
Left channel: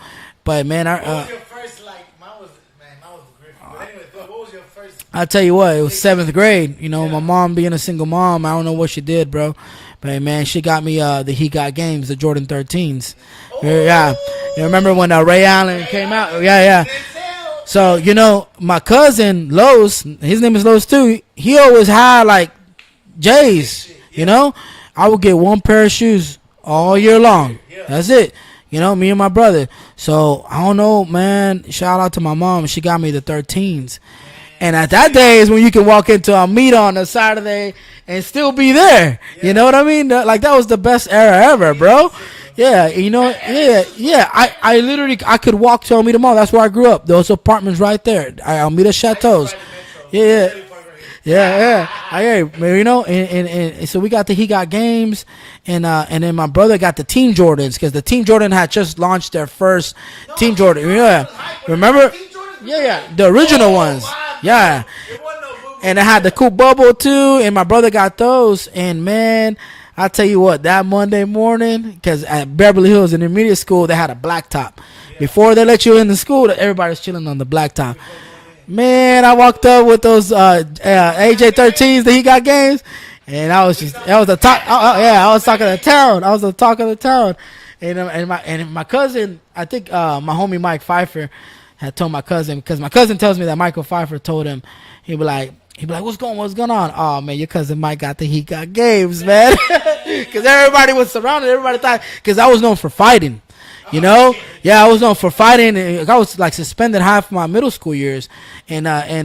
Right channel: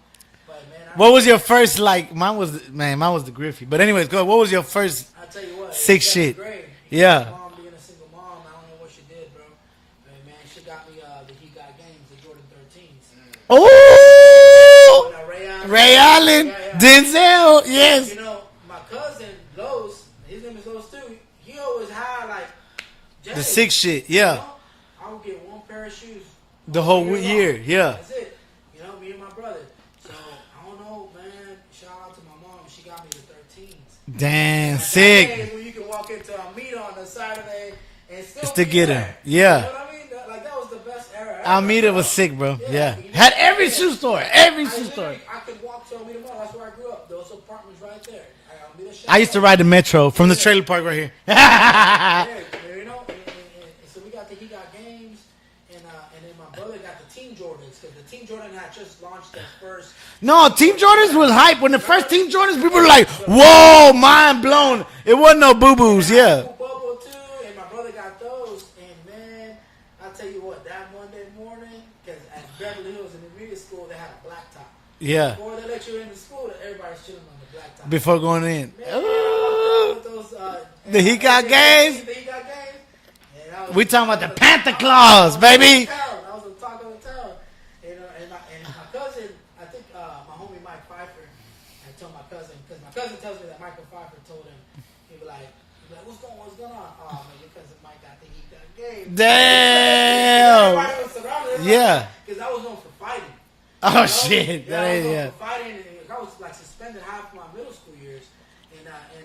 But man, What was your first like? Mine was the Griffey. But anyways, go. What was your first? I'll tell you what, it was Sick 7th shit. grade. Yeah. My mom being a single mom, I don't know what she did, bro. But man, she got me the He Got Games, the Jordan 13s. Oh, Yeah. You remember when Ray Allen? Ray came out? Allen, Yeah. Denzel. So yes. my cousin Los, his name is Los too. He always had like J's. Sick shit, yeah. I would get one pair of shoes all whole year long. year, yeah. That's it. Me and my brother. So I don't know, man. Shout out to my mom. She got me the 13s. Damn. And at that day is when you can walk into a meet on a Saturday and still be get it. there. Yeah. You know what I mean? That was the best era ever, Almeida bro. was sick, bro. Yeah, Yeah. Had every shoe store, yeah. every I shoe literally I could walk to Almeida Mall. That's where I grew up. Those apartments right there. Almeida Chateau. I used to ride the metro from Yeah. the trailer park right here. Yeah. And so we got He Got Games, and then my brother got the Team Jordans because the Team Jordan had just launched their first. No, Team Jordans yeah. was hype when Remember? the first Team Jordans. People were like, The original "Whoa, ones. mind blown!" Yeah. It wasn't no boo boo. And it had the cool bubble too, and my brother got those. And man, I tell you what, that Monday morning, because at Beverly Hills Intermediate School, they had a blacktop. Yeah. Before they let you in the school, everybody was chilling on the blacktop. before going in. Man, I walked up with those Got AJ13s, Games. the He Got Games, and I was We just, talking that was about the the talk. Panther I Claws, was talking of baby. the town. I was the talk of the town, and my cousin, I think my homie Mike Pfeiffer had told my cousin, because my cousin tells me that Michael Pfeiffer told him, he'd be like, what's going on? Oh man, your cousin Mike got the He Got Games, man. 'Cause everybody was surrounded. Everybody Yeah. thought, because I was known for fighting. You Oh, know, shit. yeah, I was Yeah, known yeah. for fighting. And I was like suspended half my middle school years, and everybody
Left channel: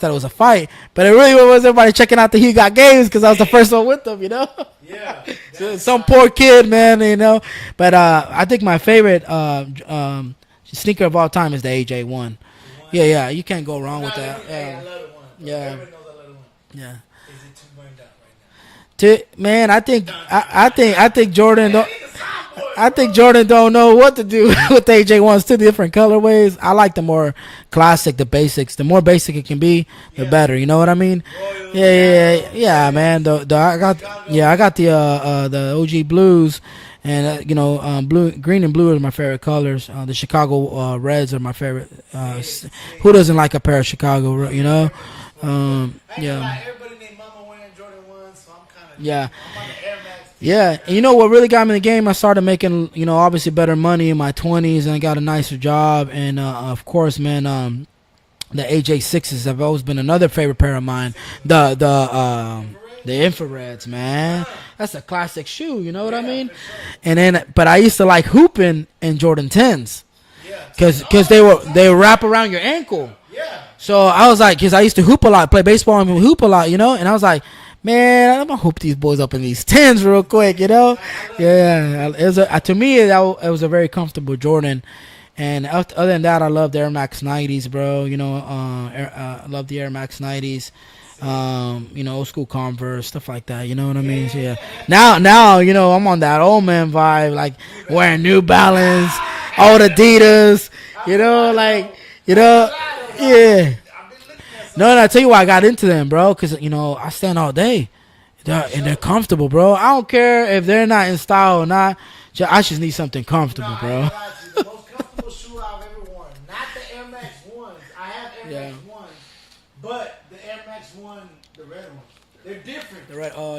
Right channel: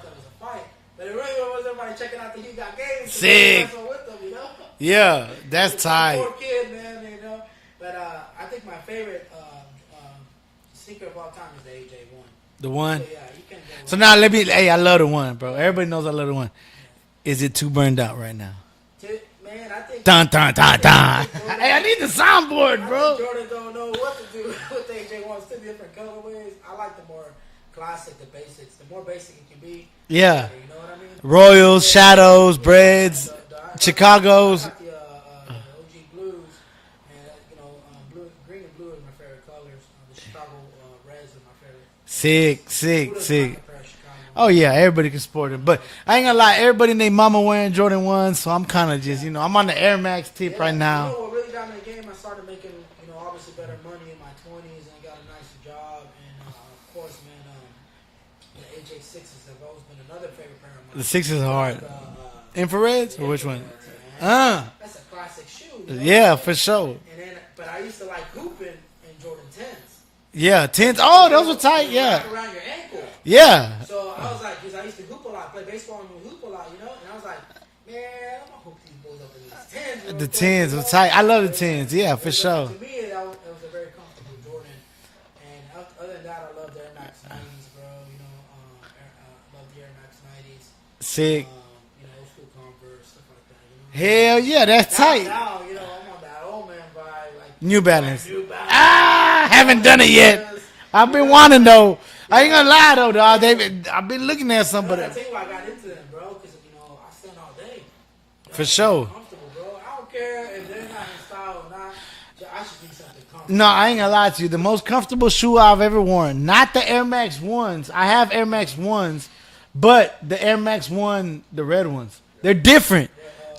thought it was a fight, but it really was everybody checking out the He Got Games because I was the Sick. first one with them. Yeah, that's Some tight. poor kid, man. But I think my favorite sneaker of all time is the AJ1. The one. Yeah, you can't go wrong. So now with let that. me. Hey, I love the one, bro. Yeah. Everybody knows I love the one. Yeah. Is it too burned out right now? Man, I think Dun, dun, I dun, think dun. I think Jordan. Hey, I need the soundboard. I bro. think Jordan don't know what to do with the AJ1s. Two different colorways. I like the more classic, the basics. The more basic it can be, Yeah. the better. You know what I mean? Royals, shadows, yeah, Breds, man. I got, Chicago's. Yeah, I got the OG blues, and green and blue are my favorite colors. The Chicago Reds are my favorite. Sick. Who doesn't sick. like a pair of Chicago? Oh yeah, you know? everybody can sport it. But I ain't gonna lie, everybody named Mama wearing Jordan 1s, so I'm kind of just, Yeah. I'm on the Air Max tip Yeah, right now. and you know what really got me in the game? I started making, obviously better money in my 20s, and I got a nicer job, and of course, man, The AJ6s have always been another favorite pair of mine. Sixes are The hard. infrareds. The Which one? infrareds, man. Ah. That's a classic shoe. You know. What Yeah, I mean? for sure. And then, but I used to like hooping in Jordan 10s Yeah, because tens. they wrap around your ankle. Yeah. So I was like, because I used to hoop a lot, play baseball and hoop a lot, you know. And I was like, man, I'm gonna hoop these boys up in these 10s real The quick, 10s, you know. the tight. I love the 10s, yeah, it was for sure. to me it was a very comfortable Jordan. And other than that, I love the Air Max 90s, bro. You know, I love the Air Max 90s. Sick. You know, old school Converse, stuff like that. You know what I Hell mean? So, yeah, that's now. tight. Now, you know, I'm on that old man vibe, like New Balance. wearing New Balance, haven't old done it yet. Adidas. I've you been know, wanting like, though. you I ain't know? gonna lie though, dog. Yeah. I've been looking at something. No, and I tell you why I got into them, bro. Because you know I stand all day. They're sure. comfortable, bro. I don't care if they're not in style or not. I just need something comfortable. No, I ain't bro. gonna lie to you. The most comfortable shoe I've ever worn, not the Air Max 1s. I have Air Max 1s, but the Air Max 1, the red ones. They're different.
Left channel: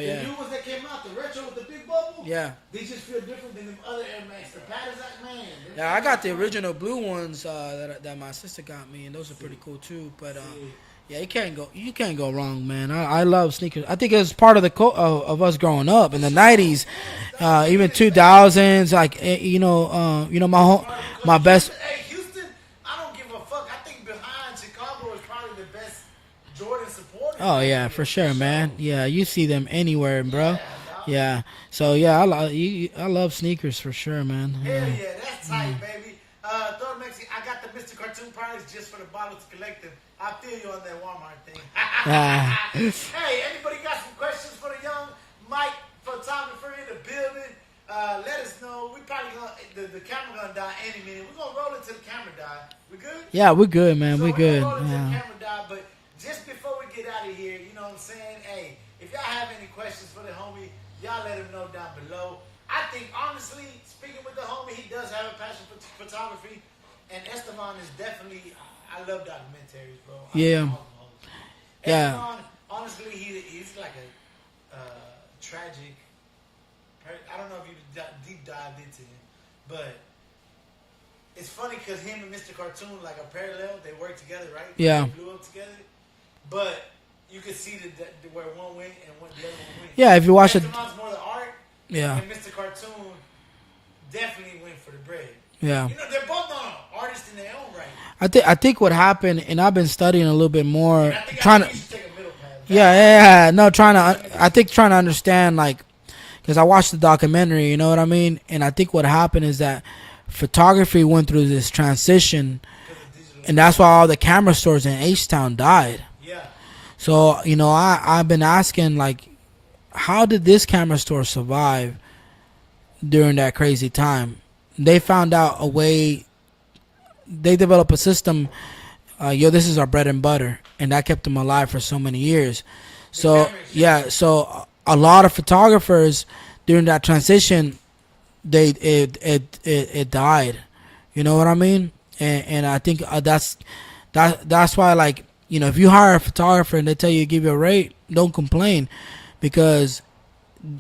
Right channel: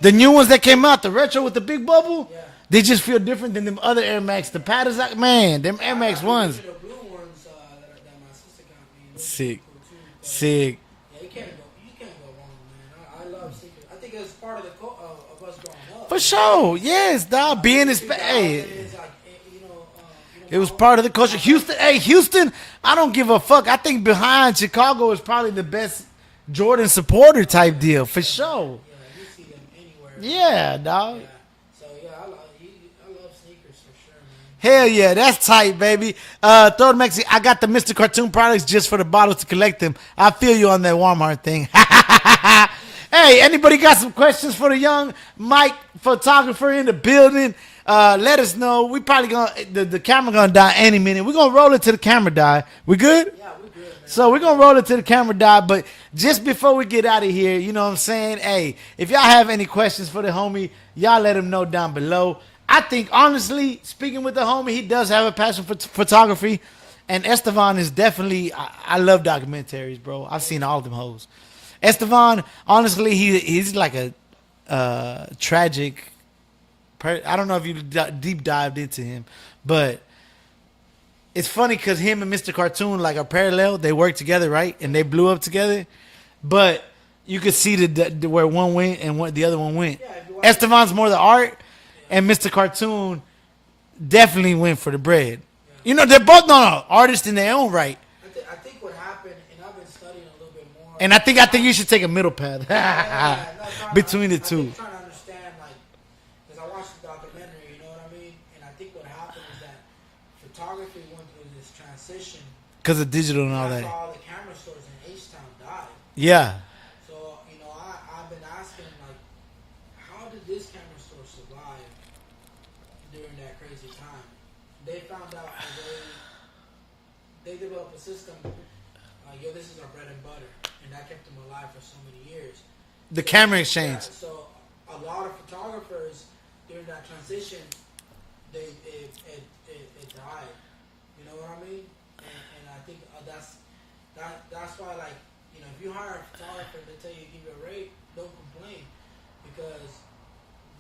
The new ones that came out, the retro with the big bubble, Yeah. they just feel different than them other Air Max. The patterns, like, man, them Air I Max got the 1s. original blue ones that my sister got me, and those Sick. are pretty cool too. But, Sick. yeah, you can't go wrong, man. I love sneakers. I think it was part of the of us growing up in the sure. 90s. Yes, dog. Being Even in 2000s, like you know, my It was home, part of the culture. my best. Houston, hey, Houston, I don't give a fuck. I think behind Chicago is probably the best Jordan supporter Oh, type yeah, deal. for sure, man. Sure. Yeah, you see them anywhere, bro. Yeah, dog. Yeah. So yeah, I love sneakers for sure, man. Hell yeah, that's tight, baby. Throw the Mexi. I got the Mr. Cartoon products just for the bottles to collect them. I feel you on that Walmart thing. Hey, anybody got some questions for the young Mike photographer in the building? Let us know. We probably gonna the camera gonna die any minute. We're gonna roll it to the camera die. We good? Yeah, we're good, man. So we're gonna good. roll it to the camera die, but just before we get out of here, you know what I'm saying? Hey, if y'all have any questions for the homie, y'all let him know down below. I think, honestly, speaking with the homie, he does have a passion for photography, and Estevan is definitely, I love documentaries, bro. I've seen all them hoes. Yeah. Estevan, honestly, he's like a tragic, I don't know if you deep dived into him, but it's funny because him and Mr. Cartoon like are parallel. They work together, right? Yeah. And they blew up together, but you could see the where one went and the other one went. Yeah, if you watch Estevan's more the art, Yeah. and Mr. Cartoon definitely went for the bread. Yeah. You know, they're both artists in their own right, I think what happened, and I've been studying a little bit more. and I think you should take a middle path. Yeah. No, Between the I think two. trying to understand, like, because I watched the documentary, you know what I mean? And I think what happened is that photography went through this transition, Because of digital, and that's why all the camera stores in H-Town died. Yeah, So, you know, I've been asking, like, how did this camera store survive during that crazy time? They found out a way. They developed a system. This is our bread and butter, and that kept them alive for so many years. The camera exchange. Yeah, so a lot of photographers during that transition, it died. You know what I mean? And I think that's why, like, you know, if you hire a photographer and they tell you to give you a rate, don't complain, because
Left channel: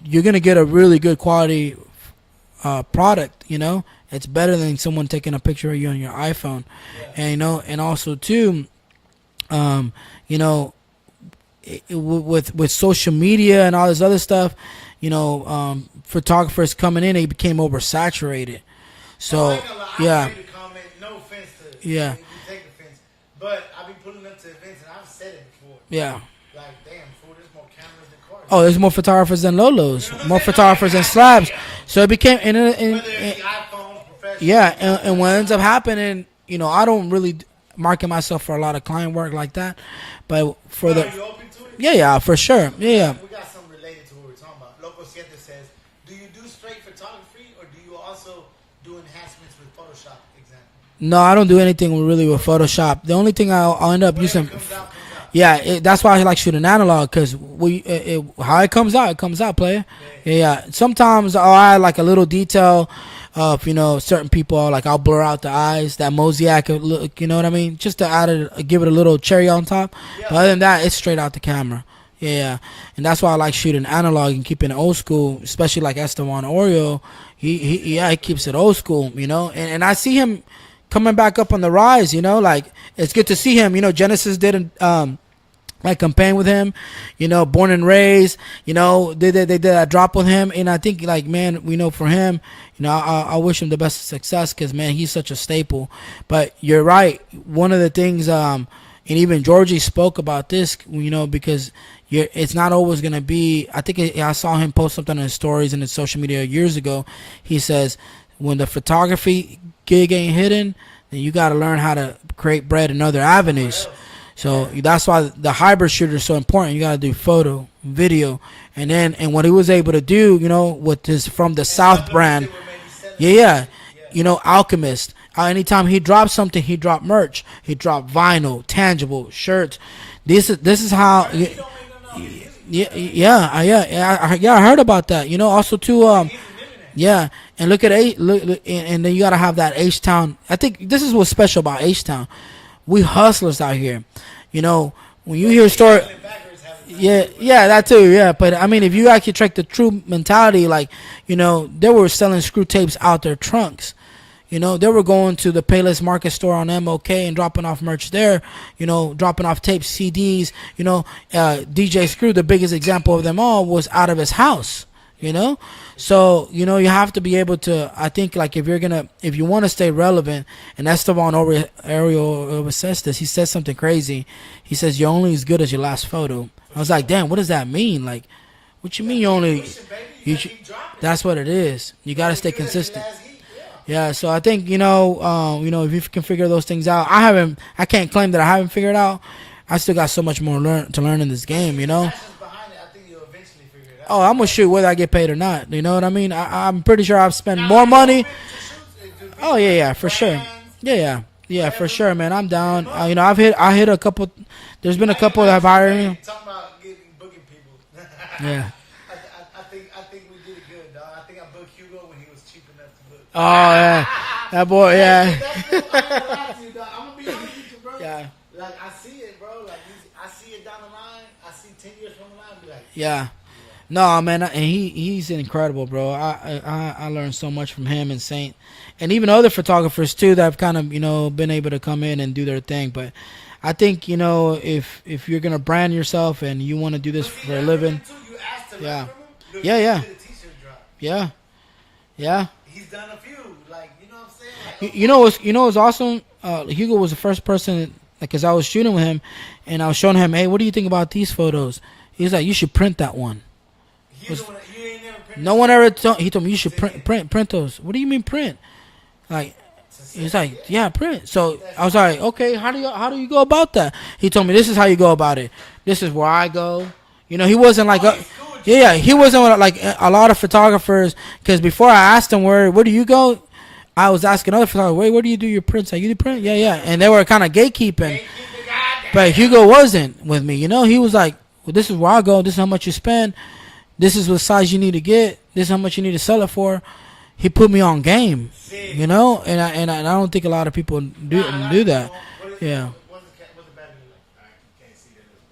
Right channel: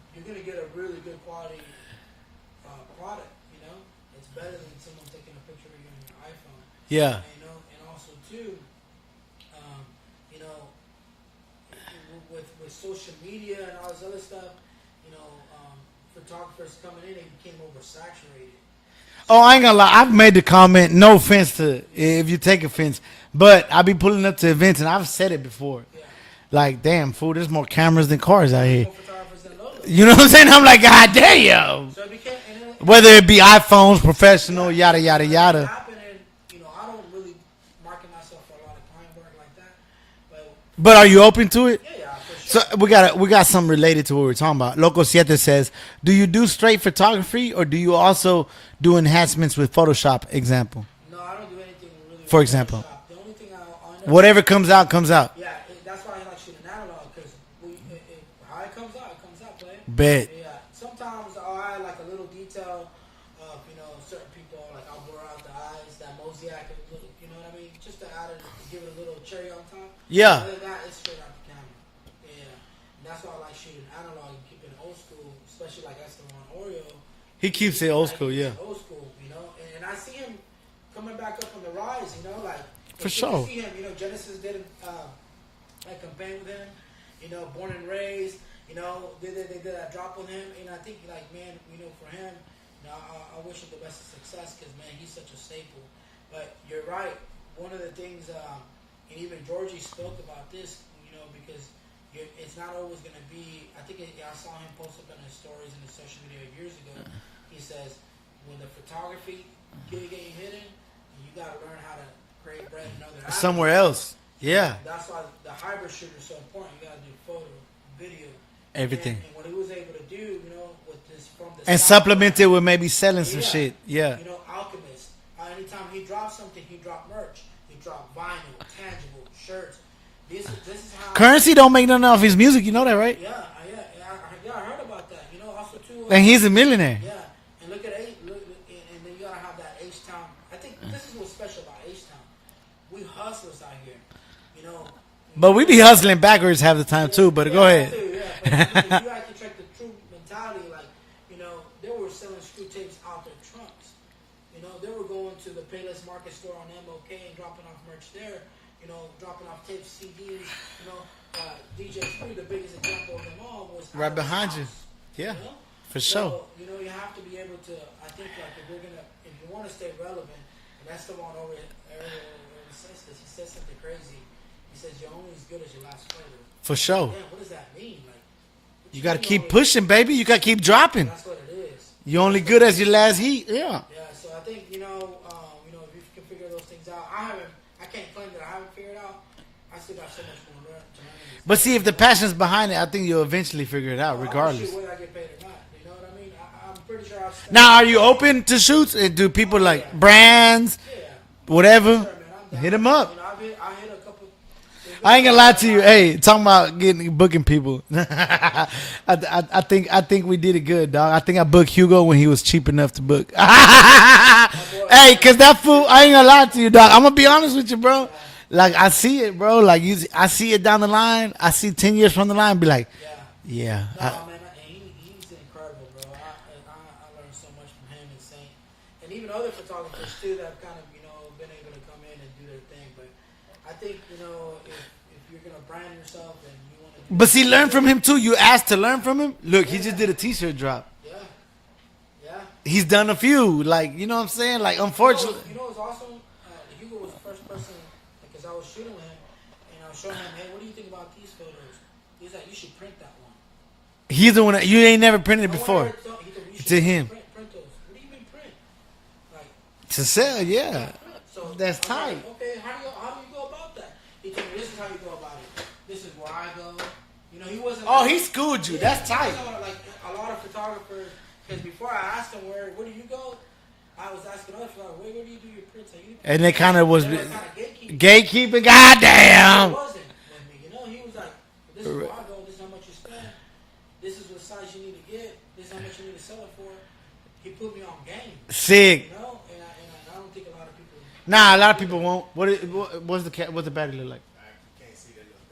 you're gonna get a really good quality product. You know, it's better than someone taking a picture of you on your iPhone. yeah. And you know, and also too, you know, with social media and all this other stuff, you know, photographers coming in, they became oversaturated. So, I ain't gonna lie. I've yeah. made the comment. No offense to Yeah. if you take offense, but I be pulling up to events and I've said it before. Yeah. Like, damn, fool, there's more cameras than cars. Oh, out there's here. more photographers than Lolos. You know what I'm More saying? I'm like, photographers God than damn. subs. So it became Whether it be iPhones, professional, yeah, yada and yada what ends yada. up happening, you know, I don't really market myself for a lot of client work like that, but But are you open to it? Yeah, for sure. So we got something related to what we're talking about. Loco Siete says, do you do straight photography or do you also do enhancements with Photoshop? Example. No, I don't do anything really For with example. Photoshop. The only thing I'll end up Whatever using- comes out, comes out. Yeah, that's why I like shooting analog, because how it comes out, player. Bet. Yeah, sometimes I'll add like a little detail of, you know, certain people. Like I'll blur out the eyes, that mosaic look. You know what I mean? Just to give it a little cherry on top. Yeah. Other than that, it's straight out the camera. Yeah, and that's why I like shooting analog and keeping it old school, especially like Esteban Oreo. He keeps it old he school, keeps yeah. it old school. You know, and I see him coming back up on the rise. You know, like it's For good to sure. see him. You know, Genesis did like campaign with him. You know, born and raised. You know, they did that drop with him, and I think like man, we know for him. You know, I wish him the best of success because man, he's such a staple. But you're right. One of the things, and even Georgie spoke about this. You know, because it's not always gonna be. I think I saw him post something on his stories and his social media years ago. He says, when the photography gig ain't hitting, then you got to learn how to create bread in other avenues. Somewhere else. So Yeah. that's why the hybrid shooter is so important. You got to do photo, video, and Everything. and what he was able to do, you know, with his from the And South supplement brand. it with maybe selling Yeah, some shit. Yeah. You know, Alchemist. Anytime he dropped something, he dropped merch. He dropped vinyl, tangible shirts. This is how Currency don't make nothing off his music. You know yeah, that, right? yeah, I heard about that. You know, also too. And he's a millionaire. Yeah, and look at look, and then you gotta have that H Town. I think this is what's special about H Town. We hustlers out here. You know, when you But hear we be story- hustling backwards half the time yeah, too. But yeah, go that ahead. too. Yeah, but I mean, if you actually track the true mentality, like you know, they were selling screw tapes out their trunks. You know, they were going to the Payless Market store on MOK and dropping off merch there. You know, dropping off tapes, CDs. You know, DJ Screw, the biggest example of them all, was out of his house. You know, so you know you have to be able to. I think like if you want to stay relevant, and Esteban Ariel says this. He says something crazy. He says you're only as good as your last photo. For I was sure. like, damn, what does that mean? Like, what You you, gotta mean? keep You only pushing, baby. You gotta keep dropping. That's what it is. You're gotta only stay good as your consistent. last heat. Yeah. Yeah, so I think you know, if you can figure those things out, I can't claim that I haven't figured out. I still got so much more to learn in this But game. see, if you the know? passion's behind it, I think you'll eventually figure it out. Oh, I'm gonna regardless. shoot whether I get paid or not. You know what I mean? I'm pretty sure I've spent Now, more are you money. open to shoots? And do people Oh, yeah, like yeah, for brands? Sure. Yeah. Whatever. For sure, man. I'm down. 'em up. You know, I hit a couple. There's been a I ain't couple gonna lie that to you. have hired Hey, me. talking about booking people. I think we did it good, dog. I think I booked Hugo when he was cheap enough to book. That boy. Hey, yeah. cause that fool, I ain't gonna lie to you, dog. I'm gonna be honest with you, bro. Like I see it, bro. Like I see it down the line. I see 10 years from the line. Be like, Yeah. yeah. No, man, and he's incredible, bro. I learned so much from him and Saint, and even other photographers too that have kind of been able to come in and do their thing. But I think if you're gonna brand yourself and you want to do this, But see, for a learn from living- him too. You asked to learn Yeah. from him. Look, Yeah, he yeah. just did a T-shirt drop. Yeah, yeah. He's done a few. Like you know what I'm saying? Like You know what's awesome? Hugo was the first person, like, cause I was shooting with him, and I was showing him, hey, what do you think about these photos? He's like, you should print that one. he's the one that you ain't never printed. No before. one ever told. He told me you should To him. print those. What do you mean print? Like. to sell. He's like, yeah, print. So That's I was tight. like, okay, how do you go about that? He told me this is how you go about it. This is where I go. You know, he wasn't like, Oh, he schooled you. yeah, he wasn't like a lot of photographers. Because before I asked him where do you go, I was asking other photographers, where do you do your prints? Like, you do print? And they Yeah, yeah. kinda was And they were kind of gatekeeping. Gatekeeping. Goddamn. But Hugo wasn't with me. You know, he was like, well, this is where I go. This is how much you spend. This is what size you need to get. This is how much you need to sell it for. He put me on game. Sick. You know, and I don't think a lot of people do, Nah, a lot do of people that. won't. Yeah. What's the battery look like?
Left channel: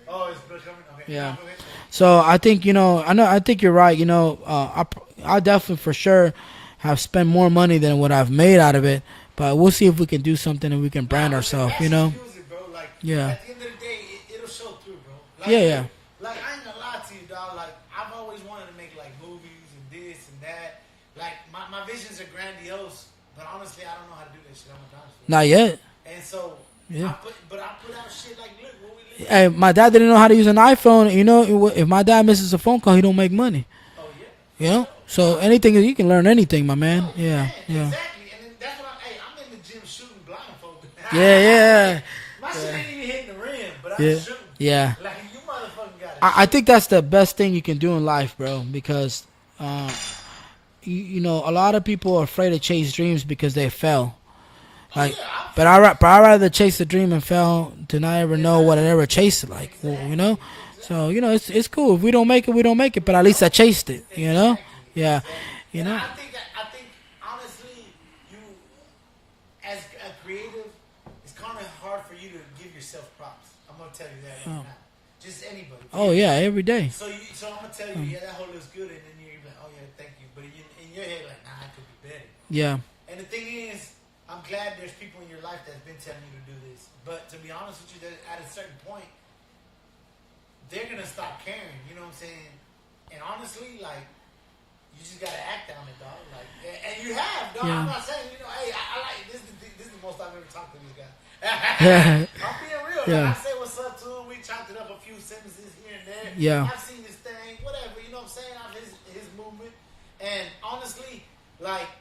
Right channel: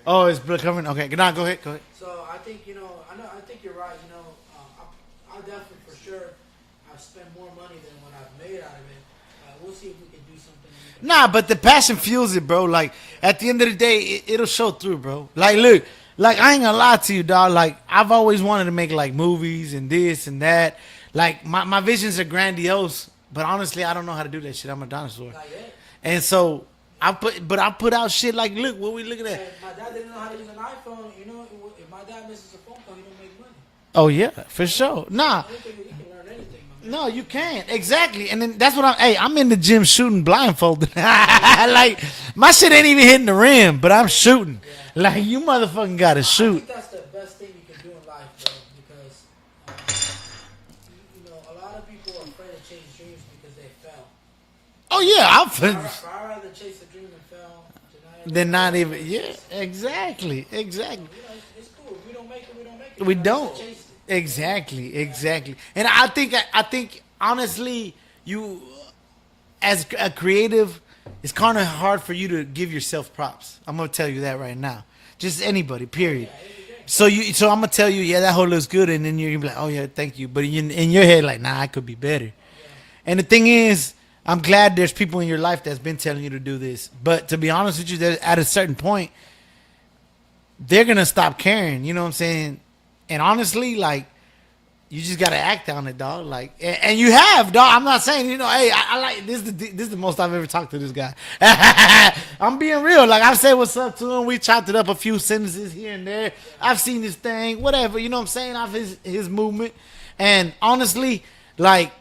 Oh, it's blood covering. Okay, Yeah. nah, go ahead. Go ahead. So I think I think you're right. You know, I definitely for sure have spent more money than what I've made out of it. But we'll see if we can do something and we can. Nah, brand but the ourselves, passion you know? fuels it, bro. Like Yeah. at the end of the day, it'll show through, bro. Like Yeah. look, like I ain't gonna lie to you, dog. Like I've always wanted to make like movies and this and that. Like my visions are grandiose, but honestly, I don't know how to do that shit. I'm a dinosaur, Not yet. and so Yeah. I put out shit like, look, what we look at. Hey, my dad didn't know how to use an iPhone. You know, if my dad misses a phone call, he don't make money. Oh yeah, for you know? sure. So Nah. anything you can learn anything, my man. No, you Yeah, can't. yeah. Exactly. And then that's what I'm in the gym shooting blindfolded. yeah. Like my shit ain't even hitting the rim, but I'm Yeah. shooting. Yeah. Like you motherfucking gotta shoot. I think that's the best thing you can do in life, bro. Because, you know, a lot of people are afraid to chase dreams because they fell. Oh yeah, I'll But I'd rather chase the dream and fail to not ever Then know not what I even- ever yeah, chased it. Like, exactly, You know? exactly. So, you know, it's cool. If we don't make it, we don't make it. We But at least I don't. chased it. you know? Exactly, Yeah. exactly. You And know? I think honestly, you as a creative, it's kind of hard for you to give yourself props. I'm gonna tell you that right now. Just anybody. Oh, Period. yeah, every day. So I'm gonna tell you, yeah, that hole looks good, and then you're gonna be like, oh yeah, thank you. But in your head, like, nah, I could be better. Yeah. And the thing is, I'm glad there's people in your life that's been telling you to do this. But to be honest with you, at a certain point, they're gonna stop caring. You know what I'm saying? And honestly, like, you just gotta act on it, dog. Like, and you have, dog. I'm not saying, you know, hey, I like this. This is the most I've ever talked to this guy. I'm being real. Like, I've said what's up to him. We chopped it up a few sentences here and there. Yeah. I've seen his thing, whatever. You know what I'm saying? I've his movement. And honestly, like,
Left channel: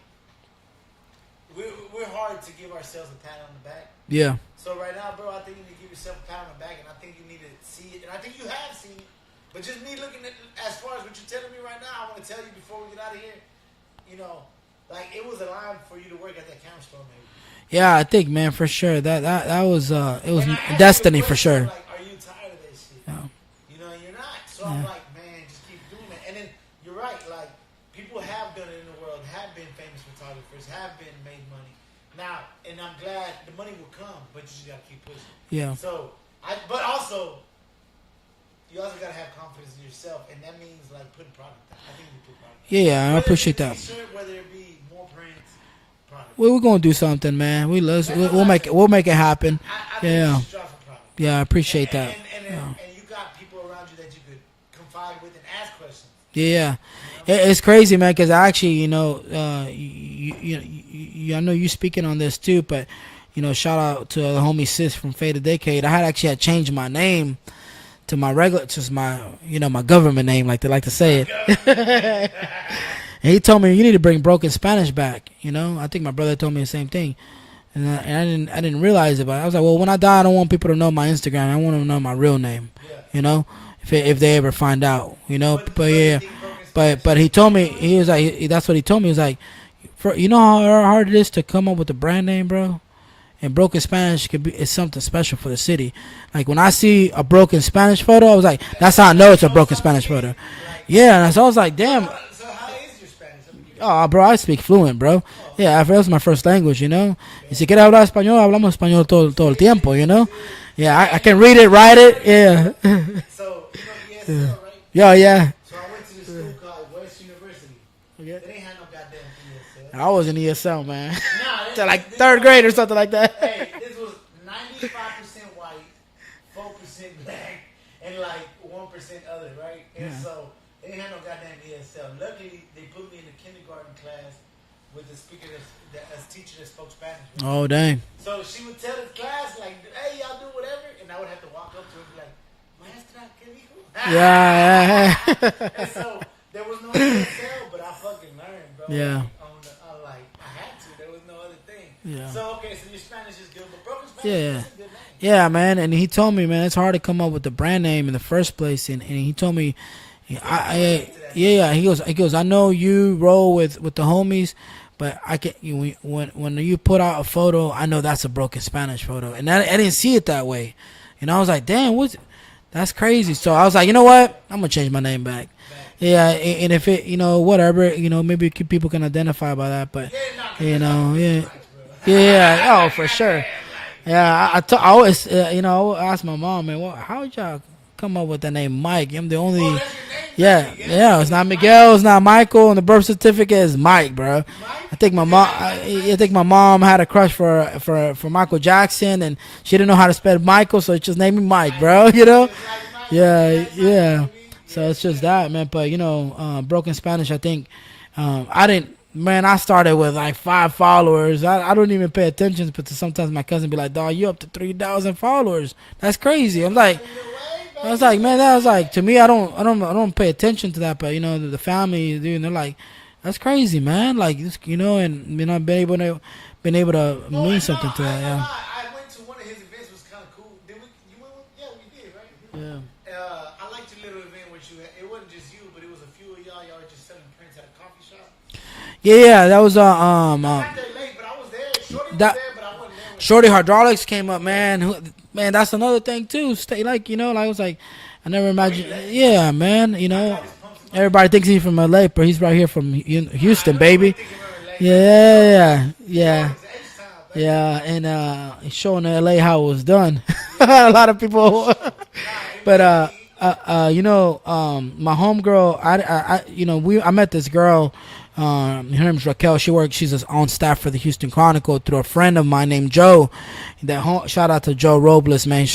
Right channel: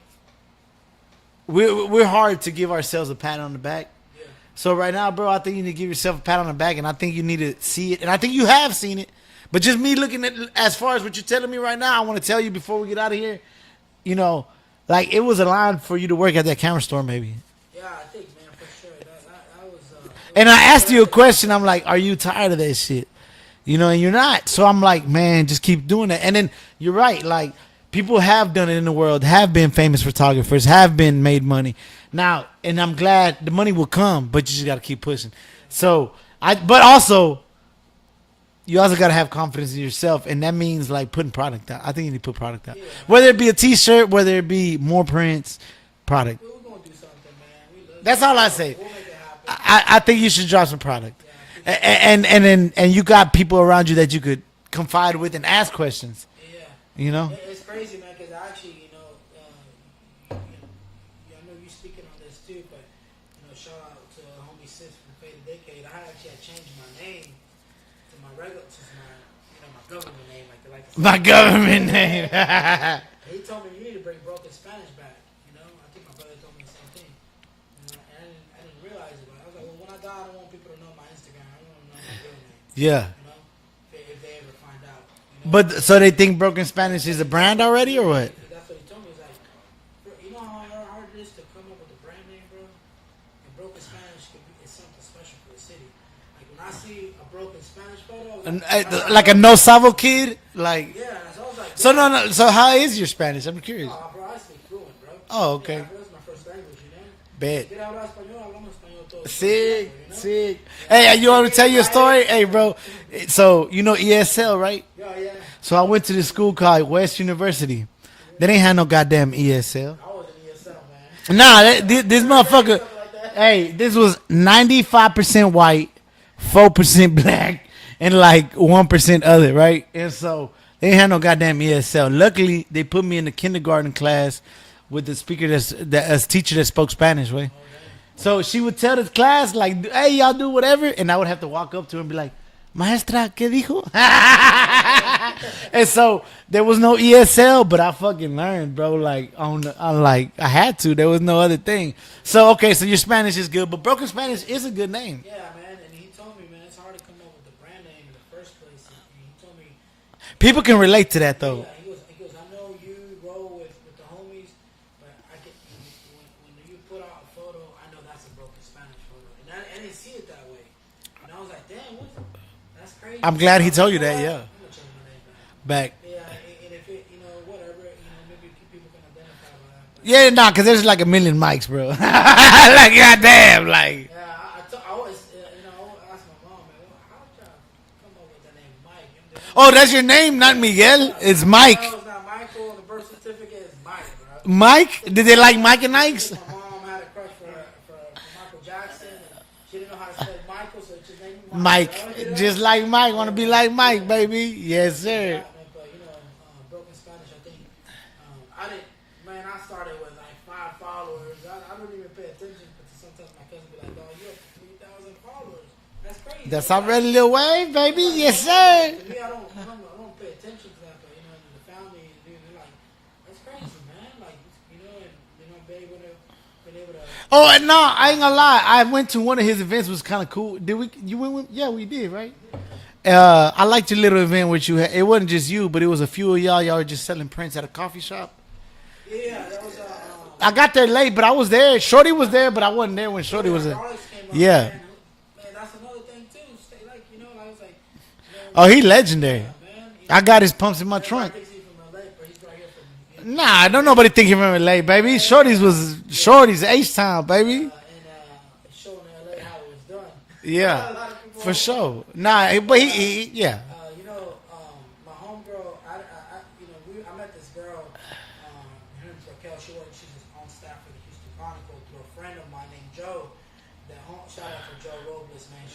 we're hard to give ourselves a pat on the back. Yeah. So right now, bro, I think you need to give yourself a pat on the back, and I think you need to see it, and I think you have seen it. But just me looking at, as far as what you're telling me right now, I want to tell you before we get out of here, you know, like, it was a line for you to work at that camera store, maybe. Yeah, I think, man, for sure. That was. It was And I asked you a destiny for question. sure. I'm like, are you tired of that shit? You know, and you're not. So I'm like, man, just keep doing that. And then you're right. Like, people have done it in the world, have been famous photographers, have been made money. Now, and I'm glad the money will come, but you just got to keep pushing. Yeah. So, but also, you also got to have confidence in yourself, and that means, like, putting product out. I think you need to put product out. Yeah, I whether it be a appreciate that. T-shirt, whether it be more prints, product. Well, we're gonna do something, man. That's all I say. We'll make it happen. I think Yeah. you should drop some product. Yeah, I appreciate that. And you got people around you that you could confide with and ask questions. Yeah, You know. It's crazy, man. Because I actually, you know, I know you speaking on this too, but you know, shout out to the homie Sis from Fade a Decade. I had changed my name to my regular, just my, you know, my government name, like they like to say. My it. government name. And he told me you need to bring Broken Spanish back. You know, I think my brother told me the same thing, and I didn't realize it. But I was like, well, when I die, I don't want people to know my Instagram. I want them to know my real name. Yeah. You know, if they ever find out. You know. But so yeah. they think Broken Spanish But is he a told brand me already, he was or like that's what he told me. He was like, you know how hard it is to come up with a brand name, bro. And Broken Spanish is something special for the city. Like when I see a Broken Spanish photo, I was like, that's how I know like a it's no a Broken Sabo Spanish kid. photo. Like, Yeah, and so I was like, So damn. no. So how is your Spanish? I'm curious. Oh, bro, I speak fluent, bro. Oh, okay. Yeah, that was my first language, you know. Bet. Si quieres hablar español, hablamos español todo el tiempo, you know. Sick. Yeah, Hey, I and you can wanna read tell it, your write story? it. Hey, Yeah. bro. So you know ESL, right? Yeah. So I went to this school called West University. They didn't have no goddamn ESL. I was in ESL, man. Nah, Like this third grade or motherfucker. something like that. Hey, this was 95% white, 4% black, and like 1% other, right? And so they ain't had no goddamn ESL. Luckily, they put me in the kindergarten class with the speaker that's teacher that spoke Spanish, right? Oh, dang. So she would tell the class like, "Hey, y'all do whatever," and I would have to walk up to her and be like, "Maestra, ¿qué dijo?" And so there was no ESL, but I fucking learned, bro. Yeah. Like I had to. There was no other thing. So okay, so your Spanish is good, but Broken Spanish Yeah. is a good name. Yeah, man. And he told me, man, it's hard to come up with the brand name in the first place. And he told me, People can relate to that, though. Yeah, he goes. I know you roll with the homies, but I can when you put out a photo, I know that's a Broken Spanish photo, and I didn't see it that way. And I was like, damn, that's crazy. I'm So glad I he was like, told you know you what? that, yeah. I'm gonna change my name back. Back. Yeah, and if it, whatever, maybe people can identify by that. But Yeah, nah, because there's You like a know, million yeah. mics, bro. Yeah, like for sure. goddamn, like. Yeah, I always, I would ask my mom, man, how would y'all come up with the name Mike? I'm the only. Oh, that's your name, not Miguel. Yeah, it's not Mike. Miguel, it's not Michael, and the birth certificate is Mike, bro. Mike? Think Did my they mom- like Mike and I Ike? think my mom had a crush for Michael Jackson, and she didn't know how to spell Michael, so she just named me Mike, bro. You know, Just like Mike. Want to be like Mike, yeah. baby. So Yes, it's just sir. that, man. But Broken Spanish, I think I didn't. Man, I started with like 5 followers. I don't even pay attention, but sometimes my cousin be like, "Dog, you up to 3,000 followers? That's crazy." That's I'm like, already Lil Wayne, baby. I was like, yes, man, that was sir. like to me. I don't pay attention to that, but the family, dude, they're like, that's crazy, man. Like, and I've been able to. Oh, mean and no, something to I ain't them, gonna yeah. lie. I went to one of his events. Was kind of cool. Did we? You went with? Yeah, we did, right? Yeah. I liked your little event which you had. It wasn't just you, but it was a few of y'all. Y'all were just selling prints at a coffee shop. Yeah, that was I got there late, but I was there. Shorty was that- there, but I wasn't there when Shorty was there. Hydraulics came up, Yeah. man. Man, that's another thing too. Stay like I was like, I never. Oh, he legendary. Yeah, man. I got his pumps in my Everybody trunk. thinks he's from LA, but he's right here from Houston, Nah, don't baby. nobody think him from LA, baby. Yeah, Shorty's yeah, was yeah. Shorty's H-Town, baby. Yeah, and he's showing LA how it was done. Yeah. a lot of people. For sure. Nah, But yeah. my homegirl, I met this girl Her name's Raquel. She's on staff for the Houston Chronicle through a friend of mine named Joe. Shout out to Joe Robles, man,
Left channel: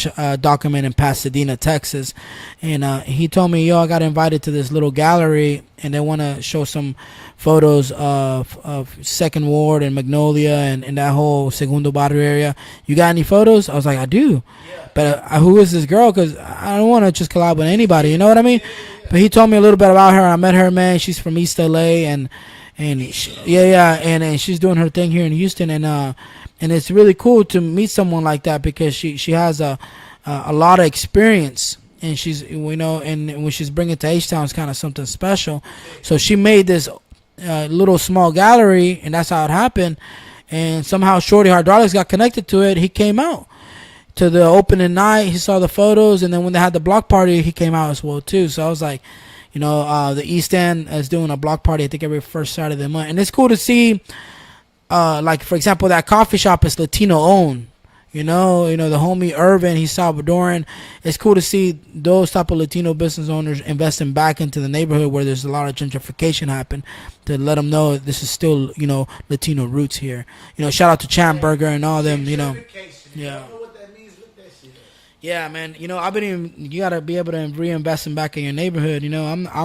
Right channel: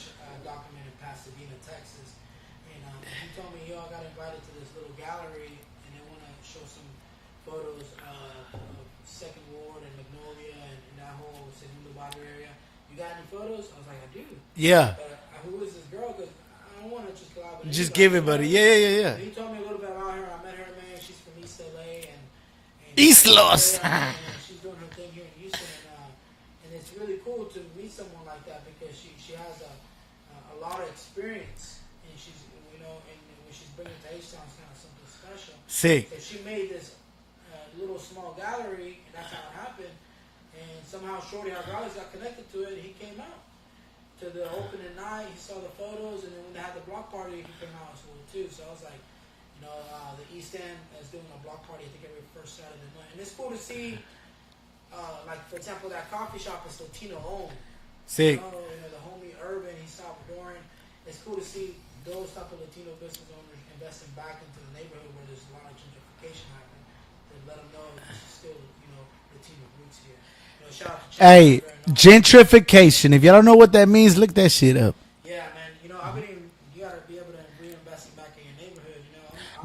document in Pasadena, Texas. And he told me, yo, I got invited to this little gallery, and they want to show some photos of Second Ward and Magnolia and that whole Segundo Barrio area. You got any photos? I was like, I do. Yeah. But who is this girl? Because I don't want to just collab with anybody. give You it know what I to me. mean? Yeah. But he told me a little bit about her. I met her, man. She's from East LA and East Los. yeah, and she's doing her thing here in Houston, and it's really cool to meet someone like that because she has a lot of experience, and she's and when she's bringing it to H-Town, it's kind of something special. Sick. So she made this little small gallery, and that's how it happened. And somehow Shorty Hydraulics got connected to it. He came out to the opening night. He saw the photos, and then when they had the block party, he came out as well too. So I was like, the East End is doing a block party, I think, every first Saturday of the month. And it's cool to see, like, for example, that coffee shop is Latino-owned. Sick. The homie Irvin, he's Salvadoran. It's cool to see those type of Latino business owners investing back into the neighborhood where there's a lot of gentrification happen, to let them know this is still, Latino roots here. Shout out to Chad Burger and all that. Gentrification. If y'all don't know what that means, look that shit up. Yeah, man. You gotta be able to reinvest back in your neighborhood.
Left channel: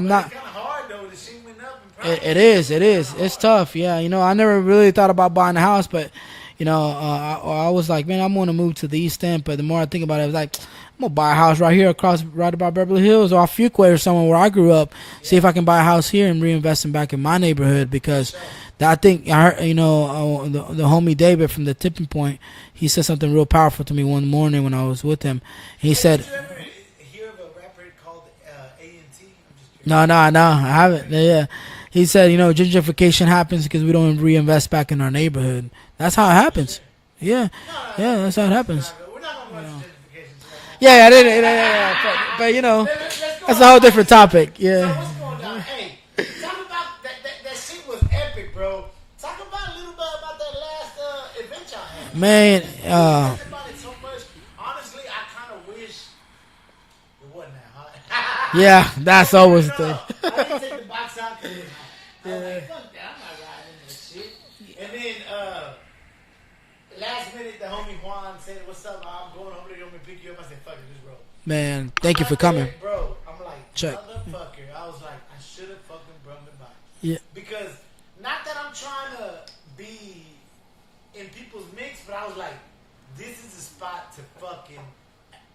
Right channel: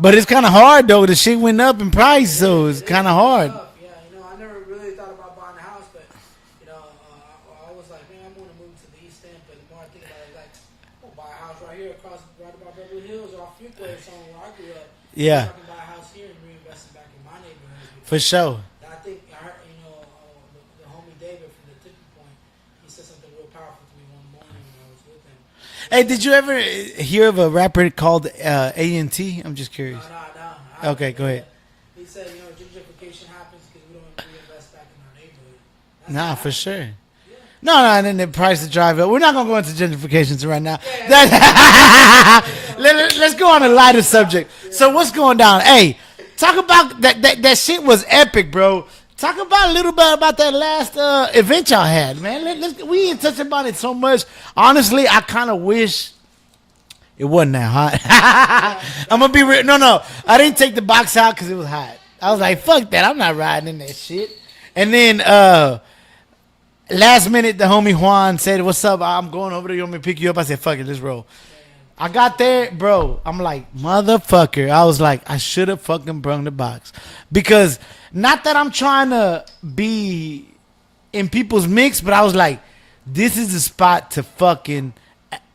But it's kind of hard though. The shit went up in price, so it's kind of hard. It's tough. Yeah, I never really thought about buying a house, but I was like, man, I'm gonna move to the East End. But the more I think about it, I was like, I'm gonna buy a house right here right about Beverly Hills or off Fuquay or somewhere where I grew up. Yeah. See if I can buy a house here and reinvest back in my neighborhood, because For sure. I think I heard, the homie David from the Tipping Point. He said something real powerful to me one morning when I was with him. He said, did you ever hear of a rapper called A&T? I'm just curious. No, I haven't. Okay, go Yeah. ahead. He said, gentrification happens because we don't reinvest back in our neighborhood. That's how it happens. For sure. Yeah. No, and then that's how it prices happens. drive up. We're not gonna go into gentrifications right now. Yeah, but, Let's go on That's a a whole lighter different topic. subject. Yeah. So what's going down? Hey, talk about that shit was epic, bro. Talk about a little bit about that last event y'all had, man. Man, We ain't touched about it so much. Honestly, I kind of wish it wasn't that hot. Yeah, I'm that's gonna be always real. No, I didn't take the box out because it was hot. I was like, fuck that. I'm not riding in that shit. And then last minute, the homie Juan said, "What's up? I'm going over there. You want me to pick you up?" I said, "Fuck it, let's roll." Man, I thank you got for there, coming. bro. I'm like, motherfucker. I was like, I should have fucking brung the box. Because not that I'm trying to be in people's mix, but I was like, this is the spot to fucking,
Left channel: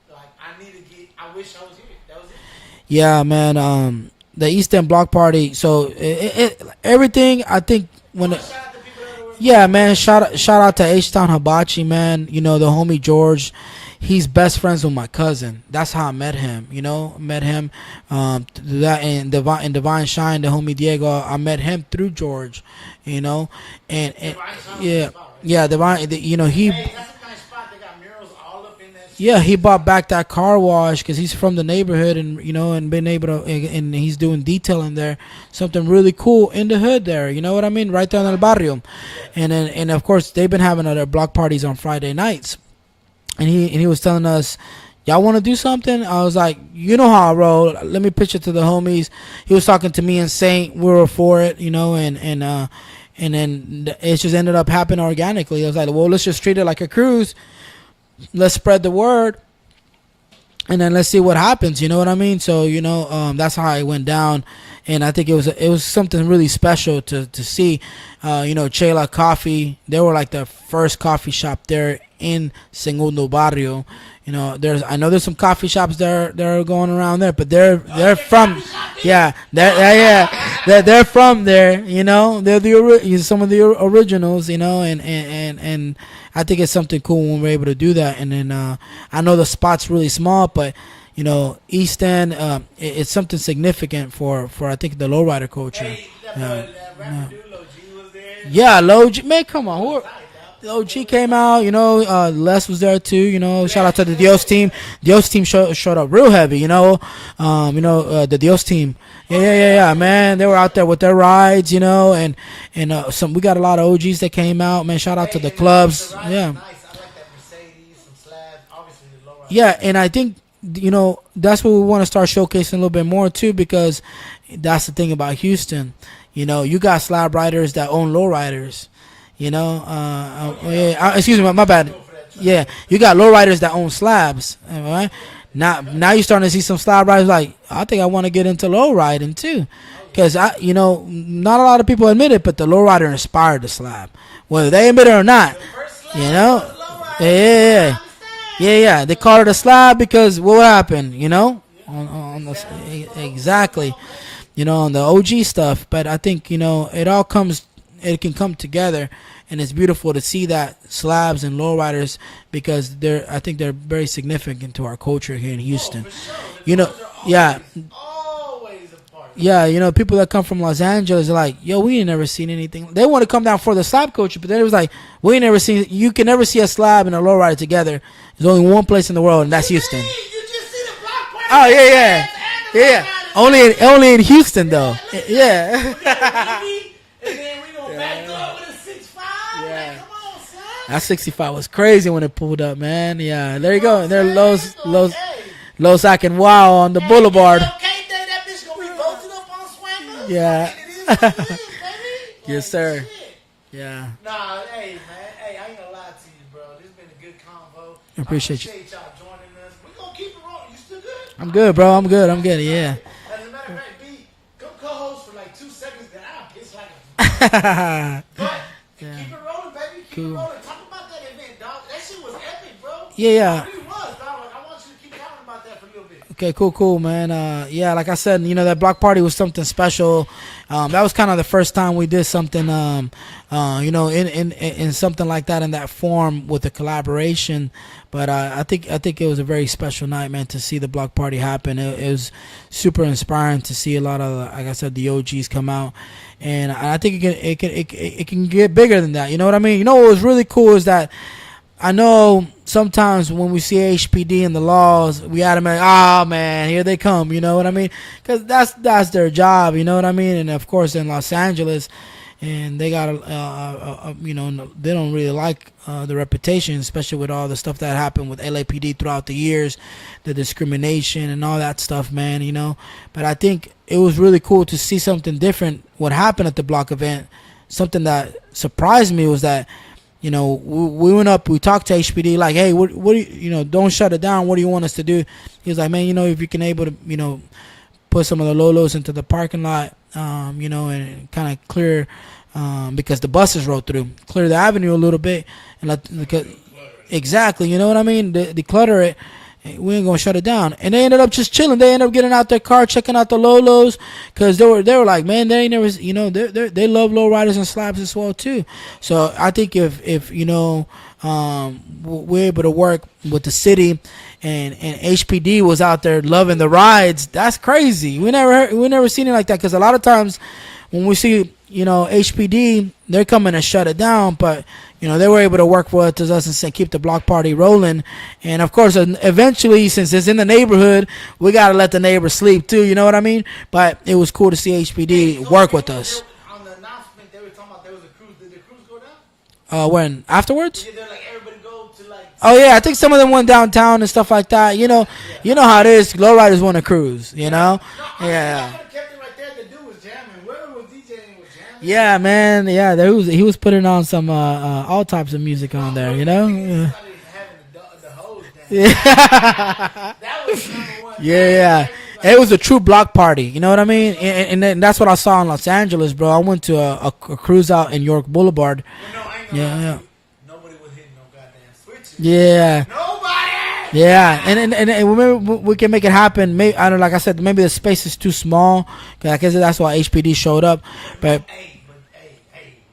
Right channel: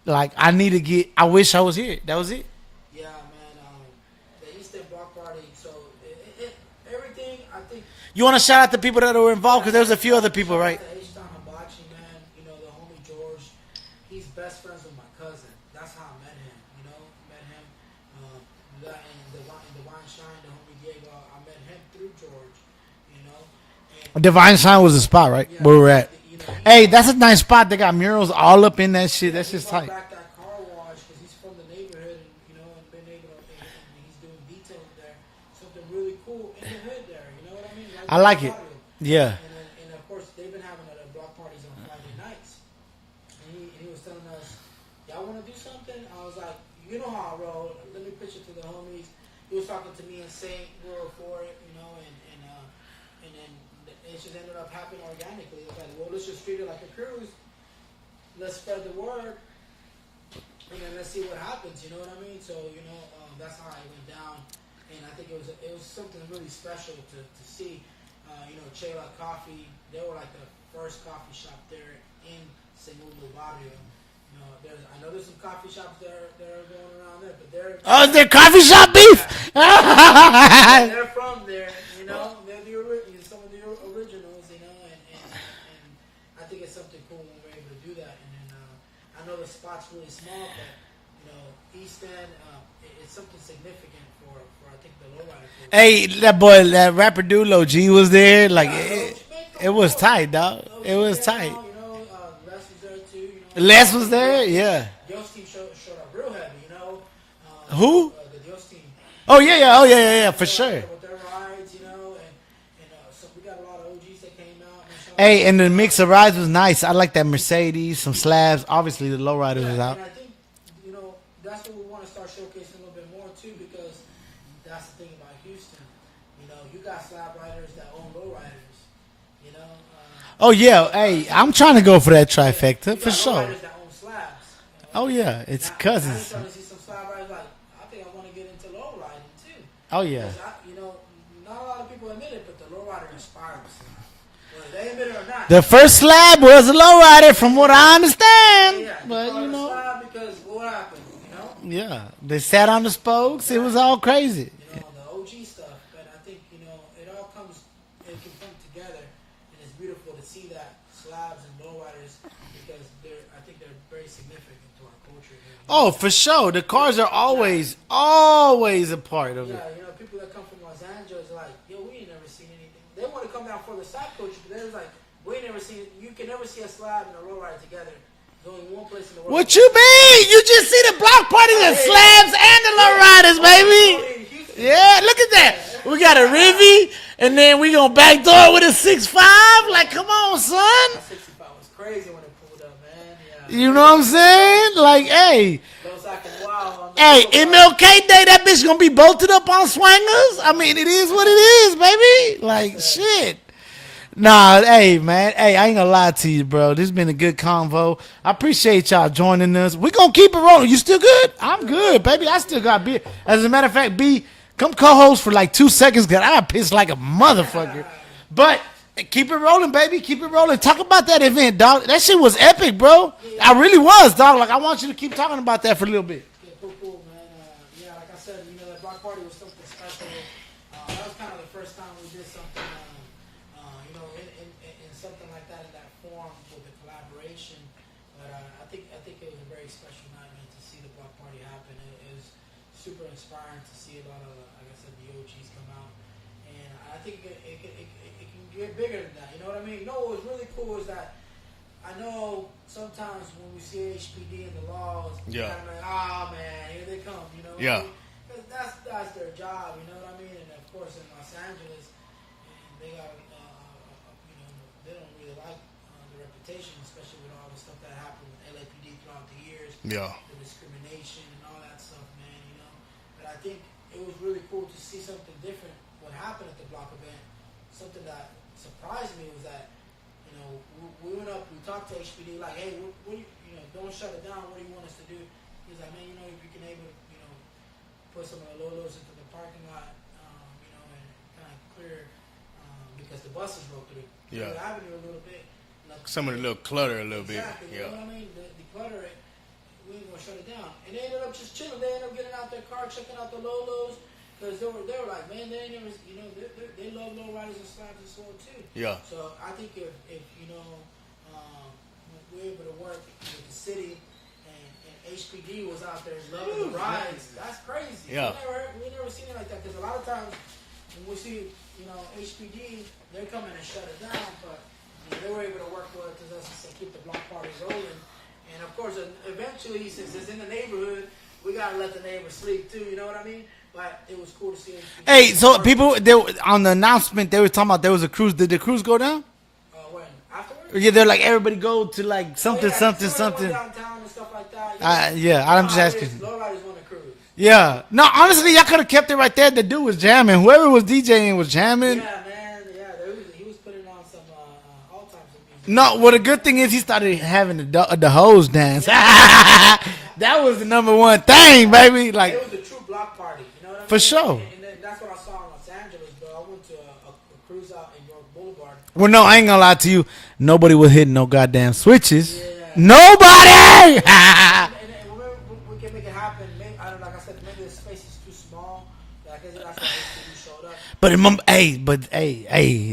like, I wish I was here. That was it. Yeah, man. The East End Block Party. So everything, I think. You want to shout out the people that were involved? Yeah, 'Cause there's man. a few other people, Shout right? out to H-Town Hibachi, man. The homie George. He's best friends with my cousin. That's how I met him. Met him. That and Divine Shine, the homie Diego. I met him through George. And Divine Shine was yeah, the spot, right? Yeah, Where we're Divine. at. He. Hey, that's a nice spot. They got murals all up in that shit. Yeah, It's he just bought like- back that car wash because he's from the neighborhood, and and been able to, and he's doing detailing there, something really cool in the hood there. You know what I mean? Right there I like in the barrio. Yeah. And of course they've been having other block parties on Friday nights, and he was telling us, y'all want to do something? I was like, you know how I roll. Let me pitch it to the homies. He was talking to me and Saint. We were for it, and then it just ended up happening organically. I was like, well, let's just treat it like a cruise. Let's spread the word, and then let's see what happens. You know what I mean? So that's how it went down, and I think it was something really special to see. Chela Coffee, they were like the first coffee shop there in Segundo Barrio. I know there's some coffee shops that are going around there, but they're Oh, is there from- coffee shop beef? Yeah, they're from there. They're some of the originals. And I think it's something cool when we're able to do that. And then I know the spot's really small, but East End, it's something significant for I think the lowrider culture. Hey, that boy, that rapper dude, Lil G was there. Like, yeah, Lil G, man, come it on. was tight, dog. Lil It G was came tight. out, Les was there too, Les shout out to was the there, Dios team. yeah. Dios team showed up real heavy, the Dios team. Oh, yeah, man. They for were out sure. there with their rides, and we got a lot of OGs that came out, man. Shout out to Hey, the and the clubs. mix of rides Yeah. was nice. I like that Mercedes, some slabs, obviously the lowriders. Yeah, and I think that's what we want to start showcasing a little bit more too, because that's the thing about Houston. you know, you got slab riders that own low riders. You know. Oh yeah, hey, excuse me, I'm my trying to bad. go for that Yeah, trifecta. you got for low sure. riders that own slabs. Right? Oh yeah, it's Now cousins. you're starting to see some slab riders like, I think I want to get into low riding too. Oh yeah, Because you know, not a lot of people admit it, but the low rider inspired the slab, whether they admit it or not. the first slab You know? was a low rider, from what Yeah. I understand. Yeah, they called it a slab because what happened, you know? Yeah, On they the- sat on the spokes. Exactly. It was all crazy. You know, on the OG stuff. But I think, you know, it can come together, and it's beautiful to see that slabs and lowriders because I think they're very significant to our culture here in Houston. Oh, for sure. The You know, cars are yeah. always a part of Yeah, you know, people that come from Los Angeles are like, yo, we ain't never seen anything. They want to come down for the slab culture, but then it was like, we ain't never seen. You can never see a slab and a lowrider together. There's only one place in the world, What and that's you Houston. mean? You just see the block party Oh, with yeah, yeah. slabs and the lowriders, only, baby. only in Houston, Yeah, though. look at that. Yeah. We got a Rivy, and then we gonna backdoor with a 6.5. Like, come on, son. That 65 was crazy when it pulled up, man. Yeah, You there know go. what I'm saying? There's Hey. Los and Wow on the Hey, boulevard. MLK Day, that bitch gonna be bolted up on swingers. Yeah. I mean, it is what it is, baby. Like, sir. shit. Yeah. Nah, hey, man. Hey, I ain't gonna lie to you, bro. This has been a good convo. I Appreciate appreciate y'all joining us. We gonna keep it rolling. You still good? I'm good, bro. I'm baby. good. I I'm still good, got yeah. beer. As a matter of fact, B, come co-host for like 2 seconds, cause I pissed like a motherfucker. But keep it rolling, baby. Keep it rolling. Talk about that event, dog. That shit was epic, bro. Yeah. I really was, dog. Like, I want you to keep talking about that for a little bit. Okay, cool, man. Yeah, like I said, you know, that block party was something special. That was kind of the first time we did something, you know, in something like that in that form with a collaboration. But I think it was a very special night, man, to see the block party happen. It was super inspiring to see a lot of, like I said, the OGs come out. And I think it can get bigger than that. You know what I mean? You know what was really cool is that I know sometimes when we see HPD and the laws, we automatically, oh man, here they come. You know what I Yeah. mean? Because that's their job. You know what I mean? And of course in Los Angeles, and they got you know, they don't really like the reputation, especially with all the stuff that happened with LAPD throughout the years, the discrimination and all that stuff, man. You know, but I think it was really cool to see something different. What happened at the block event, something that surprised me was that, you know, we went up, we talked to HPD, like, hey, what do you know, don't shut it down. What do you want us to do? He was like, man, you know, if you can able to, you know, put some of the Lolos into the parking lot, you know, and kind of clear, because the buses rolled through, clear the avenue a little bit. And let, Some of because- the little clutter. a little exactly, you know what I mean? Declutter it. We ain't gonna shut it down. And they ended up just chilling. They ended up getting out their car, checking out the Lolos, because they were like, man, they ain't never, you know, they love low riders and slabs as well too. Yeah. So I think if you know, we're able to work with the city, and HPD was out there loving the rides, that's crazy. Yeah. We never seen it like that, because a lot of times when we see, you know, HPD, they're coming to shut it down, but you know, they were able to work with us and say, keep the block party rolling. And of course, eventually, since it's in the neighborhood, we gotta let the neighbors sleep too. You know what I mean? But it was cool to see HPD Hey, so work people, with they, us. on the announcement, they were talking about there was a cruise. Did the cruise go down? When afterwards? Yeah, they're like, everybody go to like. Oh something, yeah, I think some of them went something. downtown and stuff like that. You know, yeah, you know how it is. Lowriders want to cruise. You Yeah. know? No, honestly, Yeah. y'all could have kept it right there. The dude was jamming. Whoever was DJing was jamming. Yeah, man. Yeah, he was putting on some all types of music. No, on there, well, the you good know? thing is he Yeah. started having the hose dance. That was the number one thing, Yeah. baby. Like, it was a true block party. You know what I mean? sure. And then that's what I saw in Los Angeles, bro. I went to a cruise out in York Boulevard. well, no, I ain't gonna lie to you. Nobody was hitting no goddamn switches. Yeah. Nobody. Yeah, and remember we can make it happen. Maybe I don't know, like I said, maybe the space is too small. 'Cause I guess that's why HPD showed up. But hey,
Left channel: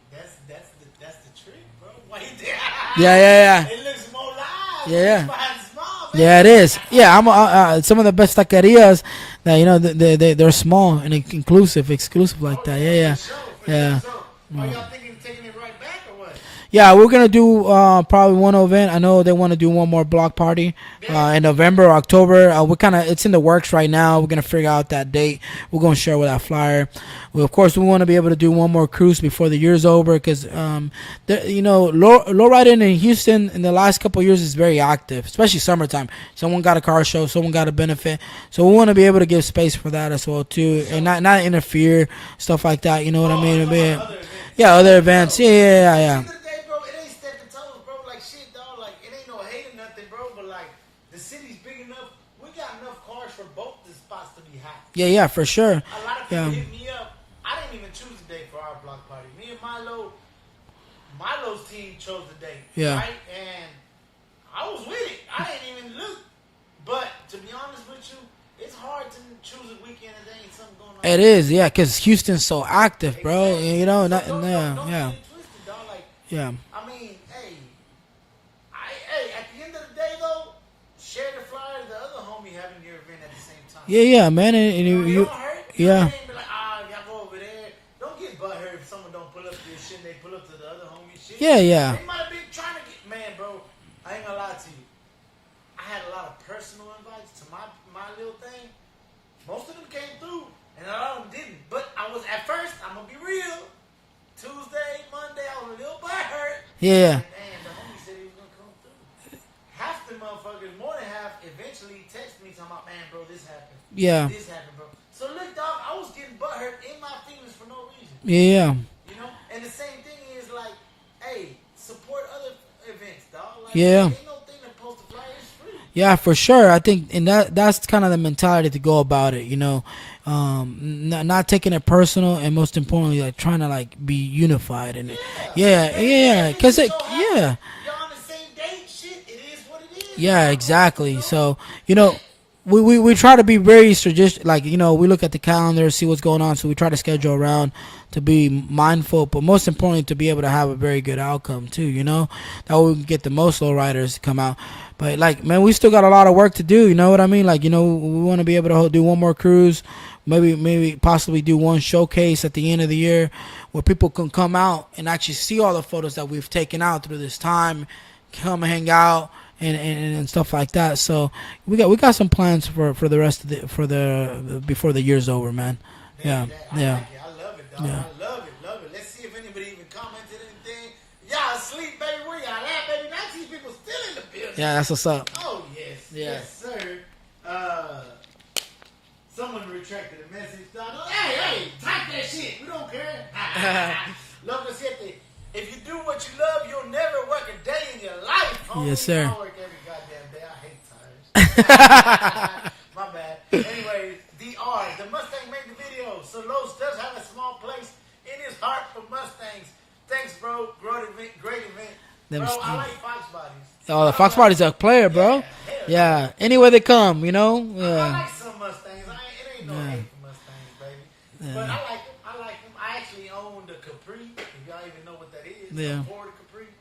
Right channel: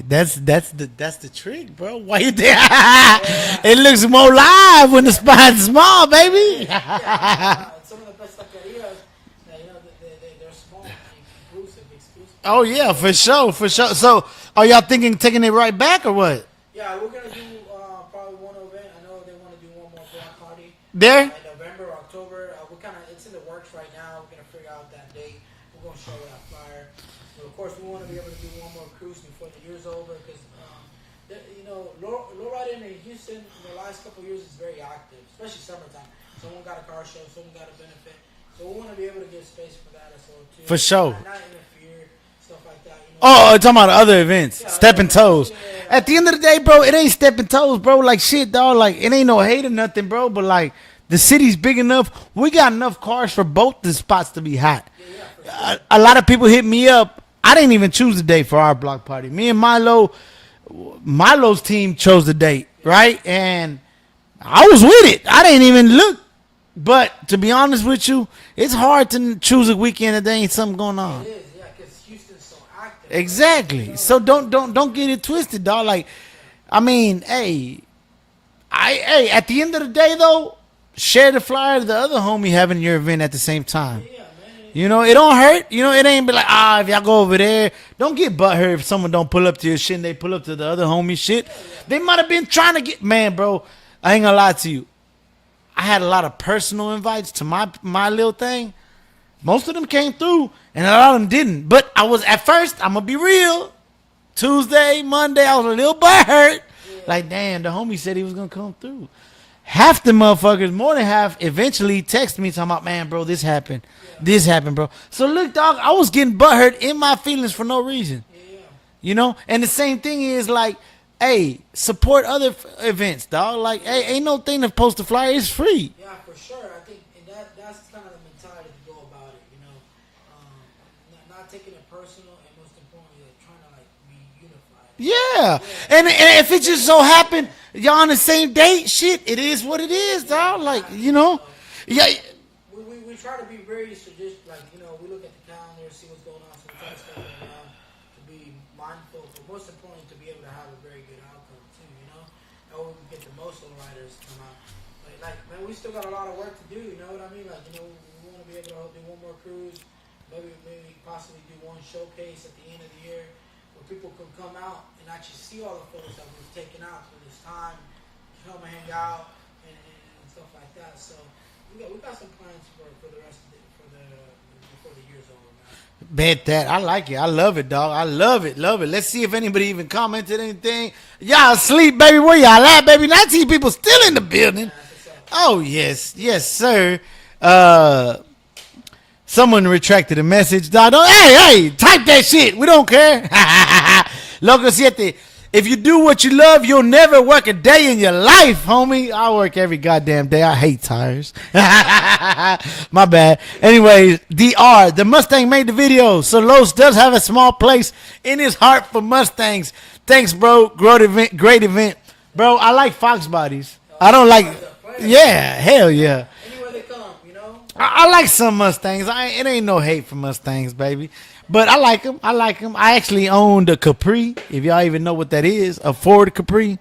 that's the trick, bro. Why you there? Yeah. It looks more live when the Yeah. spot's small, baby. Yeah, it is. Yeah, some of the best taquerias that, you know, they're small and exclusive like Oh that. yeah, for sure. Yeah. So, are y'all taking it right back or what? Yeah, we're gonna do probably one event. I know they want to do one more block party There? in November or October. We're kind of it's in the works right now. We're gonna figure out that date. We're gonna share with that flyer. Well, of course, we want to be able to do one more cruise before the year's over because, lowriding in Houston in the last couple of years is very active, especially summertime. Someone got a car show, someone got a benefit, so we want to be able to give space for that as well too. For sure. And not interfere, stuff like that. You know. Oh, talking about other events. Yeah, other Stepping events. toes. Yeah. At the end of the day, bro, it ain't stepping toes, bro. Like shit, dog. Like it ain't no hate or nothing, bro. But like the city's big enough. We got enough cars for both the spots to be hot. Yeah, for sure. A lot of people hit me up. I didn't even choose the date for our block party. Me and Milo's team chose the date, Yeah. right? And I was with it. I didn't even look. But to be honest with you, it's hard to choose a weekend if there ain't something going on. It is, yeah, because Houston's so active. Bro. Exactly. You know, So that- don't yeah. get it twisted, dog. Like, Yeah. I mean, hey, at the end of the day though, share the flyer to the other homie having your event at the same time. Yeah, man. You know, it don't hurt. You know, Yeah. it ain't be like, if y'all go over there, don't get butthurt if someone don't pull up to your shit and they pull up to the other homie shit. Yeah. They might have been trying to get, man, bro, I ain't gonna lie to you. I had a lot of personal invites to my little thing. Most of them came through and a lot of them didn't. But I was, at first, I'm gonna be real. Tuesday, Monday, I was a little butthurt. Yeah. Like, damn, the homie said he was gonna come through. Half the motherfuckers, more than half, eventually text me talking about, man, bro, this happened. Yeah. This happened, bro. So look, dog, I was getting butthurt in my feelings for no reason. Yeah. You know? And the same thing is like, hey, support other events, dog. Like, Yeah. hey, ain't no thing to post a flyer. It's free. Yeah, for sure. I think, and that's kind of the mentality to go about it. You know, not taking it personal, and most importantly, like trying to like be unified. And, Yeah. Yeah, And yeah, if it 'cause just so it- happened, y'all on the same date, shit, it is what it is, Yeah, dog. Like, exactly. you know? So Yeah. we try to be very strategic. Like we look at the calendar, see what's going on, so we try to schedule around to be mindful, but most importantly, to be able to have a very good outcome too. You know, that way we can get the most low riders to come out. But like, man, we still got a lot of work to do. You know what I mean? Like, we want to be able to do one more cruise, maybe possibly do one showcase at the end of the year, where people can come out and actually see all the photos that we've taken out through this time, come hang out and stuff like that. So we got some plans for the rest of the before the year's over, man. Bet Yeah, that. I yeah. like it. I love it, dog. I love it. Love it. Let's see if anybody even commented anything. Y'all asleep, baby. Where y'all at, baby? 19 people still in the building. Yeah, that's what's up. Oh, yes. Yes, sir. Someone retracted a message. Dog, hey, type that shit. We don't care. Loco 7. If you do what you love, you'll never work a day in your life, homie. Yes, sir. I work every goddamn day. I hate tires. My bad. Anyways, DR, the Mustang made the video, so Los does have a small place in his heart for Mustangs. Thanks, bro. Great event. Bro, I like Fox bodies. I don't like. Party's a player, bro. Yeah, hell yeah. Anywhere they come, you know. I like some Mustangs. It ain't no hate for Mustangs, baby. But I like them. I actually owned a Capri, if y'all even know what that is, a Ford Capri.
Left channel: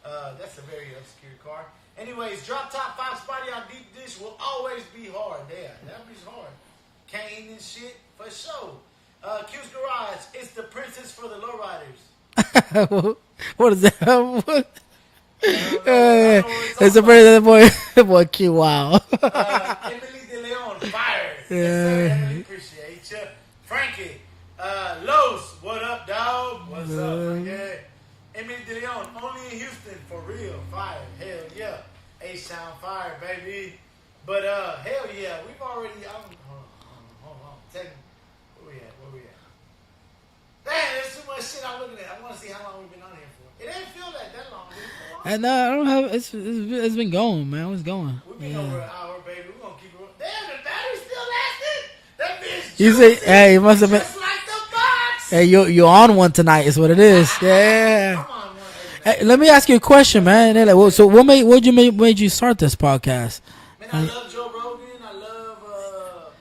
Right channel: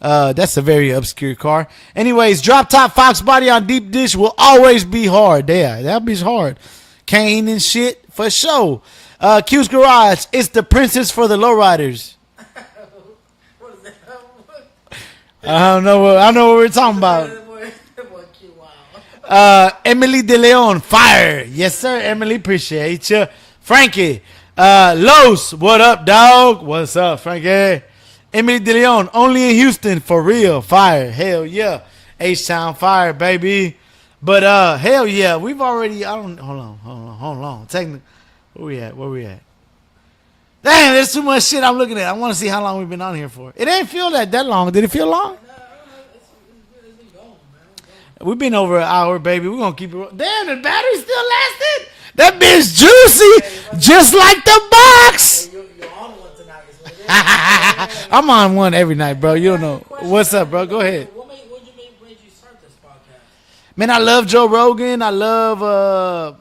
That's a very obscure car. Anyways, drop top Fox body on deep dish will always be hard. Yeah, that be hard. Cane and shit for sure. Q's Garage, it's the princess for the lowriders. What is that? What? I don't know. I know what we're talking about. That boy Q. Wow. Emily De Leon, fire. Yes, sir. Emily, appreciate you. Frankie, Los, what up, dog? What's up, Frankie? Emily De Leon, only in Houston, for real, fire. Hell yeah. H-Town, fire, baby. But hell yeah, we've already, hold on. Technically, where we at? Damn, there's too much shit I'm looking at. I want to see how long we've been on here for. It ain't feel that long. Did it feel long? And I don't have. It's been going, man. It's going. We've been over an hour, baby. We're going to keep it. Damn, the battery still lasted. That bitch juicy. Hey, you must have just like the box. Hey, you're on one tonight. Is what it is. Yeah. I'm on one every night, Hey, bro. let me ask you a question, What's man. up, bro? Like, Go ahead. so what made you start this podcast? Man, I love Joe Rogan. I love.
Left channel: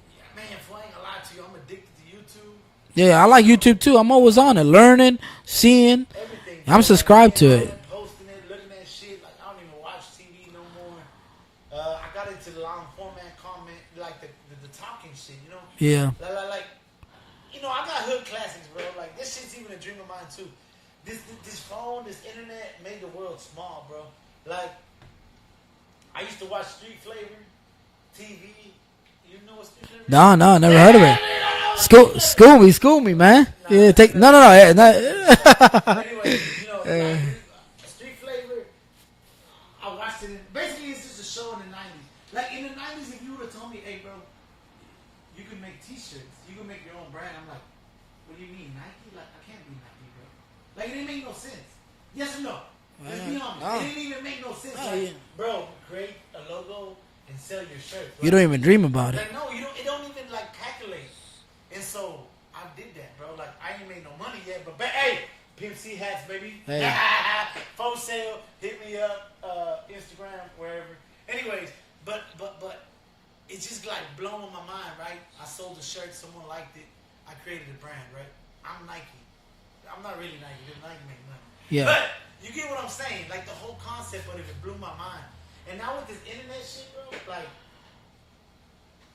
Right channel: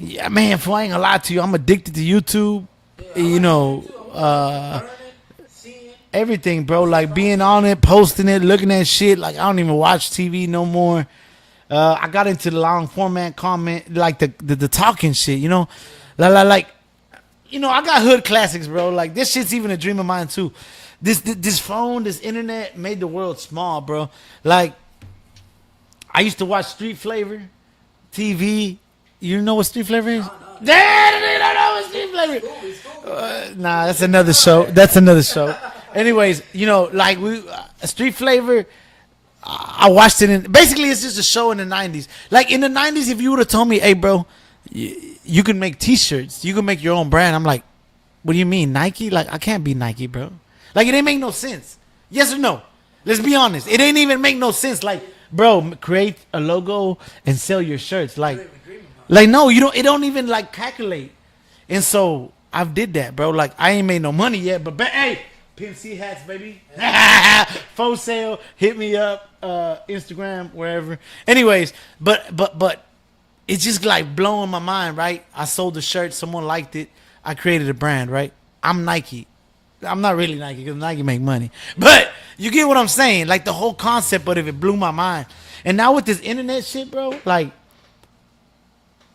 Yeah, man, if I ain't gonna lie to you, I'm addicted to YouTube. Yeah, I You like know, YouTube too. I'm always on it, learning, seeing. Everything, bro. I'm Like subscribed being to on it. it, posting it, looking at shit. Like I don't even watch TV no more. I got into the long format comment, like the talking shit. You know. Yeah. Like I got hood classics, bro. Like this shit's even a dream of mine too. This phone, this internet made the world small, bro. Like I used to watch Street Flavor, TV. You know what Street Flavor is? No, never heard of it. School me, man. Nah, Yeah, that's another show. That's that- another show. Anyways, like Street Flavor. I watched it basically it's just a show in the 90s. Like in the 90s, if you would have told me, hey, bro, you can make T-shirts, you can make your own brand. I'm like, what do you mean, Nike? Like I can't be Nike, bro. Like it ain't make no sense. Yes or no? Let's be honest. It ain't even make no sense. Like, bro, create a logo and sell your shirts. Like You don't even dream about it. like no, you don't. It don't even like calculate. And so I did that, bro. Like I ain't made no money yet, but hey, PMC hats, baby. For sale. Hit me up, Instagram, wherever. Anyways, but it's just like blowing my mind, right? I sold the shirt, someone liked it. I created a brand, right? I'm Nike. I'm not really Nike because Nike make money. Yeah. But you get what I'm saying? Like the whole concept of it blew my mind. And now with this internet shit, bro, like,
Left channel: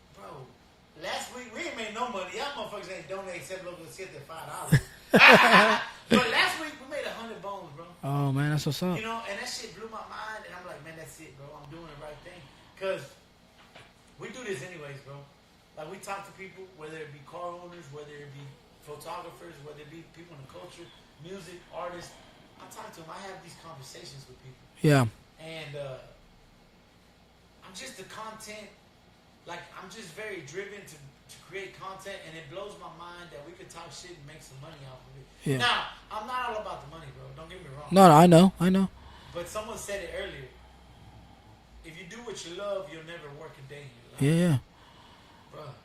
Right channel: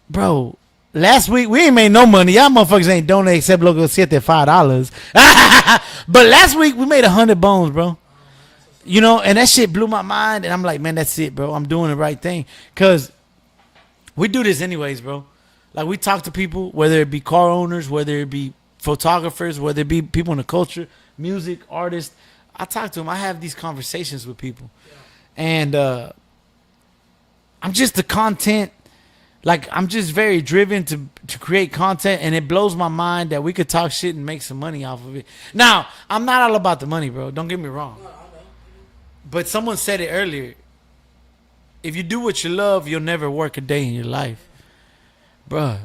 bro, last week we ain't made no money. Y'all motherfuckers ain't donate except Loco Siete $5. But last week we made 100 bones, bro. Oh man, that's what's up. And that shit blew my mind. And I'm like, man, that's it, bro. I'm doing the right thing. Because we do this anyways, bro. Like we talk to people, whether it be car owners, whether it be photographers, whether it be people in the culture, music, artists. I talk to them. I have these conversations with people. Yeah. And I'm just the content. Like I'm just very driven to create content, and it blows my mind that we could talk shit and make some money off of it. Yeah. Now, I'm not all about the money, bro. Don't get me wrong. No, I know. But someone said it earlier. If you do what you love, you'll never work a day in your life. Yeah. Bruh,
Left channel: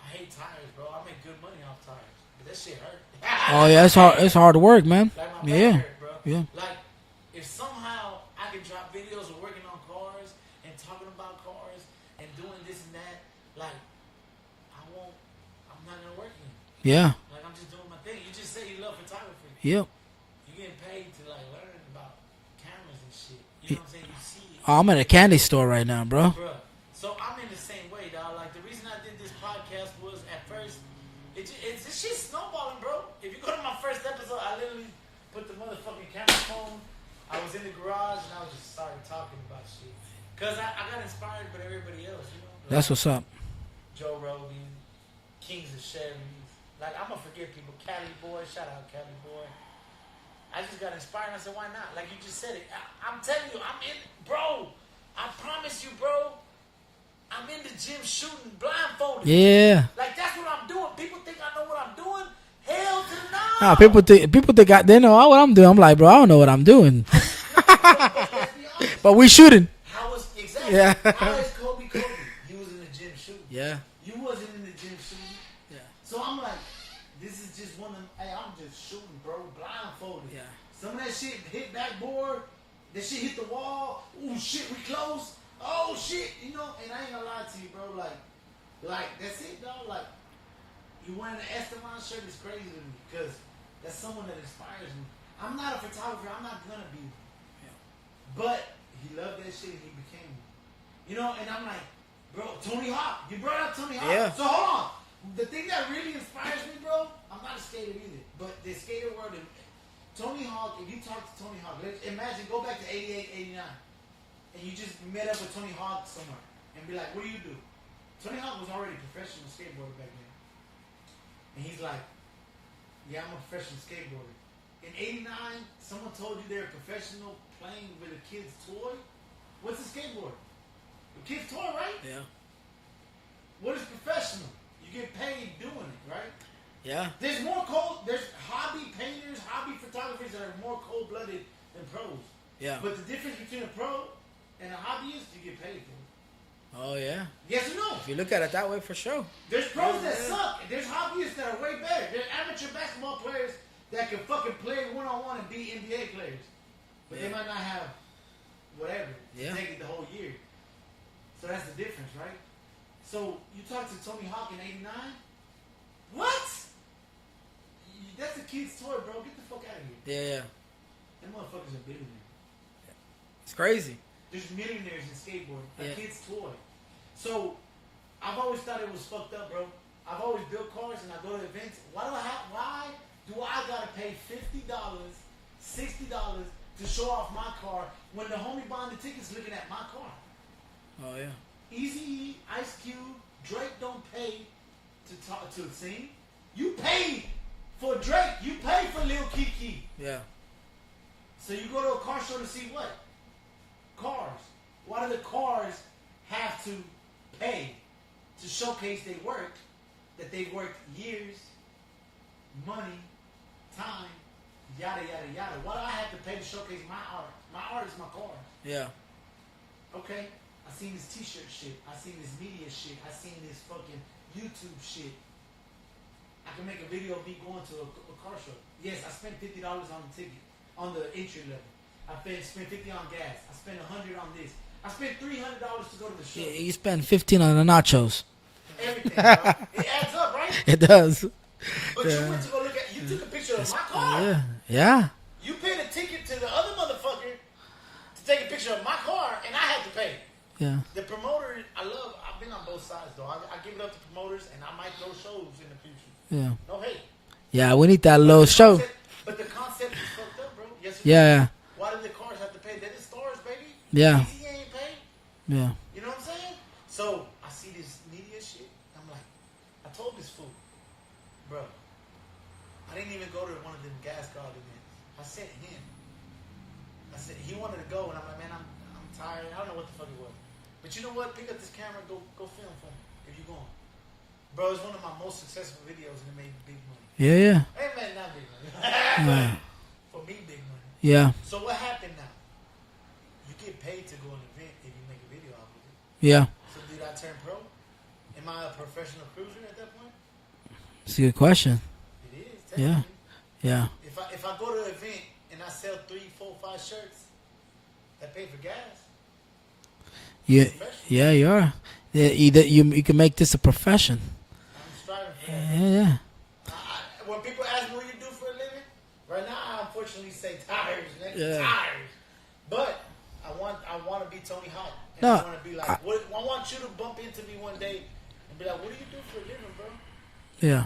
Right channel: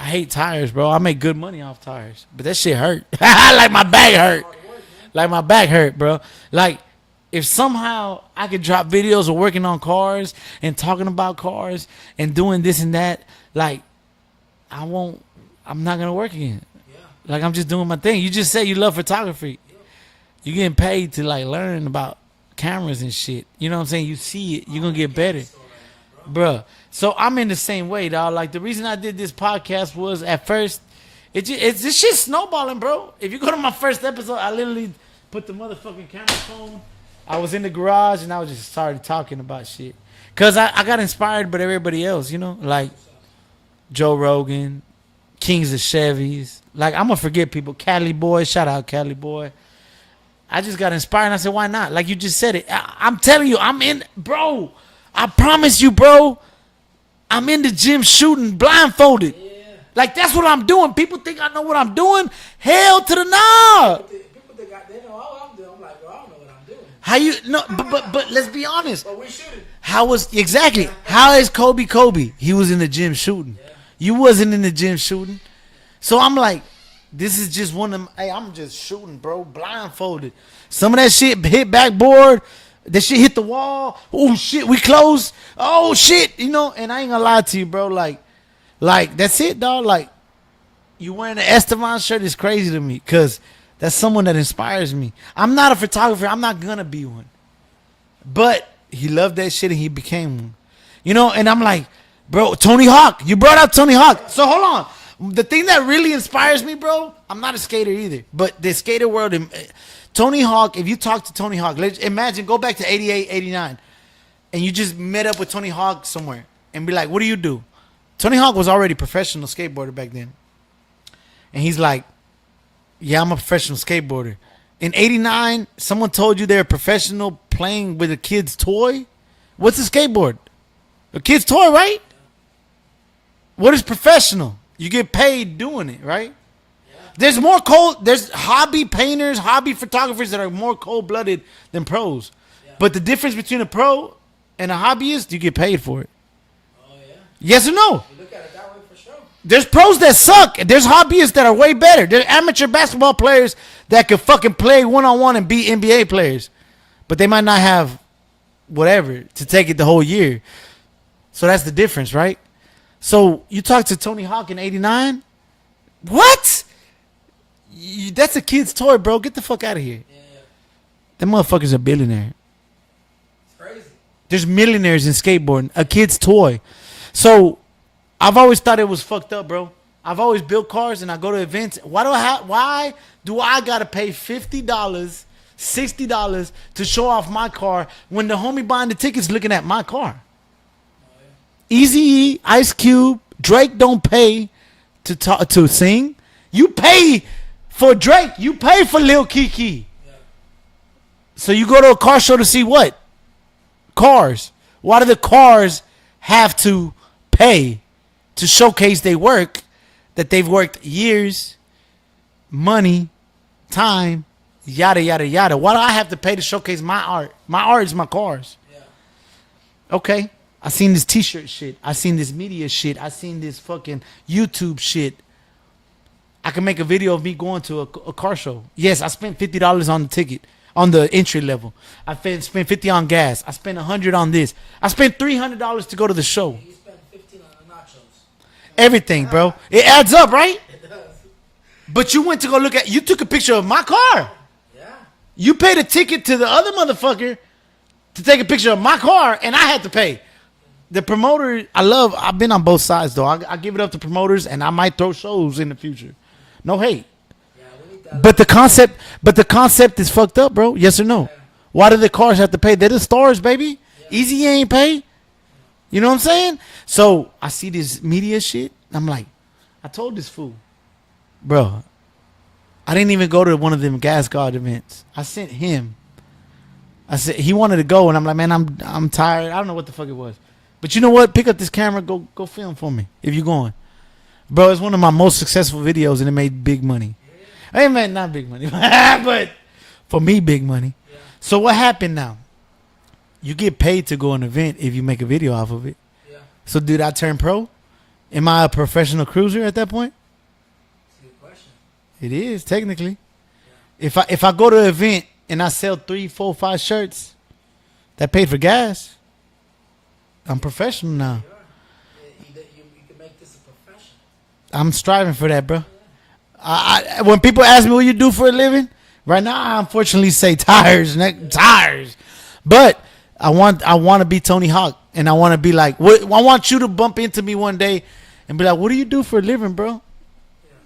I hate tires, bro. I make good money off tires. But that shit hurt. like Yeah, my that's back hard, hurt. That's hard work, man. Like my back Yeah. hurt, bro. Yeah. Like if somehow I could drop videos of working on cars and talking about cars and doing this and that, like I'm not gonna work again. Yeah. Like I'm just doing my thing. You just said you love photography. Yep. You getting paid to like learn about cameras and shit. You know what I'm saying? You see it. Oh, I'm gonna in a get candy better. store right now, bro. Bruh. So I'm in the same way, dog. Like the reason I did this podcast was at first, it's this shit snowballing, bro. If you go to my first episode, I literally put the motherfucking camera phone. I was in the garage and I was just started talking about shit. Cause I got inspired by everybody else, like That's what's up. Joe Rogan, Kings of Chevys. Like I'm gonna forget people. Cali Boy, shout out Cali Boy. I just got inspired and I said, why not? Like you just said it. I'm telling you, bro. I promise you, bro. I'm in the gym shooting blindfolded. Yeah. Like that's what I'm doing. People think I know what I'm doing. Hell to the no. No, people think they know what I'm doing. I'm like, bro, I don't know what I'm doing. How you no? But let's be honest. But we shooting. How was exactly? Yeah. How is Kobe? He was in the gym shooting. Yeah. You wasn't in the gym shooting. So I'm like, this is just one of them. Hey, I'm just shooting, bro, blindfolded. Yeah. Some of that shit hit backboard. That shit hit the wall. Oh shit, we close. Oh shit, and I ain't gonna lie to you, bro. Like that's it, dog. Like you wearing an Esteban shirt is crazy to me, cause that's someone that inspires me. I'm not a photographer. I'm not gonna be one. But he loved that shit and he became one. And I'm like, bro, Tony Hawk. You brought up Tony Hawk. Yeah. So hold on. The thing that really inspires me, bro, I'm not a skater either. But the skater world, Tony Hawk, if you talk to Tony Hawk, imagine, go back to 88, 89, and you just met up with Tony Hawk somewhere and be like, what do you do? Tony Hawk was already a professional skateboarder back then. And he's like, yeah, I'm a professional skateboarder. In 89, someone told you they're a professional playing with a kid's toy? What's a skateboard? A kid's toy, right? Yeah. What is professional? You get paid doing it, right? Yeah. There's hobby painters, hobby photographers that are more cold-blooded than pros. Yeah. But the difference between a pro and a hobbyist, you get paid for it. Oh yeah. Yes or no? If you look at it that way, for sure. There's pros that suck. There's hobbyists that are way better. There's amateur basketball players that could fucking play one-on-one and beat NBA players. But they might not have whatever to take it the whole year. So that's the difference, right? So you talk to Tony Hawk in 89? What? That's a kid's toy, bro. Get the fuck out of here. Yeah. That motherfucker's a billionaire. It's crazy. There's millionaires in skateboarding. A kid's toy. So I've always thought it was fucked up, bro. I've always built cars and I go to events. Why do I gotta pay $50, $60 to show off my car when the homie buying the tickets looking at my car? Oh yeah. Eazy-E, Ice Cube, Drake don't pay to sing. You pay for Drake. You pay for Lil Kiki. Yeah. So you go to a car show to see what? Cars. Why do the cars have to pay to showcase their work that they've worked years, money, time, yada, yada, yada? Why do I have to pay to showcase my art? My art is my cars. Yeah. Okay. I seen this t-shirt shit. I seen this media shit. I seen this fucking YouTube shit. I can make a video of me going to a car show. Yes, I spent $50 on the ticket, on the entry level. I spent $50 on gas. I spent $100 on this. I spent $300 to go to the show. You spend 15 on the nachos. Everything, bro. It adds up, right? It does. But you went to go look at, you took a picture of my car. Yeah. You paid a ticket to the other motherfucker to take a picture of my car, and I had to pay. Yeah. The promoter, I've been on both sides, though. I give it up to promoters, and I might throw shows in the future. Yeah. No hate. Yeah, we need that. But little the concept is fucked up, bro. Yes or no? Yeah. Why do the cars have to pay? They're the stars, baby. Yeah. Easy ain't pay. Yeah. You know what I'm saying? So I see this media shit. I'm like, I told this fool, bro, I didn't even go to one of them Gas God events. I sent him. I said he wanted to go, and I'm like, man, I'm tired. I don't know what the fuck it was. But you know what? Pick up this camera, go film for me if you're going. Bro, it's one of my most successful videos, and it made big money. Yeah, yeah. Hey, man, not big money, but for me, big money. Yeah. So what happened now? You get paid to go an event if you make a video off of it. Yeah. So did I turn pro? Am I a professional cruiser at that point? It's a good question. It is, technically. Yeah. If I go to an event and I sell 3, 4, 5 shirts, that paid for gas. I'm professional Yeah, now. you are. Yeah, you can make this a profession. I'm striving for that, bro. Yeah. I when people ask me what you do for a living, right now I unfortunately say tires, tires. But I want to be Tony Hawk, and I want to be like, I want you to bump into me one day and be like, what do you do for a living, bro? Yeah.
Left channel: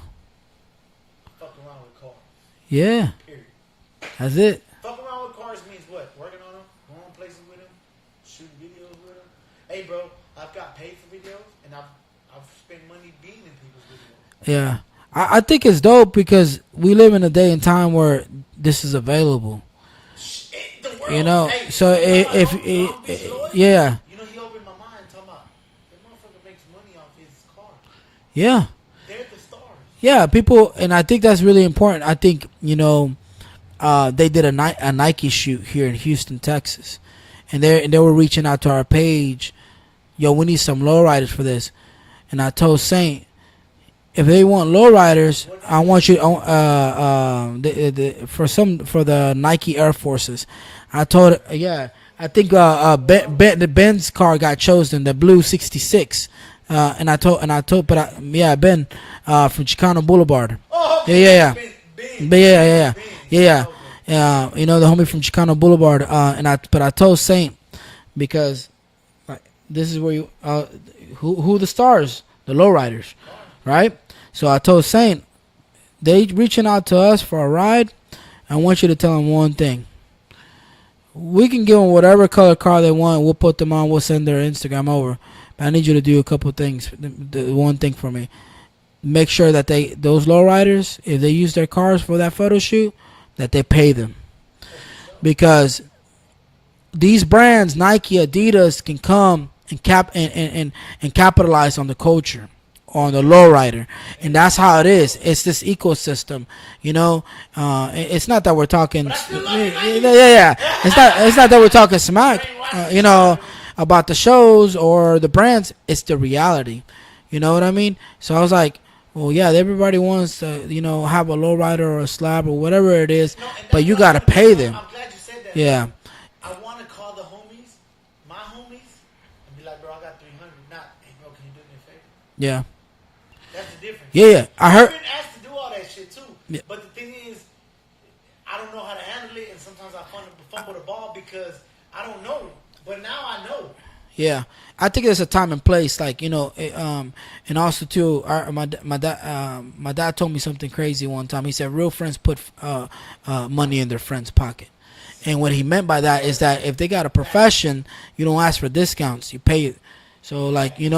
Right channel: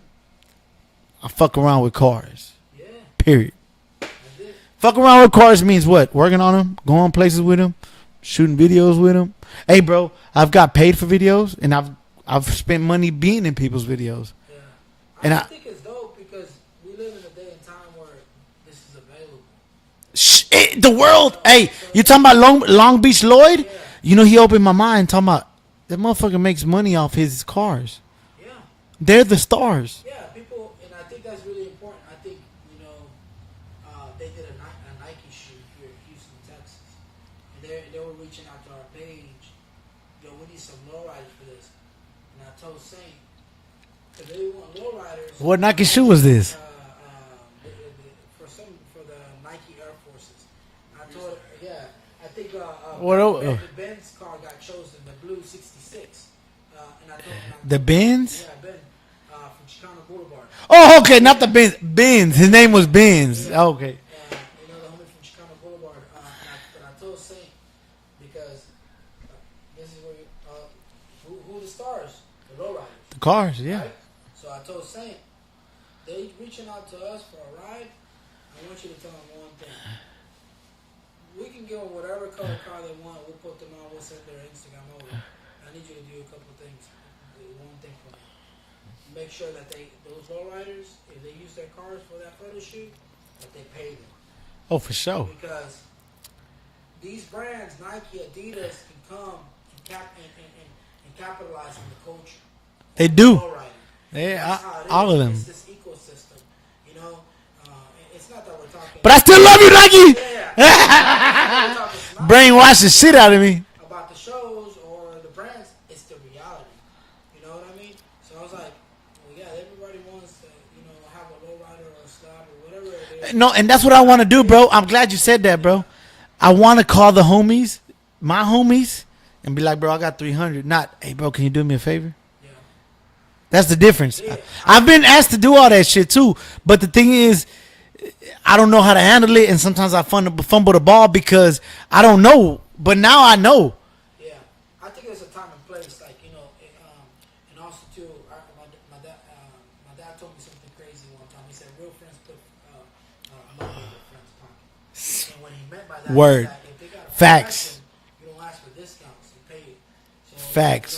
I fuck around with cars. Yeah. Period. That's it. Fuck around with cars means what? Working on them, going places with them, shooting videos with them. Hey, bro, I've got paid for videos, and I've spent money being in people's videos. Yeah. I think it's dope because we live in a day and time where this is available. The world. You know, hey, so you talking about Long Beach Lloyd? Yeah. You know, he opened my mind talking about that motherfucker makes money off his cars. Yeah. They're the stars. Yeah, people, and I think that's really important. I think, they did a Nike shoot here in Houston, Texas. And they were reaching out to our page. Yo, we need some lowriders for this. And I told Saint, if they want lowriders, What Nike I want shoe you was this? for the Nike Air Forces. I told I think the Ben's car got chosen, the blue 66. And I told Benz? Ben from Chicano Boulevard. Oh, okay, Yeah, not the Benz. Yeah, His name was yeah. Benz. Yeah. Oh, okay. The homie from Chicano Boulevard. But I told Saint because like, this is where you who the stars, the lowriders, Cars, yeah. right? So I told Saint, they reaching out to us for a ride. I want you to tell them one thing. We can give them whatever color car they want. We'll put them on. We'll send their Instagram over. But I need you to do a couple things. The one thing for me. Make sure that those lowriders, if they use their cars for that photo shoot, that they pay them. Oh, for sure. Because these brands, Nike, Adidas, can come and capitalize on the culture, on the lowrider, and that's how it is. It's this ecosystem, It's not that we're talking, but I still love you, Nike. Yeah. It's not that we're talking smack. Brainwash the shit out of me about the shows or the brands. It's the reality. You know what I mean? So I was like, well, yeah, everybody wants to, have a lowrider or a slab or whatever it is. No, and that's what I want to do, bro. I'm glad you said that, bro. Yeah. I want to call the homies, my homies, and be like, bro, I got 300. Not, hey, bro, can you do me a favor? Yeah. That's the difference. Yeah. I've been asked to do all that shit too. Yeah. But the thing is, I don't know how to handle it. And sometimes I fumble the ball because I don't know. But now I know. Yeah. I think there's a time and place. Like, And also too, my dad told me something crazy one time. He said real friends put money in their friend's pocket. And what he meant by that is Word. that if they got a Facts. profession, you don't ask for discounts. You pay it. So like Facts. you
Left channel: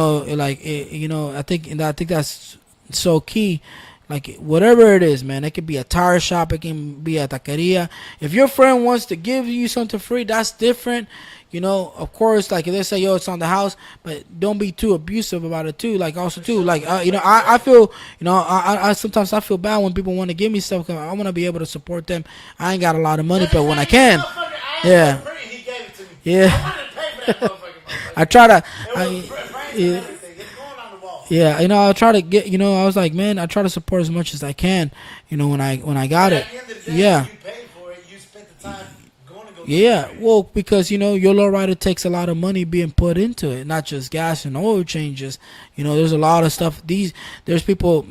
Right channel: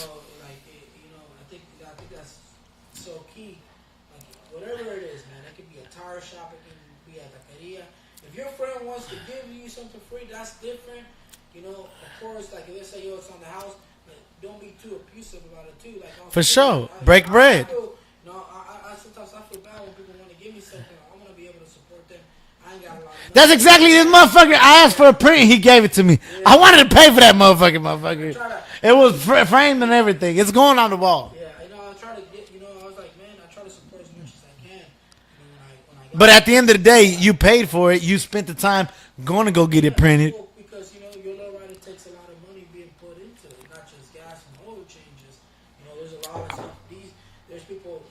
know, I think that's so key. Like whatever it is, man, it could be a tire shop, it can be a taqueria. If your friend wants to give you something free, that's different. You know, of course, like if they say, "Yo, it's on the house," but don't be too abusive about it too. Like also For too, sure. like Break I bread. feel, I sometimes I feel bad when people want to give me stuff. 'Cause I want to be able to support them. I ain't got a lot of money. That's so when I exactly it, can, motherfucker. I asked Yeah. for a print, he gave it to me. Yeah. I wanted to pay for that motherfucker. I try to. It was framed and yeah. everything. It's going on the wall. Yeah, I try to get. I was like, man, I try to support as much as I can. When I got. But it. at the end of the day, Yeah. you paid for it. You spent the time going to go get yeah, it printed. well, because your lowrider takes a lot of money being put into it, not just gas and oil changes. There's a lot of stuff. There's people.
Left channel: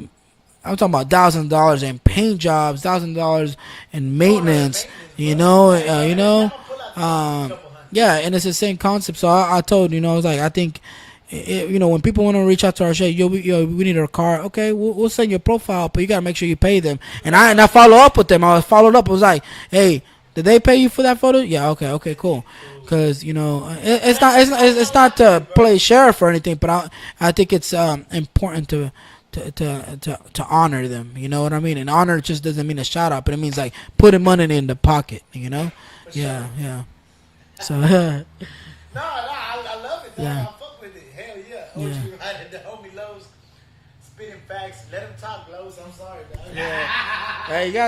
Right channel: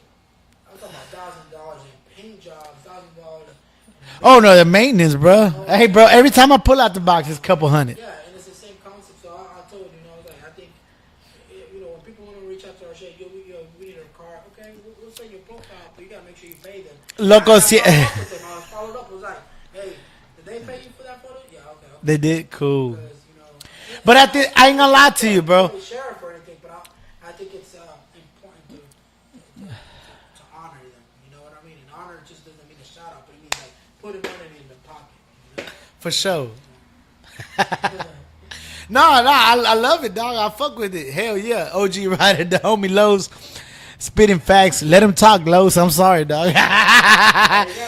I'm talking about $1,000 in paint jobs, $1,000 in maintenance. Oh no, the maintenance, bro. Hey, bro. Every time I pull out the box, it's a couple hundred. Yeah, and it's the same concept. So I told I was like, I think, when people want to reach out to our show, we need a car. Okay, we'll send you a profile, but you gotta make sure you pay them. And I follow up with them. I followed up. I was like, hey. Did they pay you for that photo? Yeah, okay, They cool. did, cool. Because But I ain't gonna lie not to you, bro. play sheriff or anything, but I think it's important to honor them. You know what I mean? And honor just doesn't mean a shout out, but it means like putting money in the pocket. For sure. Yeah. So No, I love it, dog. I fuck with it. Hell yeah. OG Rider, the homie Lowe's, spitting facts. Let him talk, Lowe's. I'm sorry, dog.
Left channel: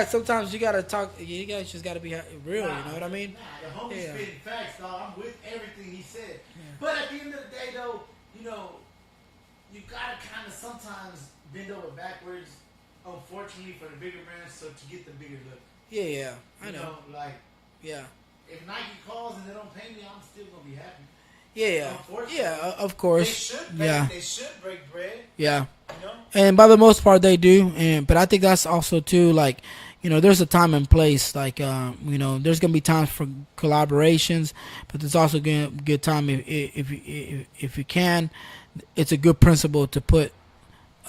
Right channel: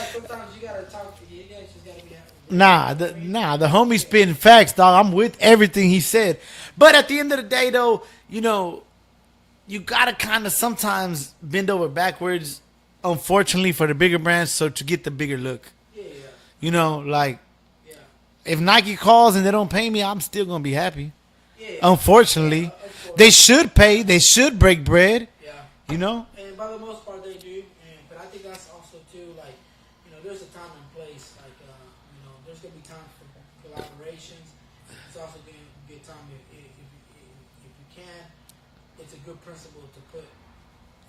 sometimes you gotta talk. You guys just gotta be real. Nah, the homie spitting facts, dog. I'm with everything he said. But at the end of the day, though, you gotta kind of sometimes bend over backwards, unfortunately, for the bigger brands, so to get the bigger look. Yeah. Like Yeah. if Nike calls and they don't pay me, I'm still gonna be happy. Yeah. Unfortunately, of course. they should pay. Yeah. They should break bread. Yeah. And by the most part they do, but I think that's also too like, there's a time and place. Like, there's gonna be times for collaborations, but there's also gonna be a good time if you can. It's a good principle to put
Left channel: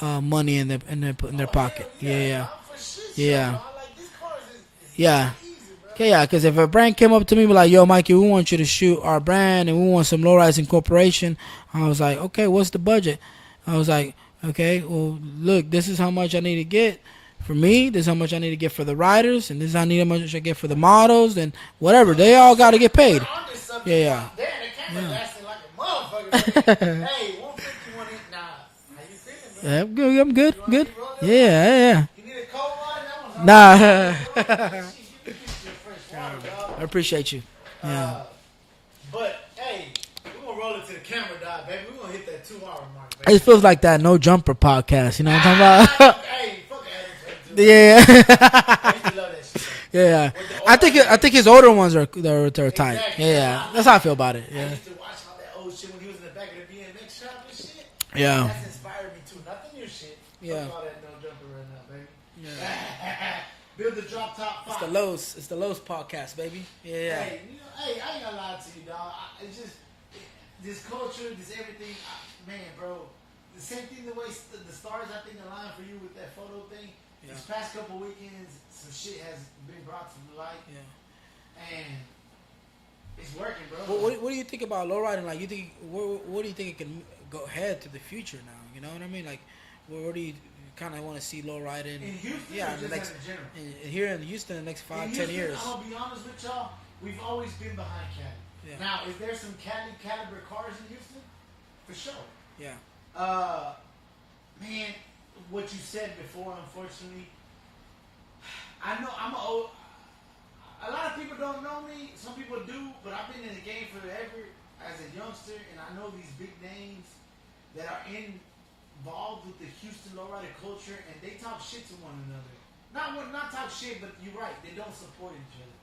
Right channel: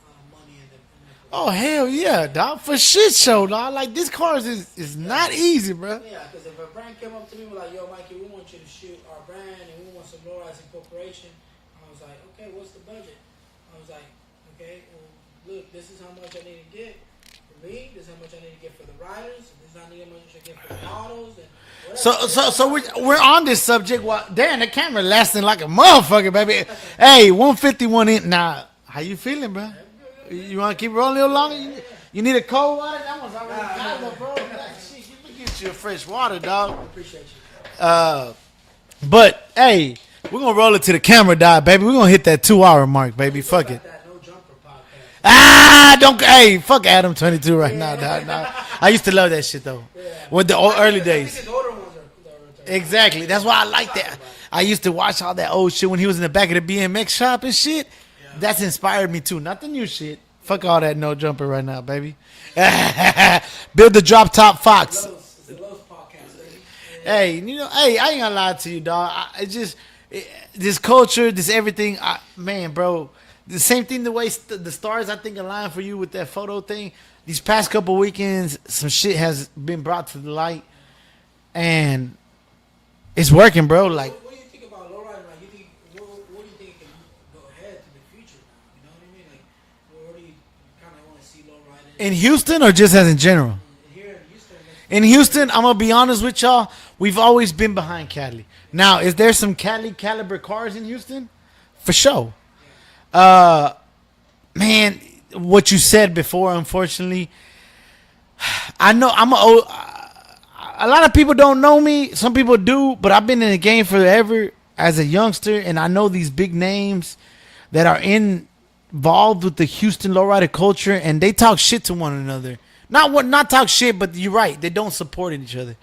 money in the oh pocket. hell yeah, dog, for shit show, Yeah. dog. Like this cars is Yeah. not easy, bro. Yeah, because if a brand came up to me and be like, yo, Mikey, we want you to shoot our brand and we want some low-rise incorporation, I was like, okay, what's the budget? I was like, okay, well, look, this is how much I need to get for me. This is how much I need to get for the riders, and this is how much I get for the models, and whatever. They all got to get paid. We're on this subject. Yeah. Well, damn, the camera lasting like a motherfucker, baby. Hey, 151 in. Nah, how you feeling, bro? Yeah, I'm good. I'm good. You want to good. keep rolling Yeah, along? yeah. You need a cold water? That one's Nah, Shit, we get you a fresh water, dog. I appreciate you. But hey, we're gonna roll it to the camera, dog, baby. We're gonna hit that 2-hour mark, baby. It feels Fuck like it. that No Jumper podcast. You know? Don't. Hey, fuck Adam 22 right Yeah. now. I used to love that shit though. Yeah, With the I early think days. his older ones are tight. Exactly. Yeah. That's why I like That's how I that. feel about it. I used to watch all that old shit when he was in the back of the BMX shop and shit. Yeah. That's inspired me too. Not the new shit. Fuck Yeah. all that No Jumper right now, baby. Build the drop top Fox. It's the Lowe's podcast, baby. Hey, hey, I ain't gonna lie to you, dog. This culture, this everything, man, bro. The same thing, the way the stars, I think, align for you with that photo thing. These past couple weekends, some shit has been brought to the light, and it's working, bro. Like, what do you think about lowriding? Like, you think what do you think it can go ahead to the future now? You know what I mean? Like, where do you kind of want to see lowriding in Houston or just as in general? here in Houston? The next In 5 Houston, years? I'm gonna be honest with y'all. We've always been behind Cali. Now, is there some Cali caliber cars in Houston? For sure. Yeah. Man, what you said before, unfortunately, I know a lot of people don't know me. Some people do, but I've been in the game forever as a youngster, and I know these big names that are involved with the Houston lowrider culture, and they talk shit to one another. Not talk shit, but you're right. They don't support each other.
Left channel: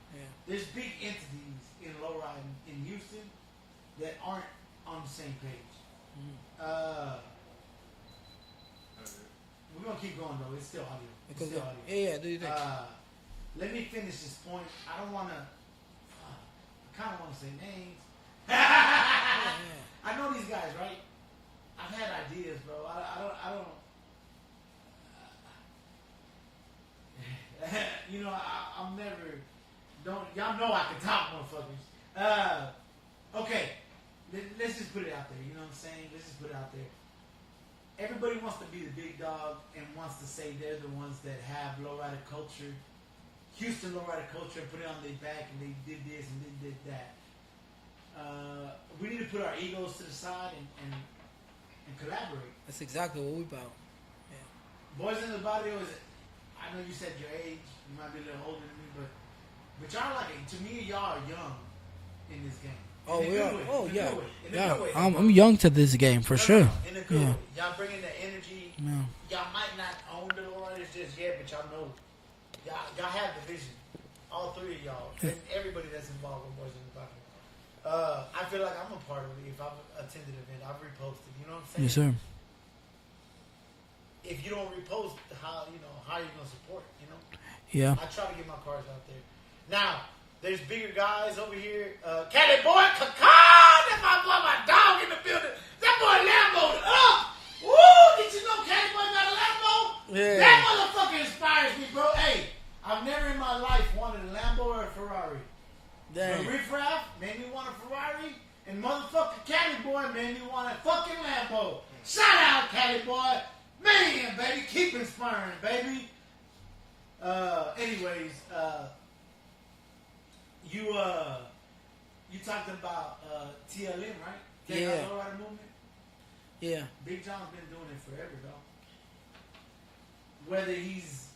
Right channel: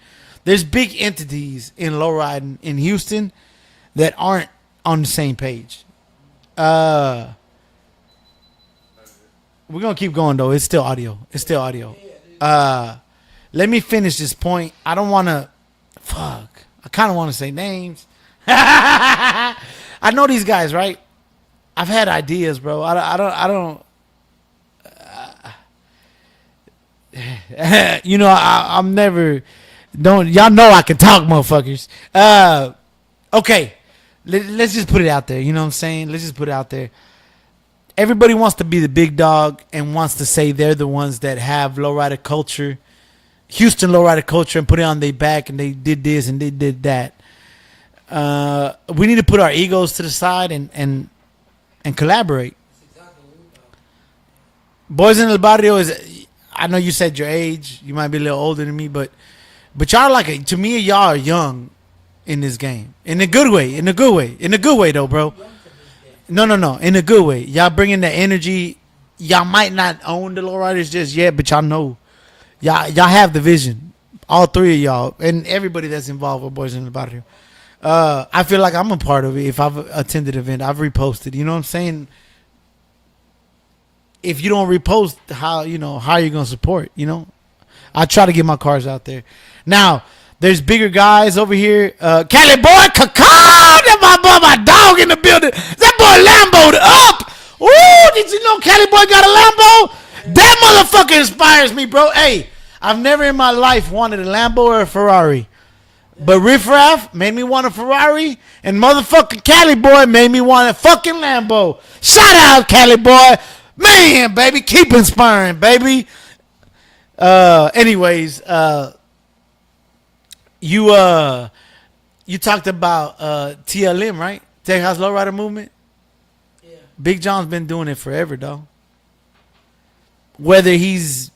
There's big entities in lowriding in Houston that aren't on the same page. We're gonna keep going though. It's still audio. Yeah, dude. Let me finish this point. I don't want to. Fuck. I kind of want to say names. I know these guys, right? I've had ideas, bro. I don't. You know, I'm never. Don't y'all know I can talk, motherfuckers. Okay, let's just put it out there. You know what I'm saying? Let's just put it out there. Everybody wants to be the big dog and wants to say they're the ones that have lowrider culture, Houston lowrider culture, and put it on their back, and they did this and they did that. We need to put our egos to the side and collaborate. That's exactly what we about. Boys in el Barrio is. I know you said your age. You might be a little older than me, but y'all like to me. Y'all are young in this game, in a good way. In a good way. In a good way, though, bro. I'm young to this game. For No, sure. no. In a good way. Y'all bringing the energy. Y'all might not own the lowriders just yet, but y'all know. Y'all have the vision. All three of y'all and everybody that's involved with Boys in the Barrio. I feel like I'm a part of it. If I've attended an event, I've reposted. You know what I'm saying? Yes, sir. If you don't repost, how are you gonna support? You know, Yeah. I try to get my cars out there. Now there's bigger guys over here. Cali boy, that my dog in the building. That boy Lambo'd up. Ooh, did you know Cali boy got a Lambo? Yeah. That motherfucker inspires me, bro. Hey, I've never in my life wanted a Lambo or a Ferrari. But Riff Raff made me want a Ferrari, and motherfucking Cali boy made me want a fucking Lambo. Shout out, Cali boy. Man, baby, keep inspiring, baby. Anyways, you talked about TLM, right? Texas Lowrider Movement. Yeah. Big John's been doing it forever, though. Whether he's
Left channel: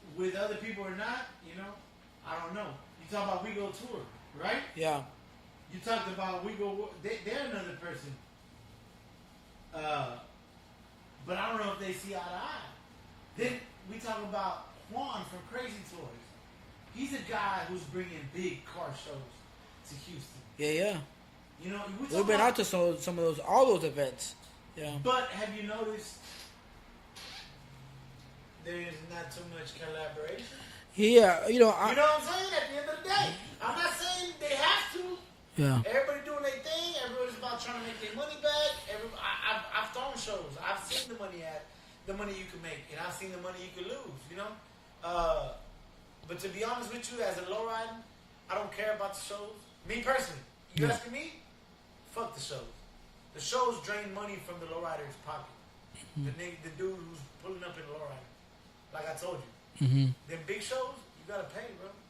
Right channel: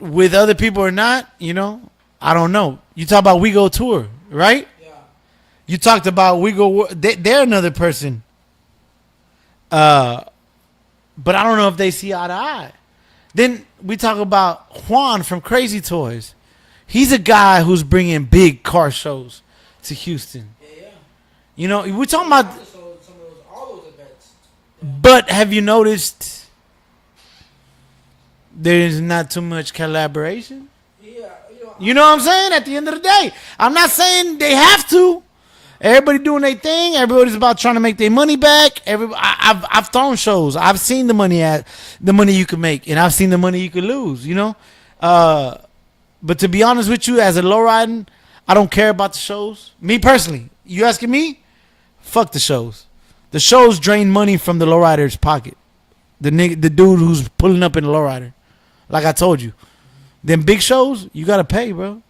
with other people or not, I don't know. You talk about We Go Tour, right? Yeah. You talked about We Go. They're another person. But I don't know if they see eye to eye. Then we talk about Juan from Crazy Toys. He's a guy who's bringing big car shows to Houston. Yeah. We're talking about some of all those events. Yeah. But have you noticed there's not too much collaboration? Yeah, you know what I'm saying? At the end of the day, I'm not saying they have to. Yeah. Everybody doing their thing. Everybody's about trying to make their money back. I've thrown shows. I've seen the money you can make, and I've seen the money you can lose. But to be honest with you, as a lowriding, I don't care about the shows. Me personally, you asking me? Fuck the shows. The shows drain money from the lowrider's pocket. The dude who's pulling up in the lowrider. Like I told you, them big shows you gotta pay, bro.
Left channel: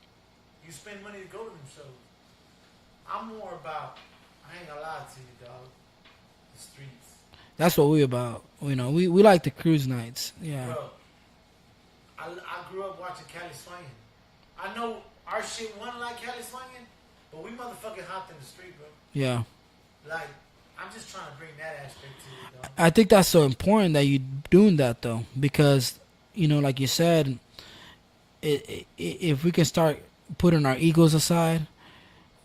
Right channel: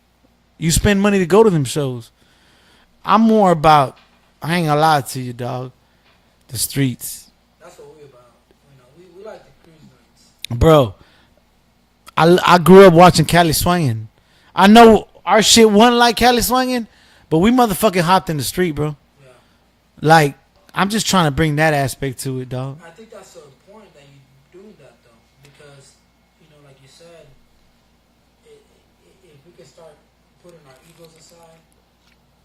You spend money to go to them shows. I'm more about, I ain't gonna lie to you, dog, the streets. That's what we about. We like the cruise nights. Yeah. Bro, I grew up watching Cali Swinging. I know our shit wasn't like Cali Swinging, but we motherfucking hopped in the street, bro. Yeah. Like, I'm just trying to bring that aspect to it, dog. I think that's so important that you doing that, though, because, like you said, if we can start putting our egos aside,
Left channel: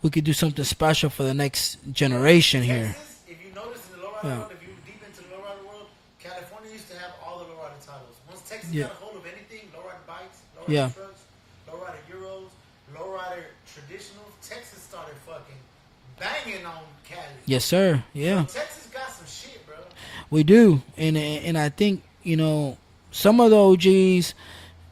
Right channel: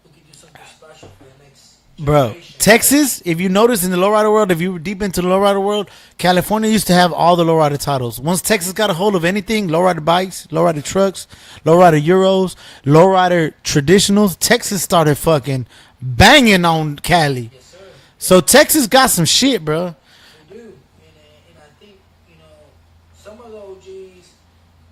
we could do something special for the next generation. Bro, Texas, if you notice in the lowrider world, if you were deep into the lowrider world, California used to have all the lowrider titles. Once Texas got a hold of anything, lowrider bikes, lowrider trucks, lowrider Euros, lowrider traditionals, Texas started fucking banging on Cali. Yes, sir. Yeah. So Texas got some shit, bro. We do, and I think some of the OGs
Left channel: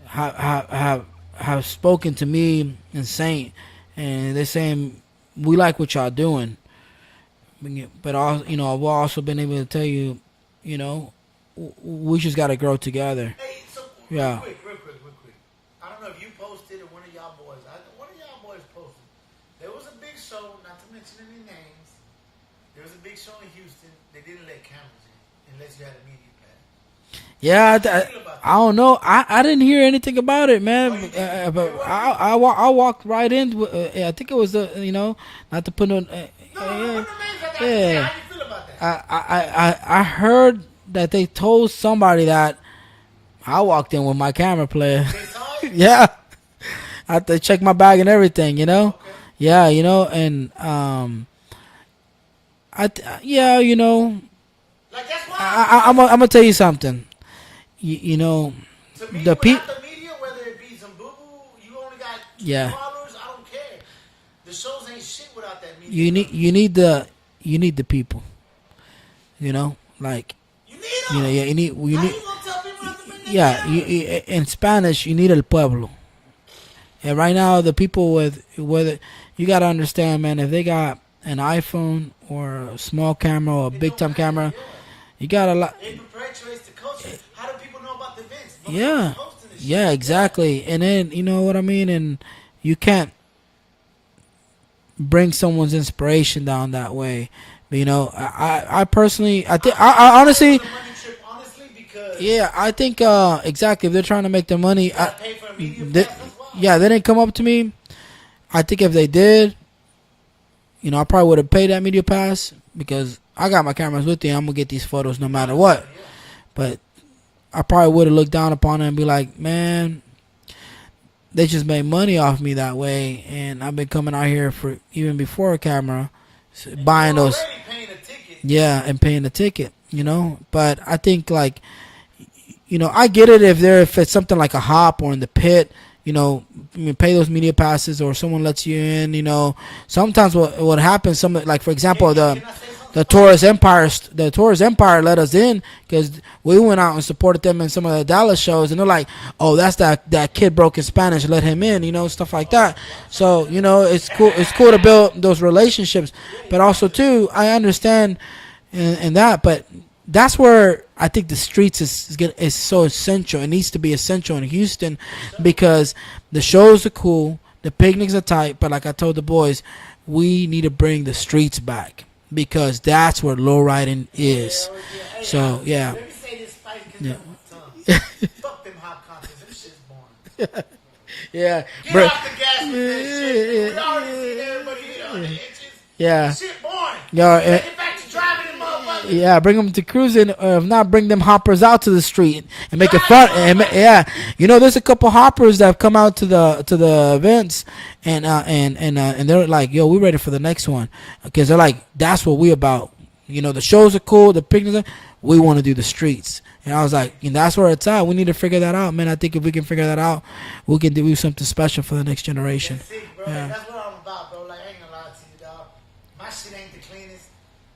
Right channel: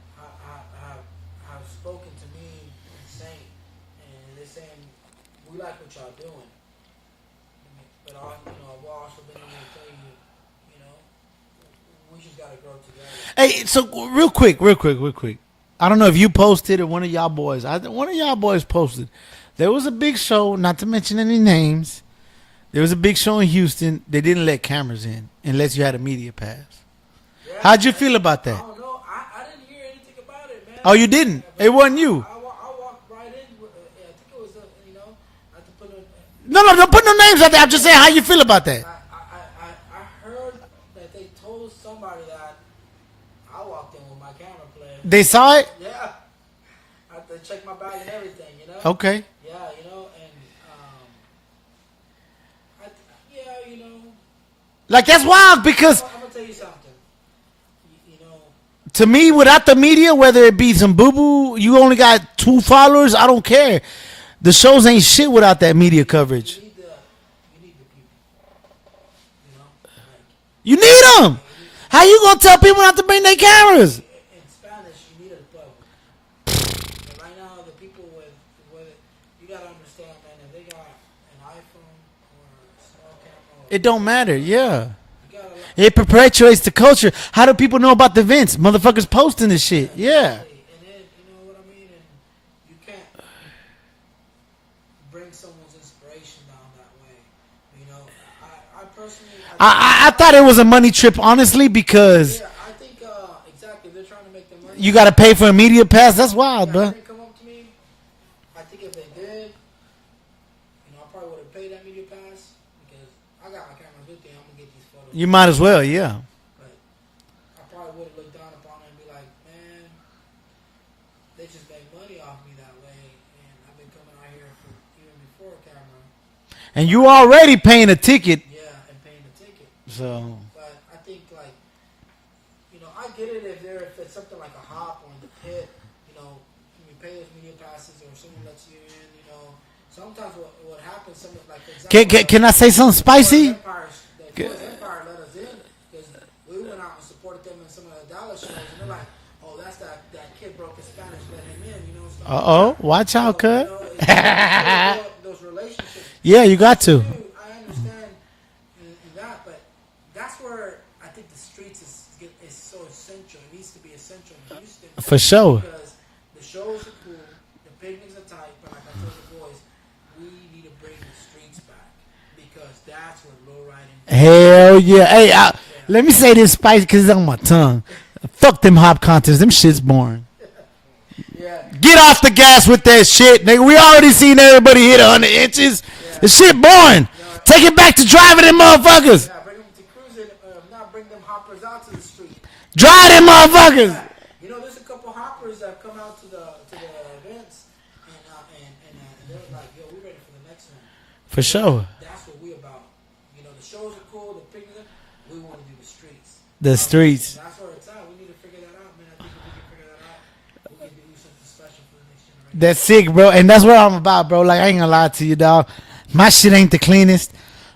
have spoken to me and Saint, and they're saying we like what y'all doing, but I've also been able to tell you, we just got to grow together. Hey, so real quick. I don't know if you posted or one of y'all boys. One of y'all boys posted. There was a big show, not to mention any names. There was a big show in Houston. They didn't let cameras in unless you had a media pass. Yeah, how'd you feel about that? I don't know. I didn't hear anything about it, man. Oh, you didn't? It wasn't you. I walked right in. I think it was not to put no. No, don't put no names out there. I'm just saying how you feel about that. I heard that they told somebody that I walked in with my camera player. They saw it? Yeah. I had to check my bag and everything, Okay. Yeah, and like that's wild because I'm gonna tell you something. To me, without the media, whether it be some boo-boo, you only got 2 followers, I don't care. The shows ain't shit without that media coverage. You need the people. You know, like You need them. yeah, How you gonna tell people not to bring their cameras? In Spanish, you need el pueblo. And right now, the people with you gotta understand, man. If they got an iPhone or a small camera or a It big don't time matter. camera, Yeah. you got a lot. It perpetuates the culture. How do people know about the events? Motherfuckers Yeah. posting this shit. Yeah, exactly. And then you know what I mean. And you can't bring someone's inspiration down that way. But, you know, I personally, I thought it honestly- was a money trip, honestly, because Yeah, I think exactly. If they're trying to make their money, you got to pay for a media pass. That's wild. Yeah, bro. they didn't come up to me. I think if they did, you know, I probably would have paid that media pass because I got my cameras with you. I'm gonna get these photos. You no might matter as what. well, yeah. But I probably would have looked down upon it and be like, man, they just made money off me that way, and I've been coming out here for even before a camera. And you buying those- already paying a ticket. yeah, and paying the ticket, you So- know. But I think like, you know, I get it if it's something like a hop or in the pit, you know, I mean, pay those media passes or someone lets you in, you know. Sometimes what happens, some like for example, Can I say something the Tourist spicy? Empire, the Tourist Empire let us in because we went out and supported them in some of the Dallas shows, and they're like, "Oh, that's that kid broke in Spanish, let him in," you know, stuff like that. Watch out, So cuz. you know, it's cool. It's cool to build those relationships. Yeah, you but got also to. too, I understand in that, but that's where I think the streets is so essential. It needs to be essential in Houston For sure. because the shows are cool, the picnics are tight, but like I told the boys, we need to bring the streets back because that's where low riding is. Hell yeah. Hey, So, yeah. let me say this spicy because it's on my tongue. Fuck them hop contests. Them shit's boring. Yeah. Get off the gas with that shit, nigga. We already seen everybody hit 100 inches. Yeah. The shit boring. Yo, Take it back to driving them motherfuckers. Yeah, bring them to cruising, or if not, bring them hoppers out to the street. And Drive make a them truck- and- motherfuckers. Yeah, you know, there's a couple hoppers that have come out to the events, and they're like, "Yo, we ready for the next one," because For they're like, sure. "That's what we about." You know, the shows are cool, the picnics. We want to do the streets. The And I was like, streets. and that's where it's at. We need to figure that out, man. I think if we can figure that out, we can do something special for the next generation. That's sick, bro. And that's what I'm about, bro. Like, I ain't gonna lie to you, dog. My shit ain't the cleanest.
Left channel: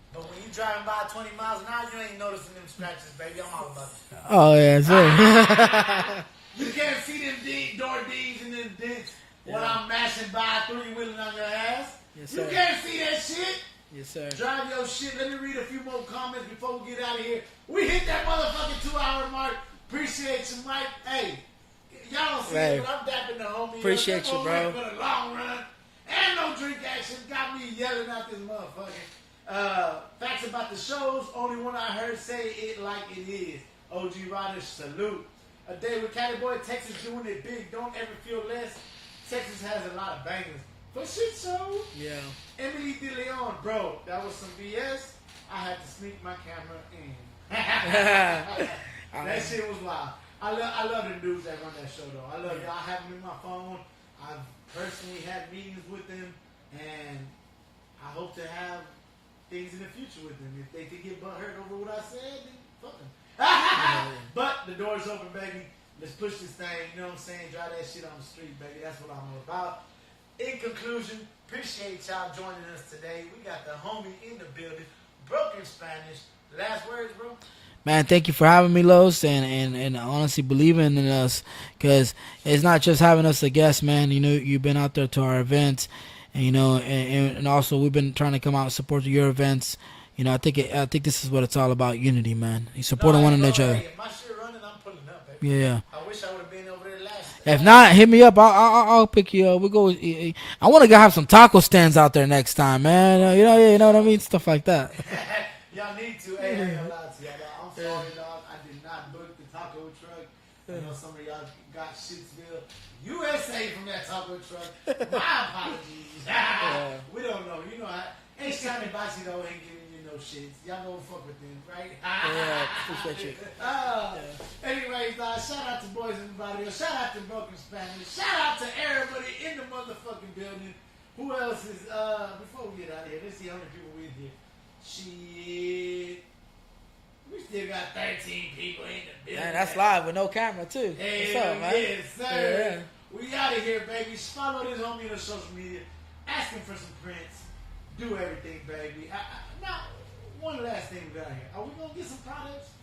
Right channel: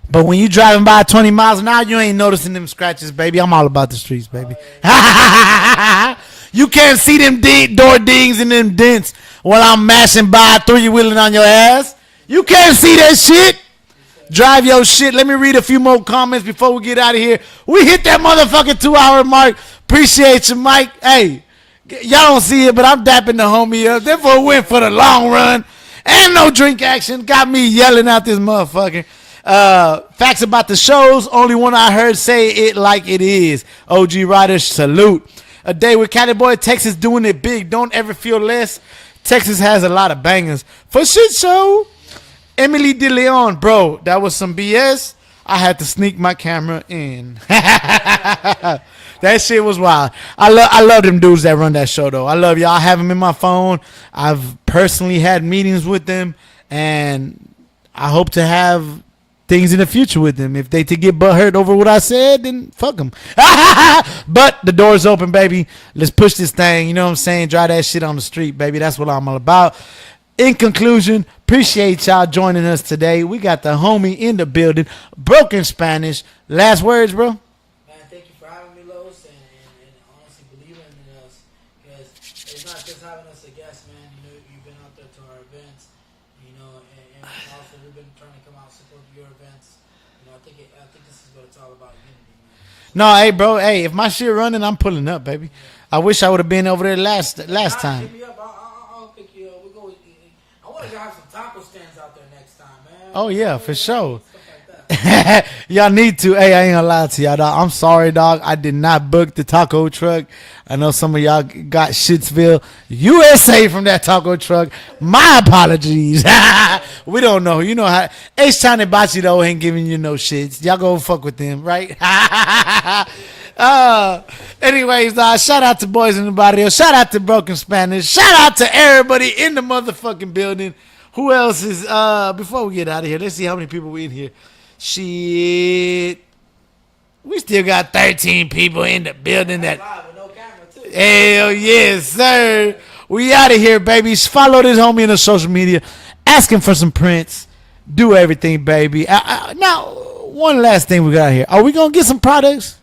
But when you driving by 20 miles an hour, you ain't noticing them scratches, baby. I'm all about the streets, baby. Oh yeah. You can't see them door dings and them dents while I'm mashing by, three-wheeling on your ass. You can't see that shit. Drive your shit. Let me read a few more comments before we get out of here. We hit that motherfucking 2-hour mark. Appreciate you, Mike. Hey, y'all don't see it, but I'm dapping the homie up. Therefore, went for the long run. And no drink action. Got me yelling out this motherfucker. Facts about the shows. Only one I heard say it like it is. OG Riders, salute. A day with Cali Boy, Texas doing it big. Don't ever feel less. Texas has a lot of bangers. For shit show. Emily De Leon, bro, that was some BS. I had to sneak my camera in. That shit was wild. I love them dudes that run that show, though. I love y'all. I have them in my phone. I've personally had meetings with them, and I hope to have things in the future with them. If they to get butthurt over what I said, then fuck them. But the door's open, baby. Let's push this thing. You know what I'm saying? Drive that shit on the street, baby. That's what I'm all about. In conclusion, appreciate y'all joining us today. We got the homie in the building, Broken Spanish. Last words, bro? Man, thank you for having me, Los, and honestly believing in us, because it's not just having us a guest, man. You know, you've been out there to our events, and you know, and also we've been trying to come out and support your events. You know, I think this is what it's all about, unity, man. You support No, hey, one bro. another. Hey, if my shit running, I'm pulling up, baby. Yeah. I wish I would have been over there last If not, time. hit me up. I'll pick you up. We go. I want to go have some taco stands out there next time, man. Oh, yeah, for you know what I sure. mean? Stuff like that. Y'all need to. Hey, I ain't gonna lie to y'all, dog. I'm sorry, dog. I did not book the taco truck. I know some of y'all got Shitsville, USA from that taco truck. My apologies. We don't know. You know how H-Town and Bachi, though, ain't giving you no shits. Y'all go fuck with them, right? Anyways, shout out to Boys in the Barrio. Shout out to Broken Spanish. Shout out to everybody in the motherfucking building. Who else is, before we get out of here, let's see how many people we in here. Shit. We still got 13 people in the building. That live with no camera too. hell yes, sir. We out of here, baby. Follow this homie in the social media. Ask him for some prints. Do everything, baby. Now, one last thing we got here. Are we gonna get some products?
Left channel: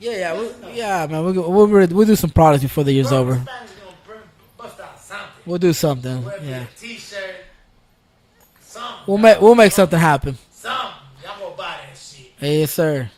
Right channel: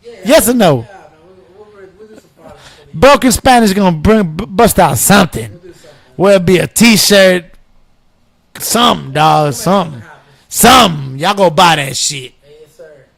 Yeah. Yes or no? Yeah, man. We'll do some products before the year's Broken over. Spanish gonna bust out something. We'll do something. Whether it be a T-shirt, something, We'll dog. make something happen. Something. Y'all go buy that shit. Yes, sir.